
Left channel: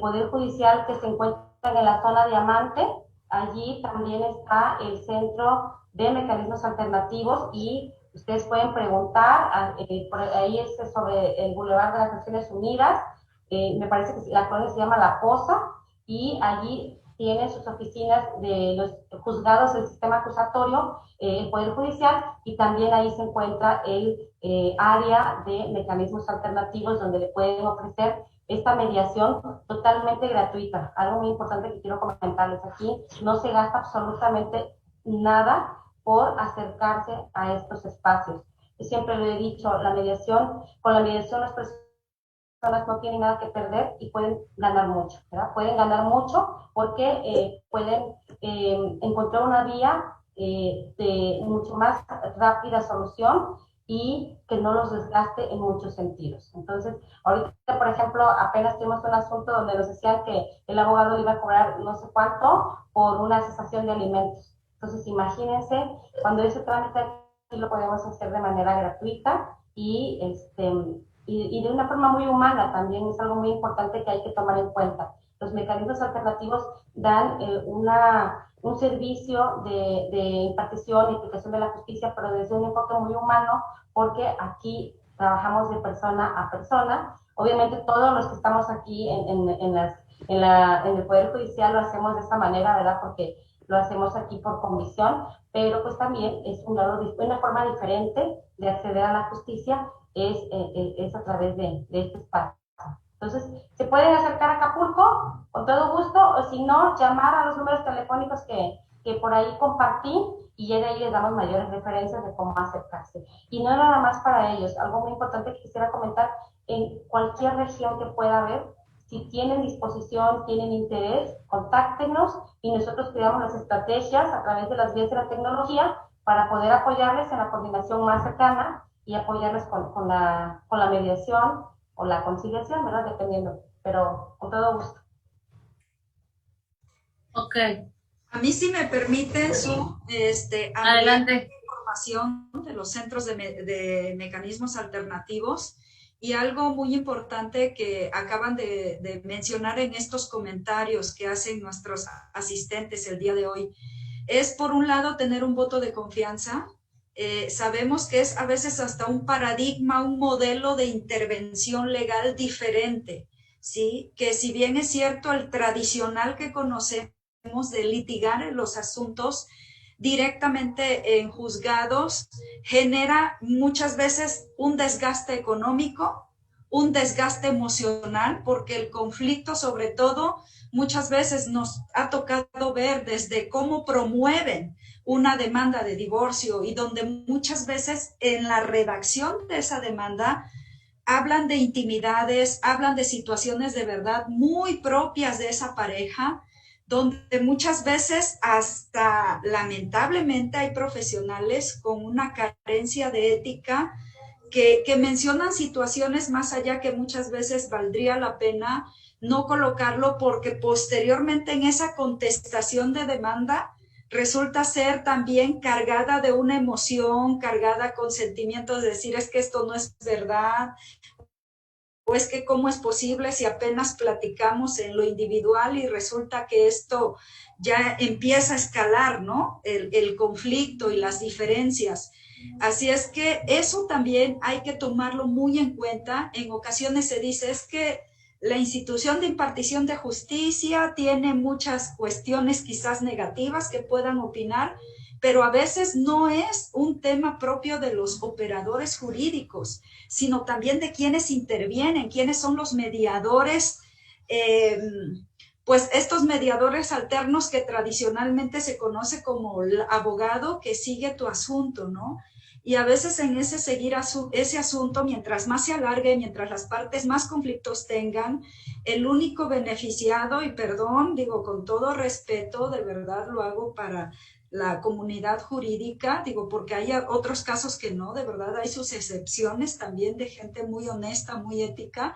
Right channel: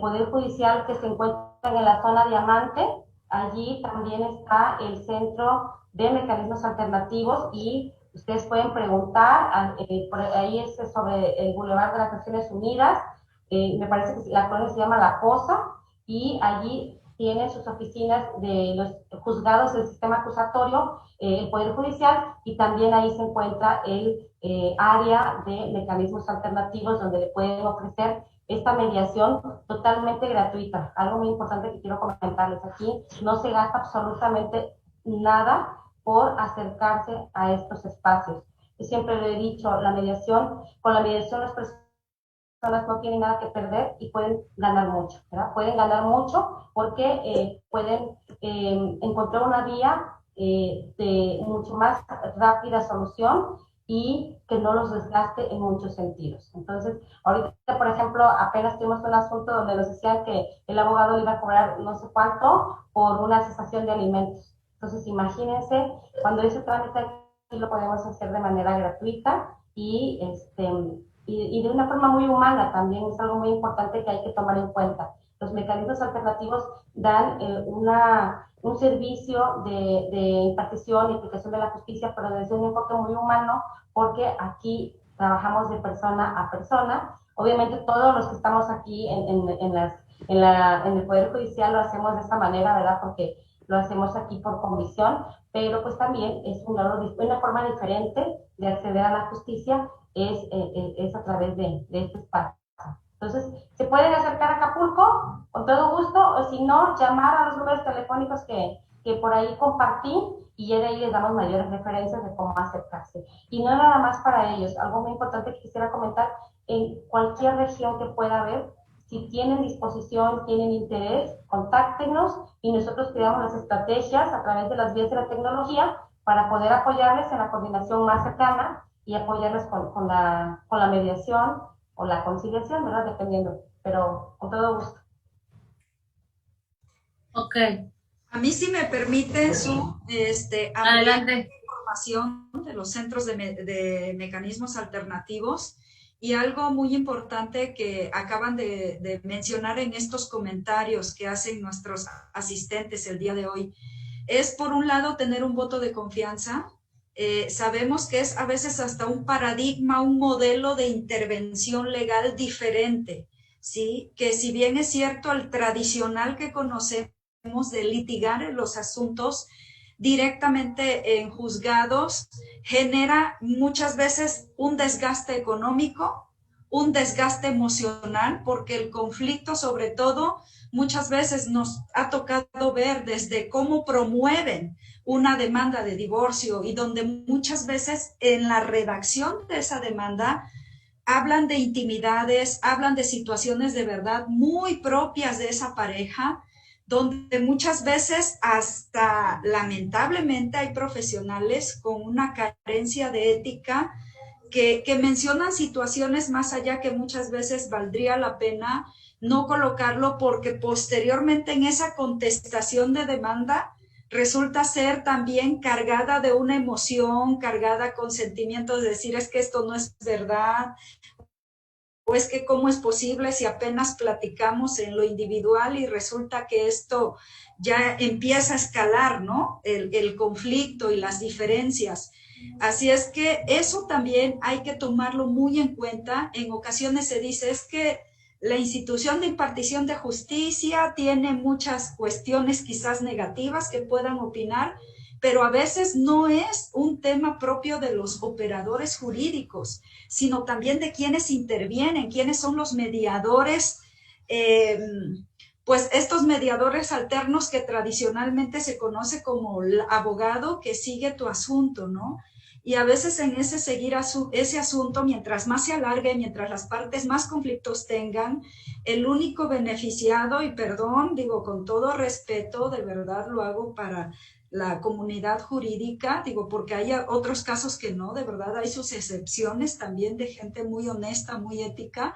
Poder Judicial que se encuentran en la zona Diamante. Allí también está el Centro de Mecanismos Alternativos y ustedes pueden preguntar, por ahí es sobre el Boulevard de las Naciones Unidas, me parece que la colonia se llama La Poza, y allí tiene sus oficinas de los juzgados del sistema acusatorio, el Poder Judicial, y también ahí se encuentra el área de mecanismos alternativos donde le pueden ofrecer esta mediación totalmente gratuita. Algo muy importante que quiero comentarles aquí, no se gasta absolutamente nada por acercarse a estos espacios. Yo siempre lo he dicho, con la mediación las personas no tienen nada que perder y pueden ganar mucho, ¿verdad? Pueden ganar mucho porque pueden encontrar una vía de mucho más rápida solución y que no los desgaste en muchos sentidos. Entonces, ahorita, por ejemplo, apenas tuvimos un asunto donde nos decían que el abogado iba a cobrar no sé cuánto por una cesación de alimentos. Entonces, imagínense, cuando ese trámite aquí lo podemos hacer de manera gratuita y de una forma muy humana también, es algo muy importante que hay que tomar en cuenta. Los mecanismos alternativos dan un servicio de impartición y aplicación de la justicia, pero desde un enfoque muy humano, porque aquí trabajamos de persona a persona. Obviamente todos los que estamos aquí en el Poder Judicial lo hacemos de esta manera, ¿verdad? Porque lo hacemos aquí por convicción, pero pues también es una forma diferente de acceder a la justicia, es a través de este espacio. Entonces, se pueden acercar a Acapulco con todo gusto, o si no, llamar a los números telefónicos que por ahí compartí, y ya de ahí les damos mayores referencias de cómo acercarse. Y no nada más para ellos, algo muy importante que quisiera comentar, en cualquier región que pueda haber, si tienen disposición, tienen interés, contáctenos y nosotros creamos las estrategias a través de las vías de la tecnología para poder apoyarles en la coordinación más cercana y apoyarles con la mediación o la conciliación, ¿verdad? Dependiendo, pero con todo gusto. Ok. A mí, si me permite, Adelante. Información de los centros de mecanismos alternativos, y algo muy importante que acaban de mencionar en estos comentarios que hacen nuestros asistentes el día de hoy, es por un lado tener un voto de confianza. Sabemos que es a veces hasta un paradigma, un modelo de intervención legal diferente, ¿sí? Que si bien es cierto el tradicional que conocemos de litigar en los asuntos directamente en juzgados genera muchas veces un desgaste económico, un desgaste emocional, porque el conflicto, sobre todo, muchas veces nos ha tocado ver desde cómo promueven una demanda de divorcio y donde muchas veces en la redacción de esa demanda hablan de intimidades, hablan de situaciones de verdad muy propias de esa pareja, donde muchas veces hasta lamentablemente hay profesionales con una carencia de ética que mencionan situaciones más allá que muchas veces valdría la pena no colocarlo porque posteriormente en esa contestación de demanda resulta ser también cargada de una emoción, cargada con sentimientos de decir es que esto no es verdad, o es que cómo es posible si apenas platicamos en lo individual y resulta que esto ya empieza a escalar, ¿no? El conflicto y las diferencias. Así es que eso también hay que tomarlo muy en cuenta. En ocasiones se dice es que la institución de impartición de justicia tiene muchas cuestiones quizás negativas que puedan opinar, pero a veces no es un tema propio de los operadores jurídicos, sino también de quienes intervienen, quiénes son los mediadores, eh, pues estos mediadores alternos que tradicionalmente se conoce como el abogado que sigue tu asunto, ¿no? Y a veces en ese seguir ese asunto, mientras más se alargue, mientras las partes más conflictos tengan, el único beneficiado, y perdón, digo con todo respeto, de verdad lo hago para la comunidad jurídica, digo, porque hay otros casos que no, de verdad hay sus excepciones también de gente muy honesta, muy ética.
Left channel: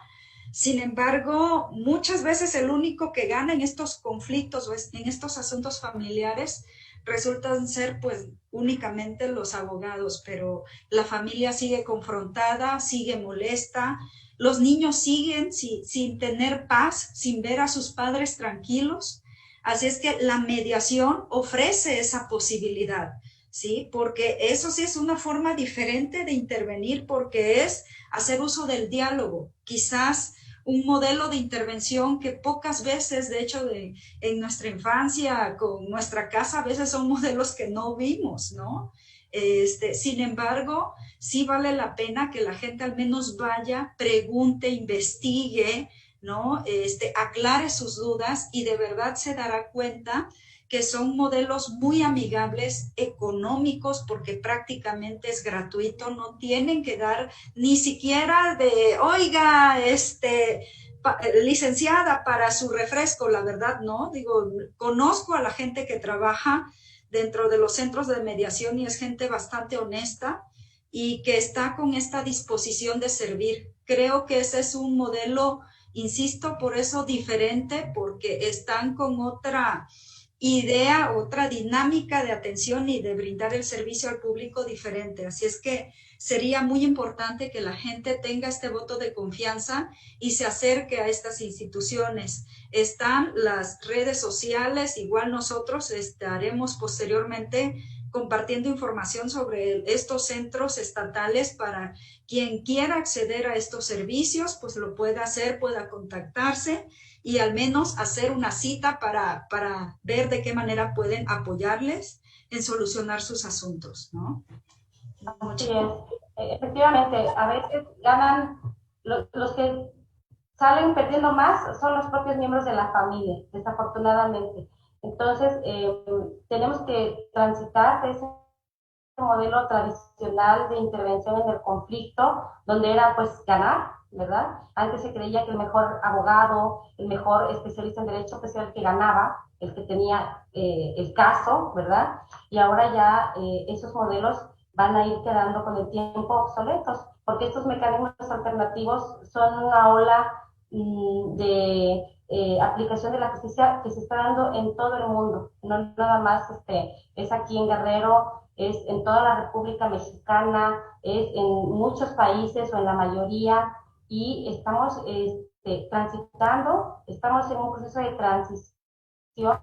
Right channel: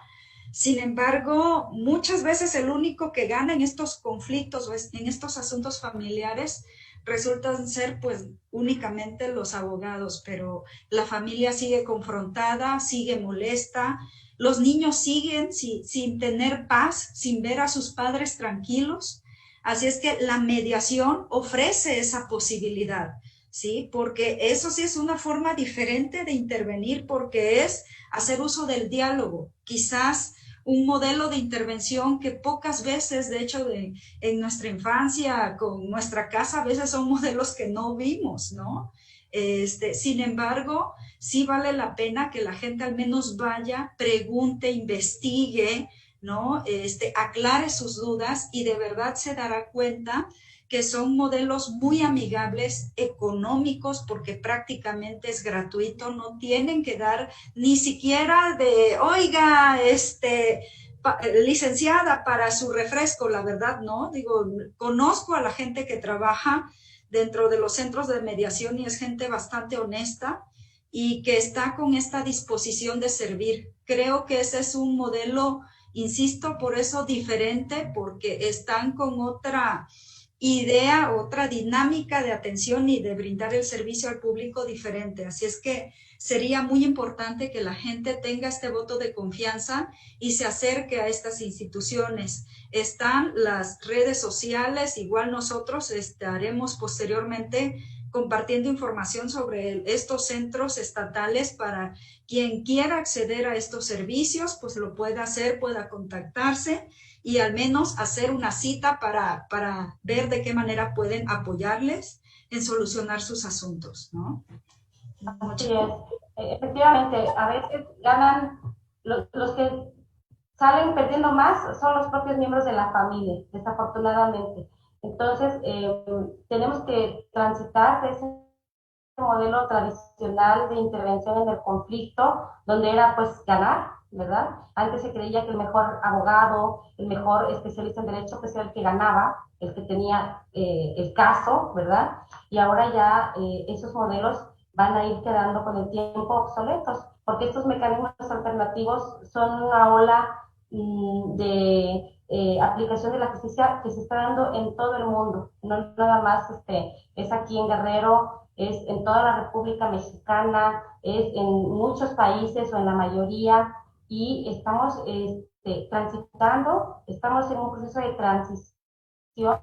Sin embargo, muchas veces el único que gana en estos conflictos o en estos asuntos familiares resultan ser pues únicamente los abogados, pero la familia sigue confrontada, sigue molesta, los niños siguen sin tener paz, sin ver a sus padres tranquilos. Así es que la mediación ofrece esa posibilidad, ¿sí? Porque eso sí es una forma diferente de intervenir, porque es hacer uso del diálogo. Quizás un modelo de intervención que pocas veces, de hecho, en nuestra infancia, con nuestra casa, a veces son modelos que no vimos, ¿no? Sin embargo, sí vale la pena que la gente al menos vaya, pregunte, investigue, ¿no? Aclare sus dudas y de verdad se dará cuenta que son modelos muy amigables, económicos, porque prácticamente es gratuito, no tienen que dar ni siquiera de, oiga, licenciada para su refresco, la verdad, no, digo, conozco a la gente que trabaja dentro de los centros de mediación y es gente bastante honesta y que está con esta disposición de servir. Creo que ese es un modelo, insisto, por eso diferente, porque están con otra idea, otra dinámica de atención y de brindar el servicio al público diferente. Así es que sería muy importante que la gente tenga este voto de confianza y se acerque a estas instituciones. Están las redes sociales, igual nosotros estaremos posteriormente compartiendo información sobre estos centros estatales para quien quiera acceder a estos servicios, pues lo pueda hacer, pueda contactarse y al menos hacer una cita para ver de qué manera pueden apoyarles en solucionar sus asuntos, ¿no? Así es. Efectivamente, a veces ganan los que salen perdiendo más son los propios miembros de la familia, desafortunadamente. Entonces, tenemos que transitar de ese modelo tradicional de intervención en el conflicto, donde era pues ganar, ¿verdad? Antes se creía que el mejor abogado, el mejor especialista en derecho, pues era el que ganaba, el que tenía el caso, ¿verdad? Y ahora ya esos modelos van a ir quedando con el tiempo obsoletos, porque estos mecanismos alternativos son una ola de aplicación de la justicia que se está dando en todo el mundo, no nada más es aquí en Guerrero, es en toda la República Mexicana, es en muchos países o en la mayoría, y estamos transitando, estamos en un proceso de transición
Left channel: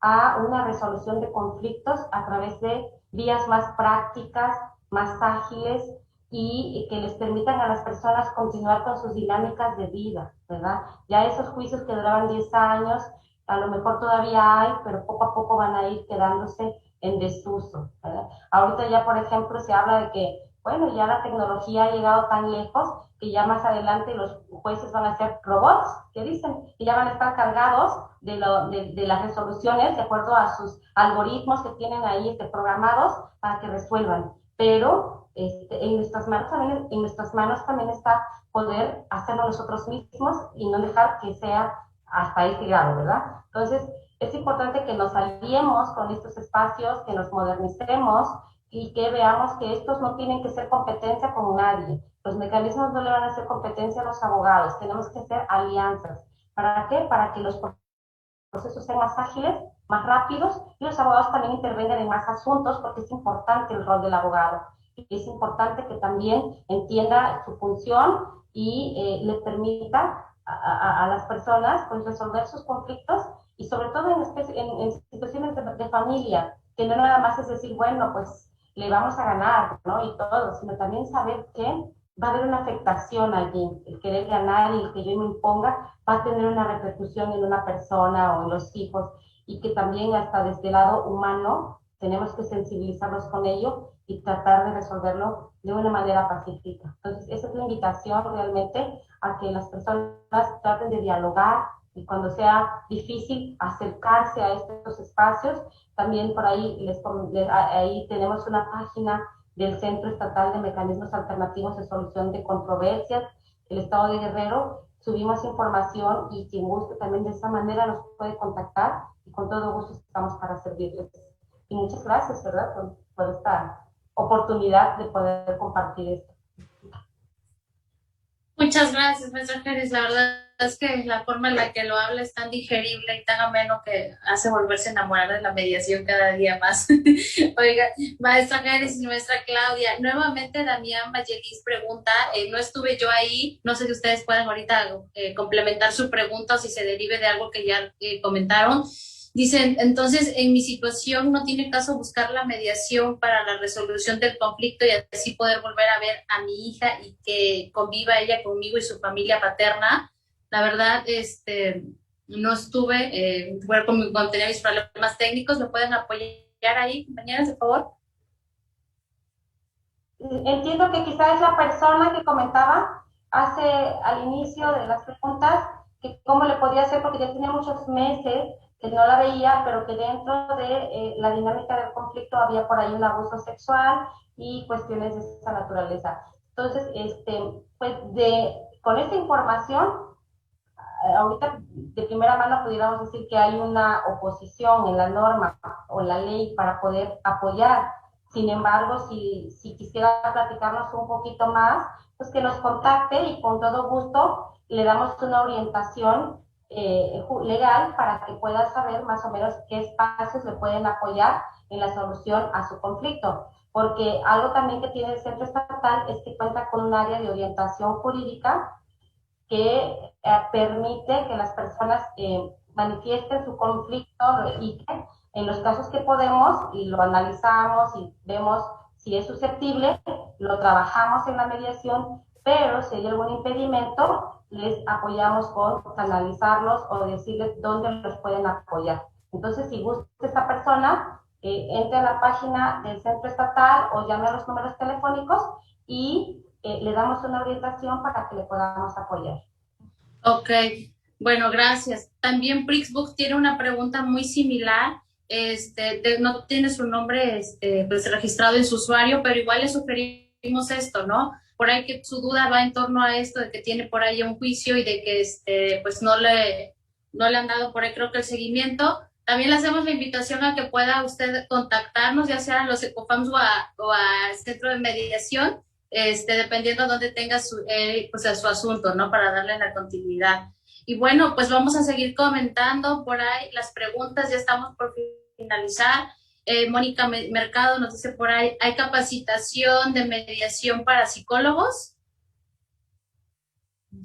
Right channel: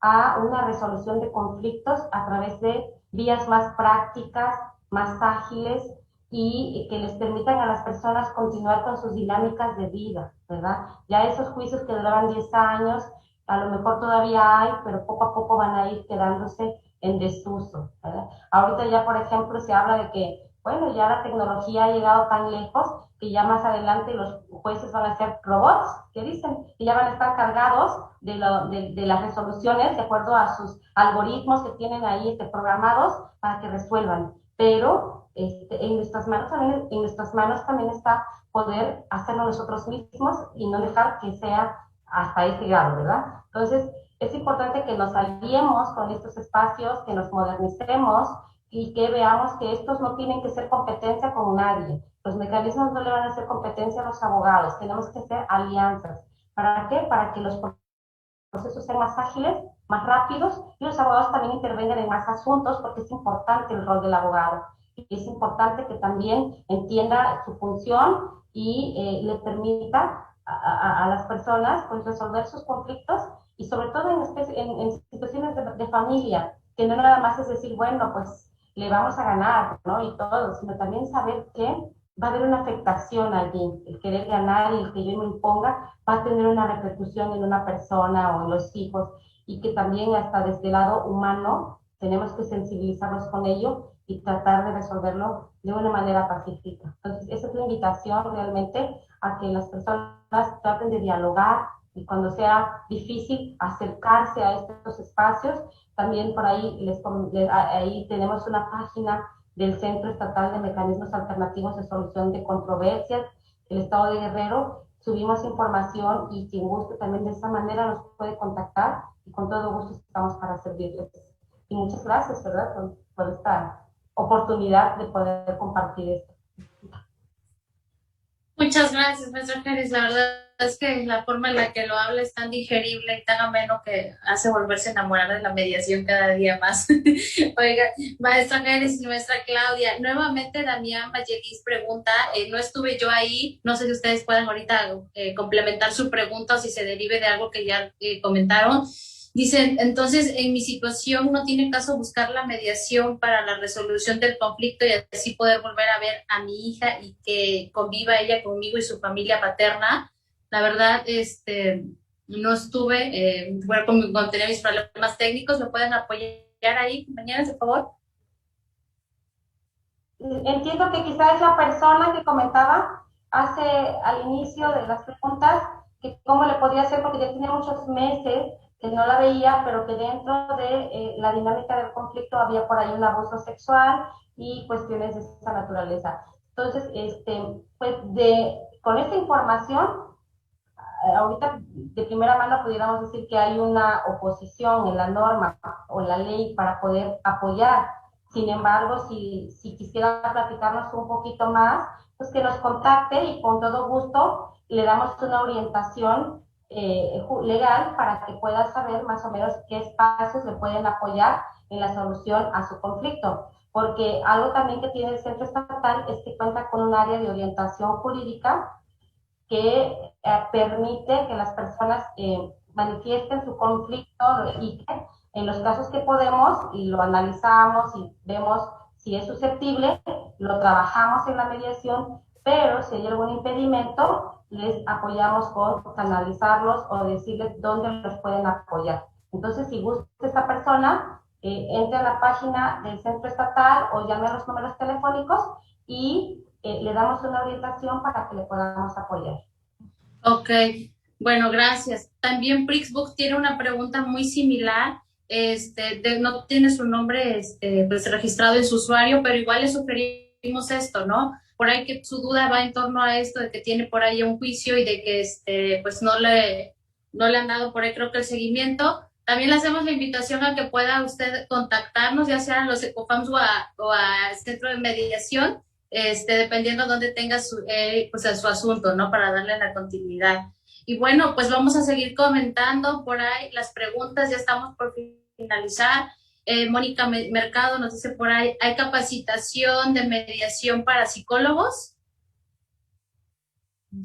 a una resolución de conflictos a través de vías más prácticas, más ágiles y que les permitan a las personas continuar con sus dinámicas de vida, ¿verdad? Ya esos juicios que duraban 10 años, a lo mejor todavía hay, pero poco a poco van a ir quedándose en desuso, ¿verdad? Ahorita ya, por ejemplo, se habla de que, bueno, ya la tecnología ha llegado tan lejos que ya más adelante los jueces van a ser robots, que dicen, que ya van a estar cargados de las resoluciones de acuerdo a sus algoritmos que tienen ahí programados para que resuelvan. Pero en nuestras manos también está poder hacerlo nosotros mismos y no dejar que sea hasta ese grado, ¿verdad? Entonces, es importante que nos aliemos con estos espacios, que nos modernicemos y que veamos que estos no tienen que ser competencia con nadie. Los mecanismos no le van a hacer competencia a los abogados, tenemos que hacer alianzas. ¿Para qué? Para que los procesos sean más ágiles, más rápidos y los abogados también intervengan en más asuntos porque es importante el rol del abogado. Y es importante que también entienda su función y le permita a las personas pues, resolver sus conflictos y sobre todo en situaciones de familia, que no nada más es decir, bueno, pues le vamos a ganar, ¿no? Y todo, sino también saber que va a haber una afectación allí. El querer ganar y el que yo me imponga va a tener una repercusión en una persona o en los hijos y que también hasta desde el lado humano tenemos que sensibilizarnos con ello y tratar de resolverlo de una manera pacífica. Entonces, esa es la invitación realmente a que las personas traten de dialogar y cuando sea difícil acercarse a estos espacios. También por ahí, ahí tenemos una página del Centro Estatal de Mecanismos Alternativos de Solución de Controversias, el Estado de Guerrero. Subimos información y quien guste también de esa manera nos puede contactar y con todo gusto estamos para servirles. Y muchas gracias, ¿verdad?, por esta oportunidad de poder compartir esto. Muchas gracias, maestra Génesis. La verdad es que la forma en la que lo habla es tan digerible y tan ameno que hace volverse a enamorar de la mediación cada día más. Oiga, maestra Génesis y maestra Claudia, nuevamente Damián Vallelis pregunta, no estuve yo ahí, no sé si ustedes pueden ahorita complementar su pregunta o si se derive de algo que ya comentaron. Dicen, entonces, en mi situación no tiene caso buscar la mediación para la resolución del conflicto y así poder volver a ver a mi hija y que conviva ella conmigo y su familia paterna. La verdad, no estuve, bueno, cuando tenía mis problemas técnicos, ¿me pueden apoyar ahí, compañeras, por favor? Entiendo que quizás es la persona que comentaba al inicio de las preguntas, que cómo le podía hacer, porque ya tenía muchos meses que no la veía, pero que dentro de la dinámica del conflicto había por ahí un abuso sexual y cuestiones de esa naturaleza. Entonces, pues con esta información, ahorita de primera mano pudiéramos decir que hay una oposición en la norma o en la ley para poder apoyar. Sin embargo, si quisiera platicarnos un poquito más, pues que nos contacte y con todo gusto le damos una orientación legal para que pueda saber más o menos qué espacios le pueden apoyar en la solución a su conflicto. Porque algo también que tiene el Centro Estatal es que cuenta con un área de orientación jurídica que permite que las personas manifiesten su conflicto y que en los casos que podemos y lo analizamos y vemos si es susceptible, lo trabajamos en la mediación, pero si hay algún impedimento, les apoyamos con canalizarlos o decirles dónde los pueden apoyar. Entonces, si gusta esta persona, entre a la página del Centro Estatal o llame a los números telefónicos y le damos una orientación para que le podamos apoyar. Ok, bueno, gracias. También Prixbook tiene una pregunta muy similar. No tiene su nombre pues, registrado en su usuario, pero igual le sugerimos esto, ¿no? Por ahí que su duda va en torno a esto, de que tiene por ahí un juicio y de que pues no le han dado por ahí creo que el seguimiento. También le hacemos la invitación a que pueda usted contactarnos, ya sea a los ECOFAMS o a Centro de Mediación, dependiendo de dónde tenga pues su asunto, ¿no? Para darle la continuidad. Y bueno, pues vamos a seguir comentando por ahí las preguntas, ya estamos por finalizar. Mónica Mercado nos dice por ahí, ¿hay capacitación de mediación para psicólogos?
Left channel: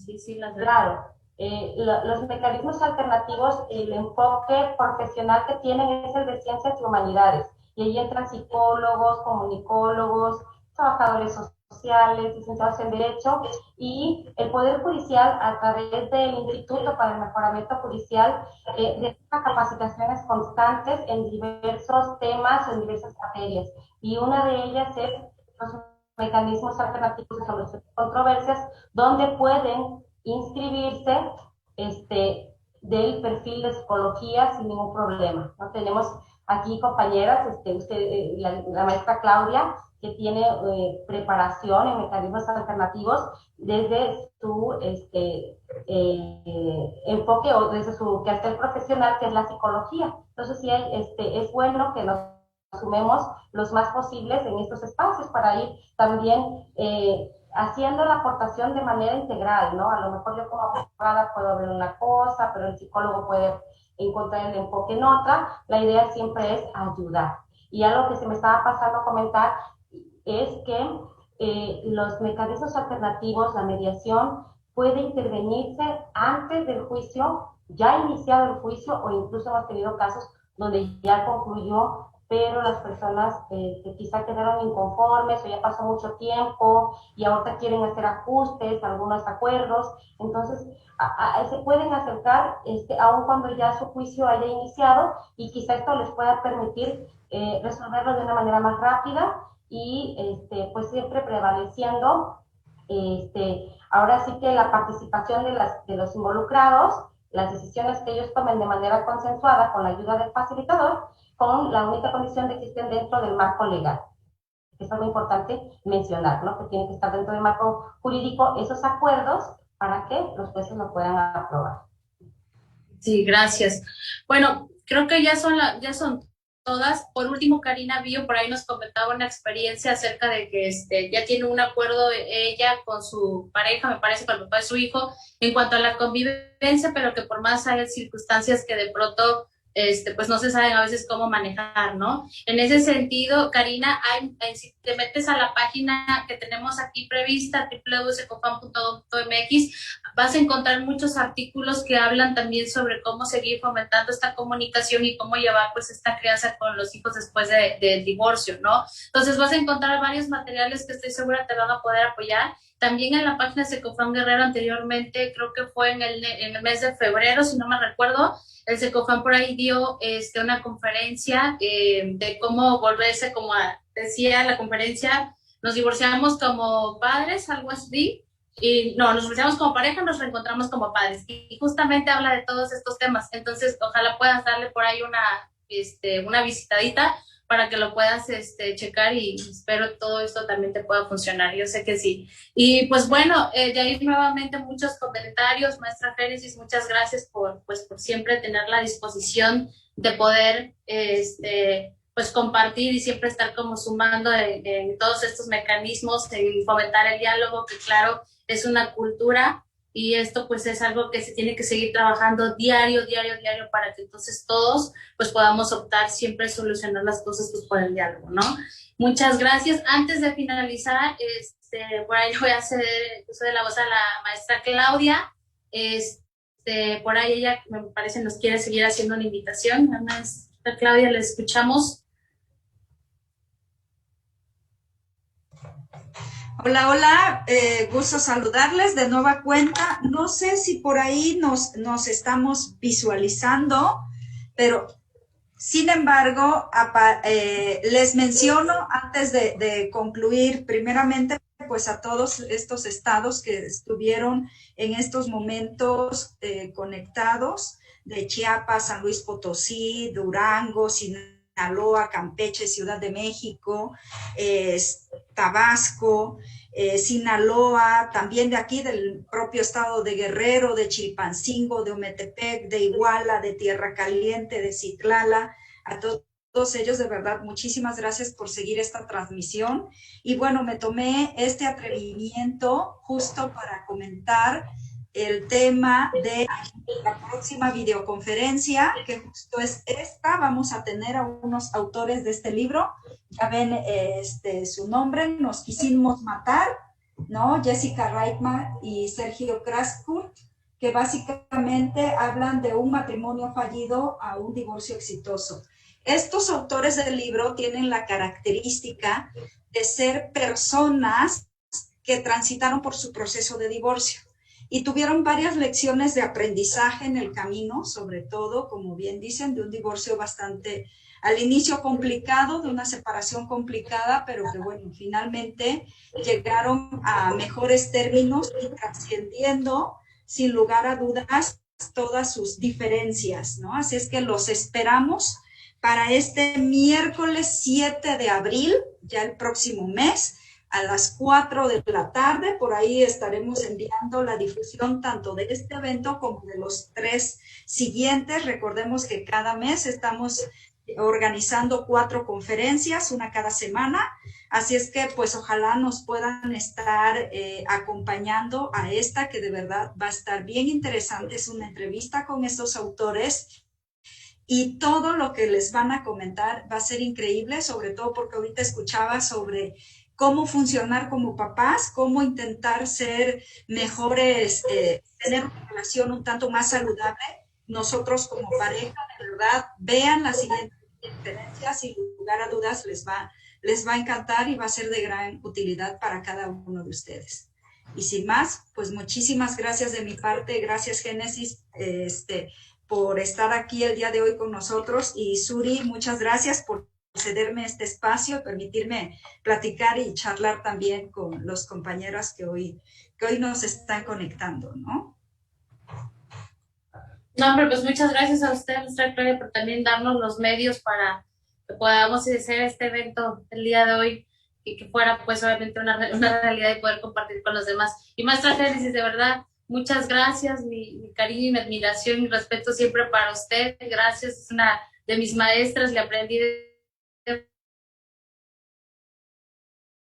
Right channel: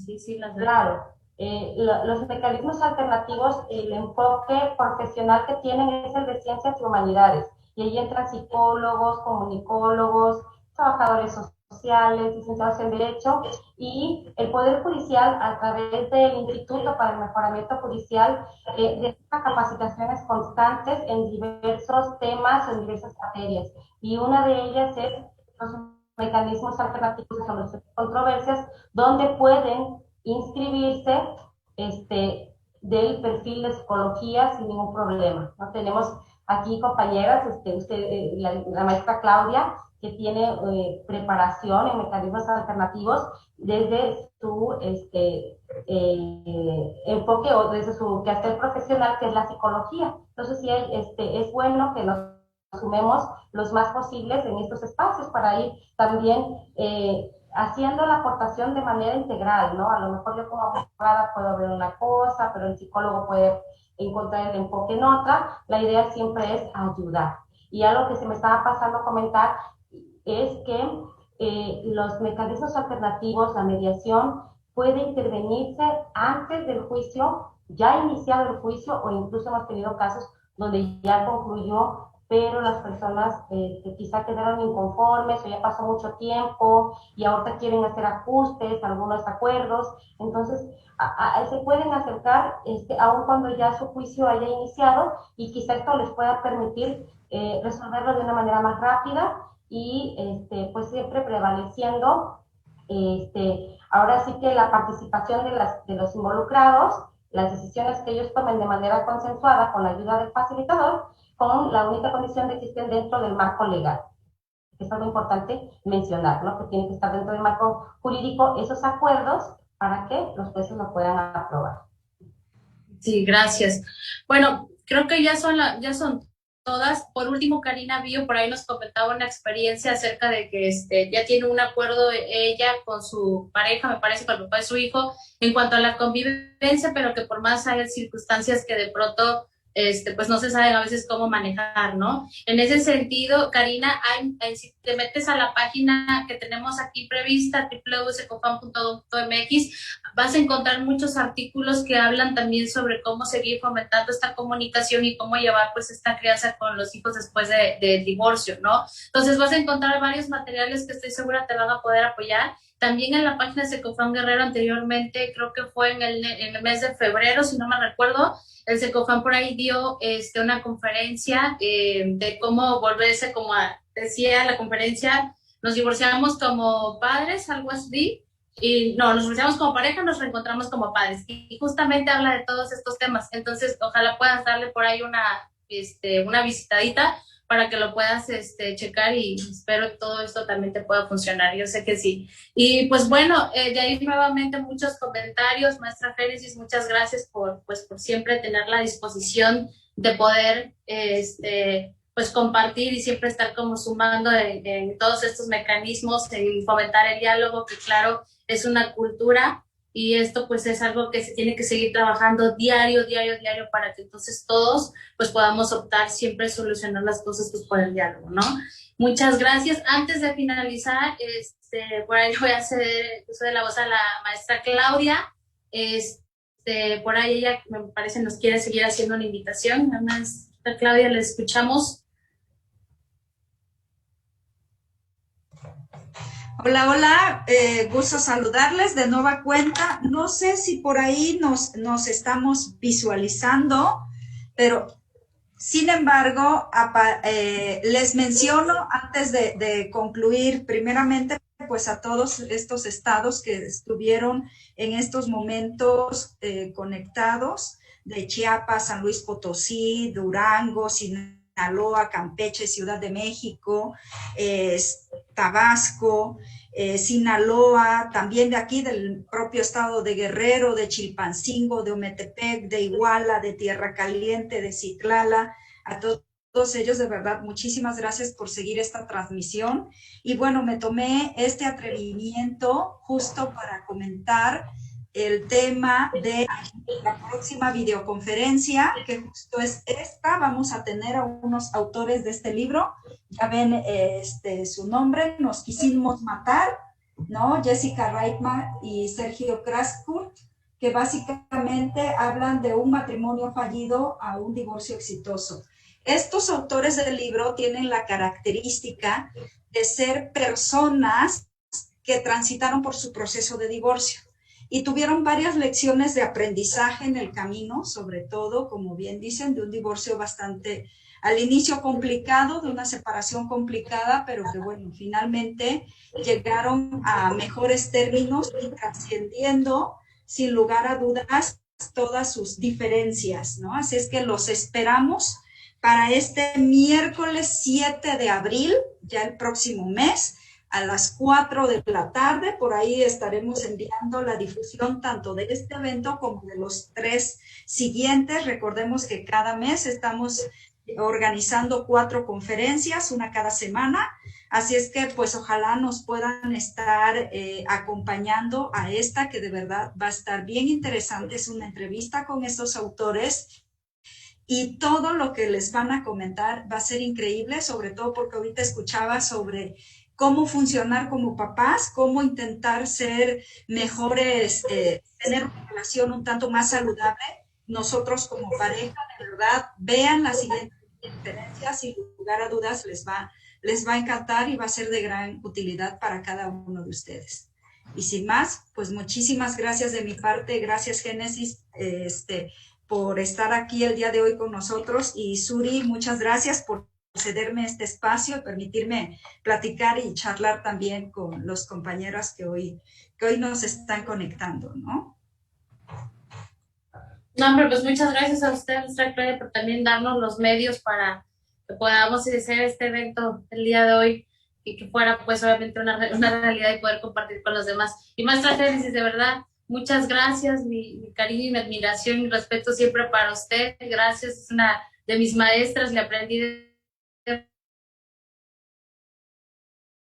Sí, claro. Los mecanismos alternativos, el enfoque profesional que tienen es el de ciencias y humanidades. Y ahí entran psicólogos, comunicólogos, trabajadores sociales, sociales, licenciados en Derecho, y el Poder Judicial, a través del Instituto para el Mejoramiento Judicial, realiza capacitaciones constantes en diversos temas, en diversas materias, y una de ellas es los mecanismos alternativos de solución de controversias, donde pueden inscribirse del perfil de psicología sin ningún problema. ¿No? Tenemos aquí compañeras, la maestra Claudia, que tiene preparación en mecanismos alternativos desde su enfoque o desde su quehacer profesional, que es la psicología. Entonces, sí, es bueno que nos sumemos los más posibles en estos espacios para ir también haciendo la aportación de manera integral, ¿no? A lo mejor yo como abogada puedo ver una cosa, pero el psicólogo puede encontrar el enfoque en otra. La idea siempre es ayudar. Y algo que se me estaba pasando a comentar es que los mecanismos alternativos, la mediación, puede intervenirse antes del juicio, ya iniciado el juicio, o incluso hemos tenido casos donde ya concluyó, pero las personas que quizá quedaron inconformes o ya pasó mucho tiempo y ahorita quieren hacer ajustes, algunos acuerdos, entonces se pueden acercar aun cuando ya su juicio haya iniciado, y quizá esto les pueda permitir resolverlo de una manera más rápida y pues siempre prevaleciendo ahora sí que la participación de los involucrados, las decisiones que ellos tomen de manera consensuada con la ayuda del facilitador, con la única condición de que estén dentro del marco legal. Es algo importante mencionar, ¿no? Que tienen que estar dentro del marco jurídico esos acuerdos para que los jueces lo puedan aprobar. Sí, gracias. Bueno, creo que ya son todas. Por último, Karina Bio por ahí nos comentaba una experiencia acerca de que ya tiene un acuerdo ella con su pareja, me parece, con el papá de su hijo, en cuanto a la convivencia, pero que por más hay circunstancias que de pronto pues no se saben a veces cómo manejar, ¿no? En ese sentido, Karina, si te metes a la página que tenemos aquí prevista, www.secofam.mx, vas a encontrar muchos artículos que hablan también sobre cómo seguir fomentando esta comunicación y cómo llevar pues esta crianza con los hijos después del divorcio, ¿no? Entonces vas a encontrar varios materiales que estoy segura te van a poder apoyar. También en la página de Secofam Guerrero anteriormente, creo que fue en el mes de febrero, si no me recuerdo, el Secofam por ahí dio una conferencia de cómo volverse, como decía la conferencia, nos divorciamos como padres, algo así, y no, nos divorciamos como pareja, nos reencontramos como padres, y justamente habla de todos estos temas. Entonces ojalá puedas darle por ahí una visitadita para que lo puedas checar, y espero todo esto también te pueda funcionar, yo sé que sí. Y pues bueno, de ahí nuevamente muchos comentarios, maestra Génesis, muchas gracias por siempre tener la disposición de poder pues compartir y siempre estar como sumando en todos estos mecanismos, en fomentar el diálogo, que claro, es una cultura, y esto pues es algo que se tiene que seguir trabajando diario para que entonces todos pues podamos optar siempre solucionar las cosas pues por el diálogo, ¿no? Muchas gracias. Antes de finalizar, por ahí voy a hacer uso de la voz a la maestra Claudia. Por ahí ella, me parece, nos quiere seguir haciendo una invitación. La maestra Claudia, la escuchamos. Hola, hola, gusto saludarles de nueva cuenta. No sé si por ahí nos estamos visualizando, pero sin embargo, les menciono antes de concluir, primeramente, pues a todos estos estados que estuvieron en estos momentos conectados, de Chiapas, San Luis Potosí, Durango, Sinaloa, Campeche, Ciudad de México, Tabasco, Sinaloa, también de aquí del propio estado de Guerrero, de Chilpancingo, de Ometepec, de Iguala, de Tierra Caliente, de Citlala. A todos ellos, de verdad, muchísimas gracias por seguir esta transmisión. Y bueno, me tomé este atrevimiento justo para comentar el tema de la próxima videoconferencia, que justo es esta. Vamos a tener a unos autores de este libro. Ya ven su nombre, Nos quisimos matar, ¿no? Jessica Reitman y Sergio Kraskurt, que básicamente hablan de un matrimonio fallido a un divorcio exitoso. Estos autores del libro tienen la característica de ser personas que transitaron por su proceso de divorcio y tuvieron varias lecciones de aprendizaje en el camino, sobre todo, como bien dicen, de un divorcio bastante al inicio complicado, de una separación complicada, pero que bueno, finalmente llegaron a mejores términos y trascendiendo sin lugar a dudas todas sus diferencias, ¿no? Así es que los esperamos para este miércoles 7 de abril, ya el próximo mes, a las 4 de la tarde. Por ahí estaremos enviando la difusión tanto de este evento como de los 3 siguientes. Recordemos que cada mes estamos organizando 4 conferencias, una cada semana. Así es que pues ojalá nos puedan estar acompañando a esta, que de verdad va a estar bien interesante. Es una entrevista con estos autores y todo lo que les van a comentar va a ser increíble, sobre todo porque ahorita escuchaba sobre cómo funcionar como papás, cómo intentar ser mejores, tener una relación un tanto más saludable. Nosotros como pareja, de verdad, vean las siguientes diferencias, sin lugar a dudas les va a encantar y va a ser de gran utilidad para cada uno de ustedes. Y sin más, pues muchísimas gracias de mi parte, gracias Génesis, por estar aquí el día de hoy con nosotros, y Suri, muchas gracias por cederme este espacio, permitirme platicar y charlar también con los compañeros que hoy nos están conectando, ¿no? No, hombre, pues muchas gracias a usted, nuestra Claudia, por también darnos los medios para que podamos hacer este evento el día de hoy y que fuera pues obviamente una realidad y poder compartir con los demás. Y maestra Génesis, de verdad, muchas gracias, mi cariño y mi admiración y respeto siempre para usted. Gracias, es una de mis maestras, le aprendí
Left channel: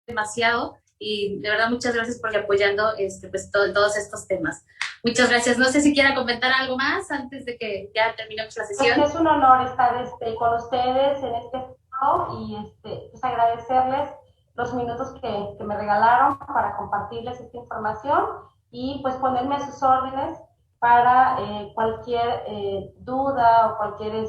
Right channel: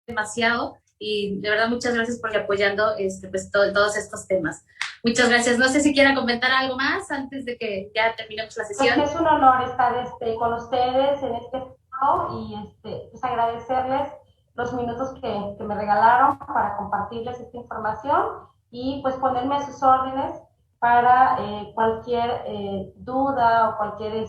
demasiado y de verdad muchas gracias por apoyando pues todos estos temas. Muchas gracias. No sé si quiera comentar algo más antes de que ya terminemos la sesión. Pues es un honor estar con ustedes en este foro y pues agradecerles los minutos que me regalaron para compartirles esta información y pues ponerme a sus órdenes para cualquier duda o cualquier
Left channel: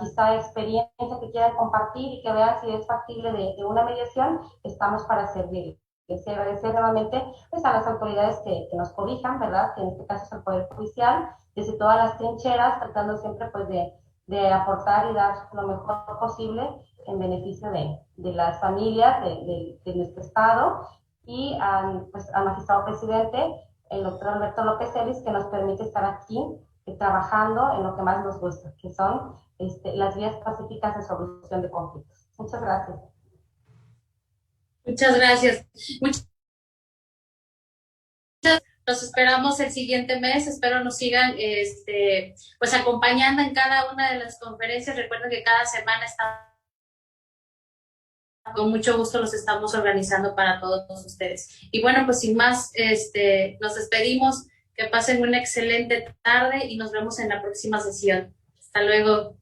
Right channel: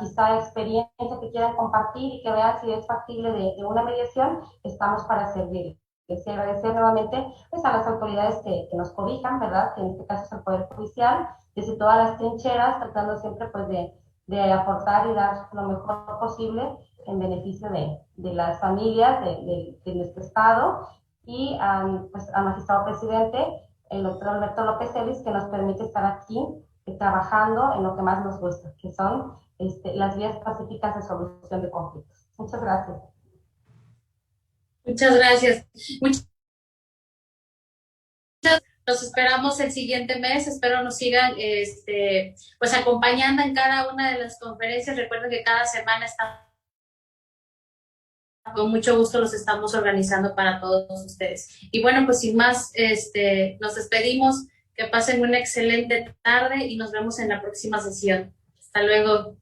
quizá experiencia que quieran compartir y que vean si es factible de una mediación. Estamos para servir. Quisiera agradecer nuevamente pues, a las autoridades que nos cobijan, ¿verdad? Que en este caso es el Poder Judicial, desde todas las trincheras, tratando siempre pues, de aportar y dar lo mejor posible en beneficio de las familias de nuestro Estado, y pues, al magistrado presidente, el doctor Alberto López Ellis, que nos permite estar aquí trabajando en lo que más nos gusta, que son las vías pacíficas de solución de conflictos. Muchas gracias. Muchas gracias. Los esperamos el siguiente mes. Espero nos sigan pues acompañando en cada una de las conferencias. Recuerden que cada semana estamos, con mucho gusto los estamos organizando para todos ustedes. Y bueno, pues sin más, nos despedimos. Que pasen una excelente tarde y nos vemos en la próxima sesión. Hasta luego.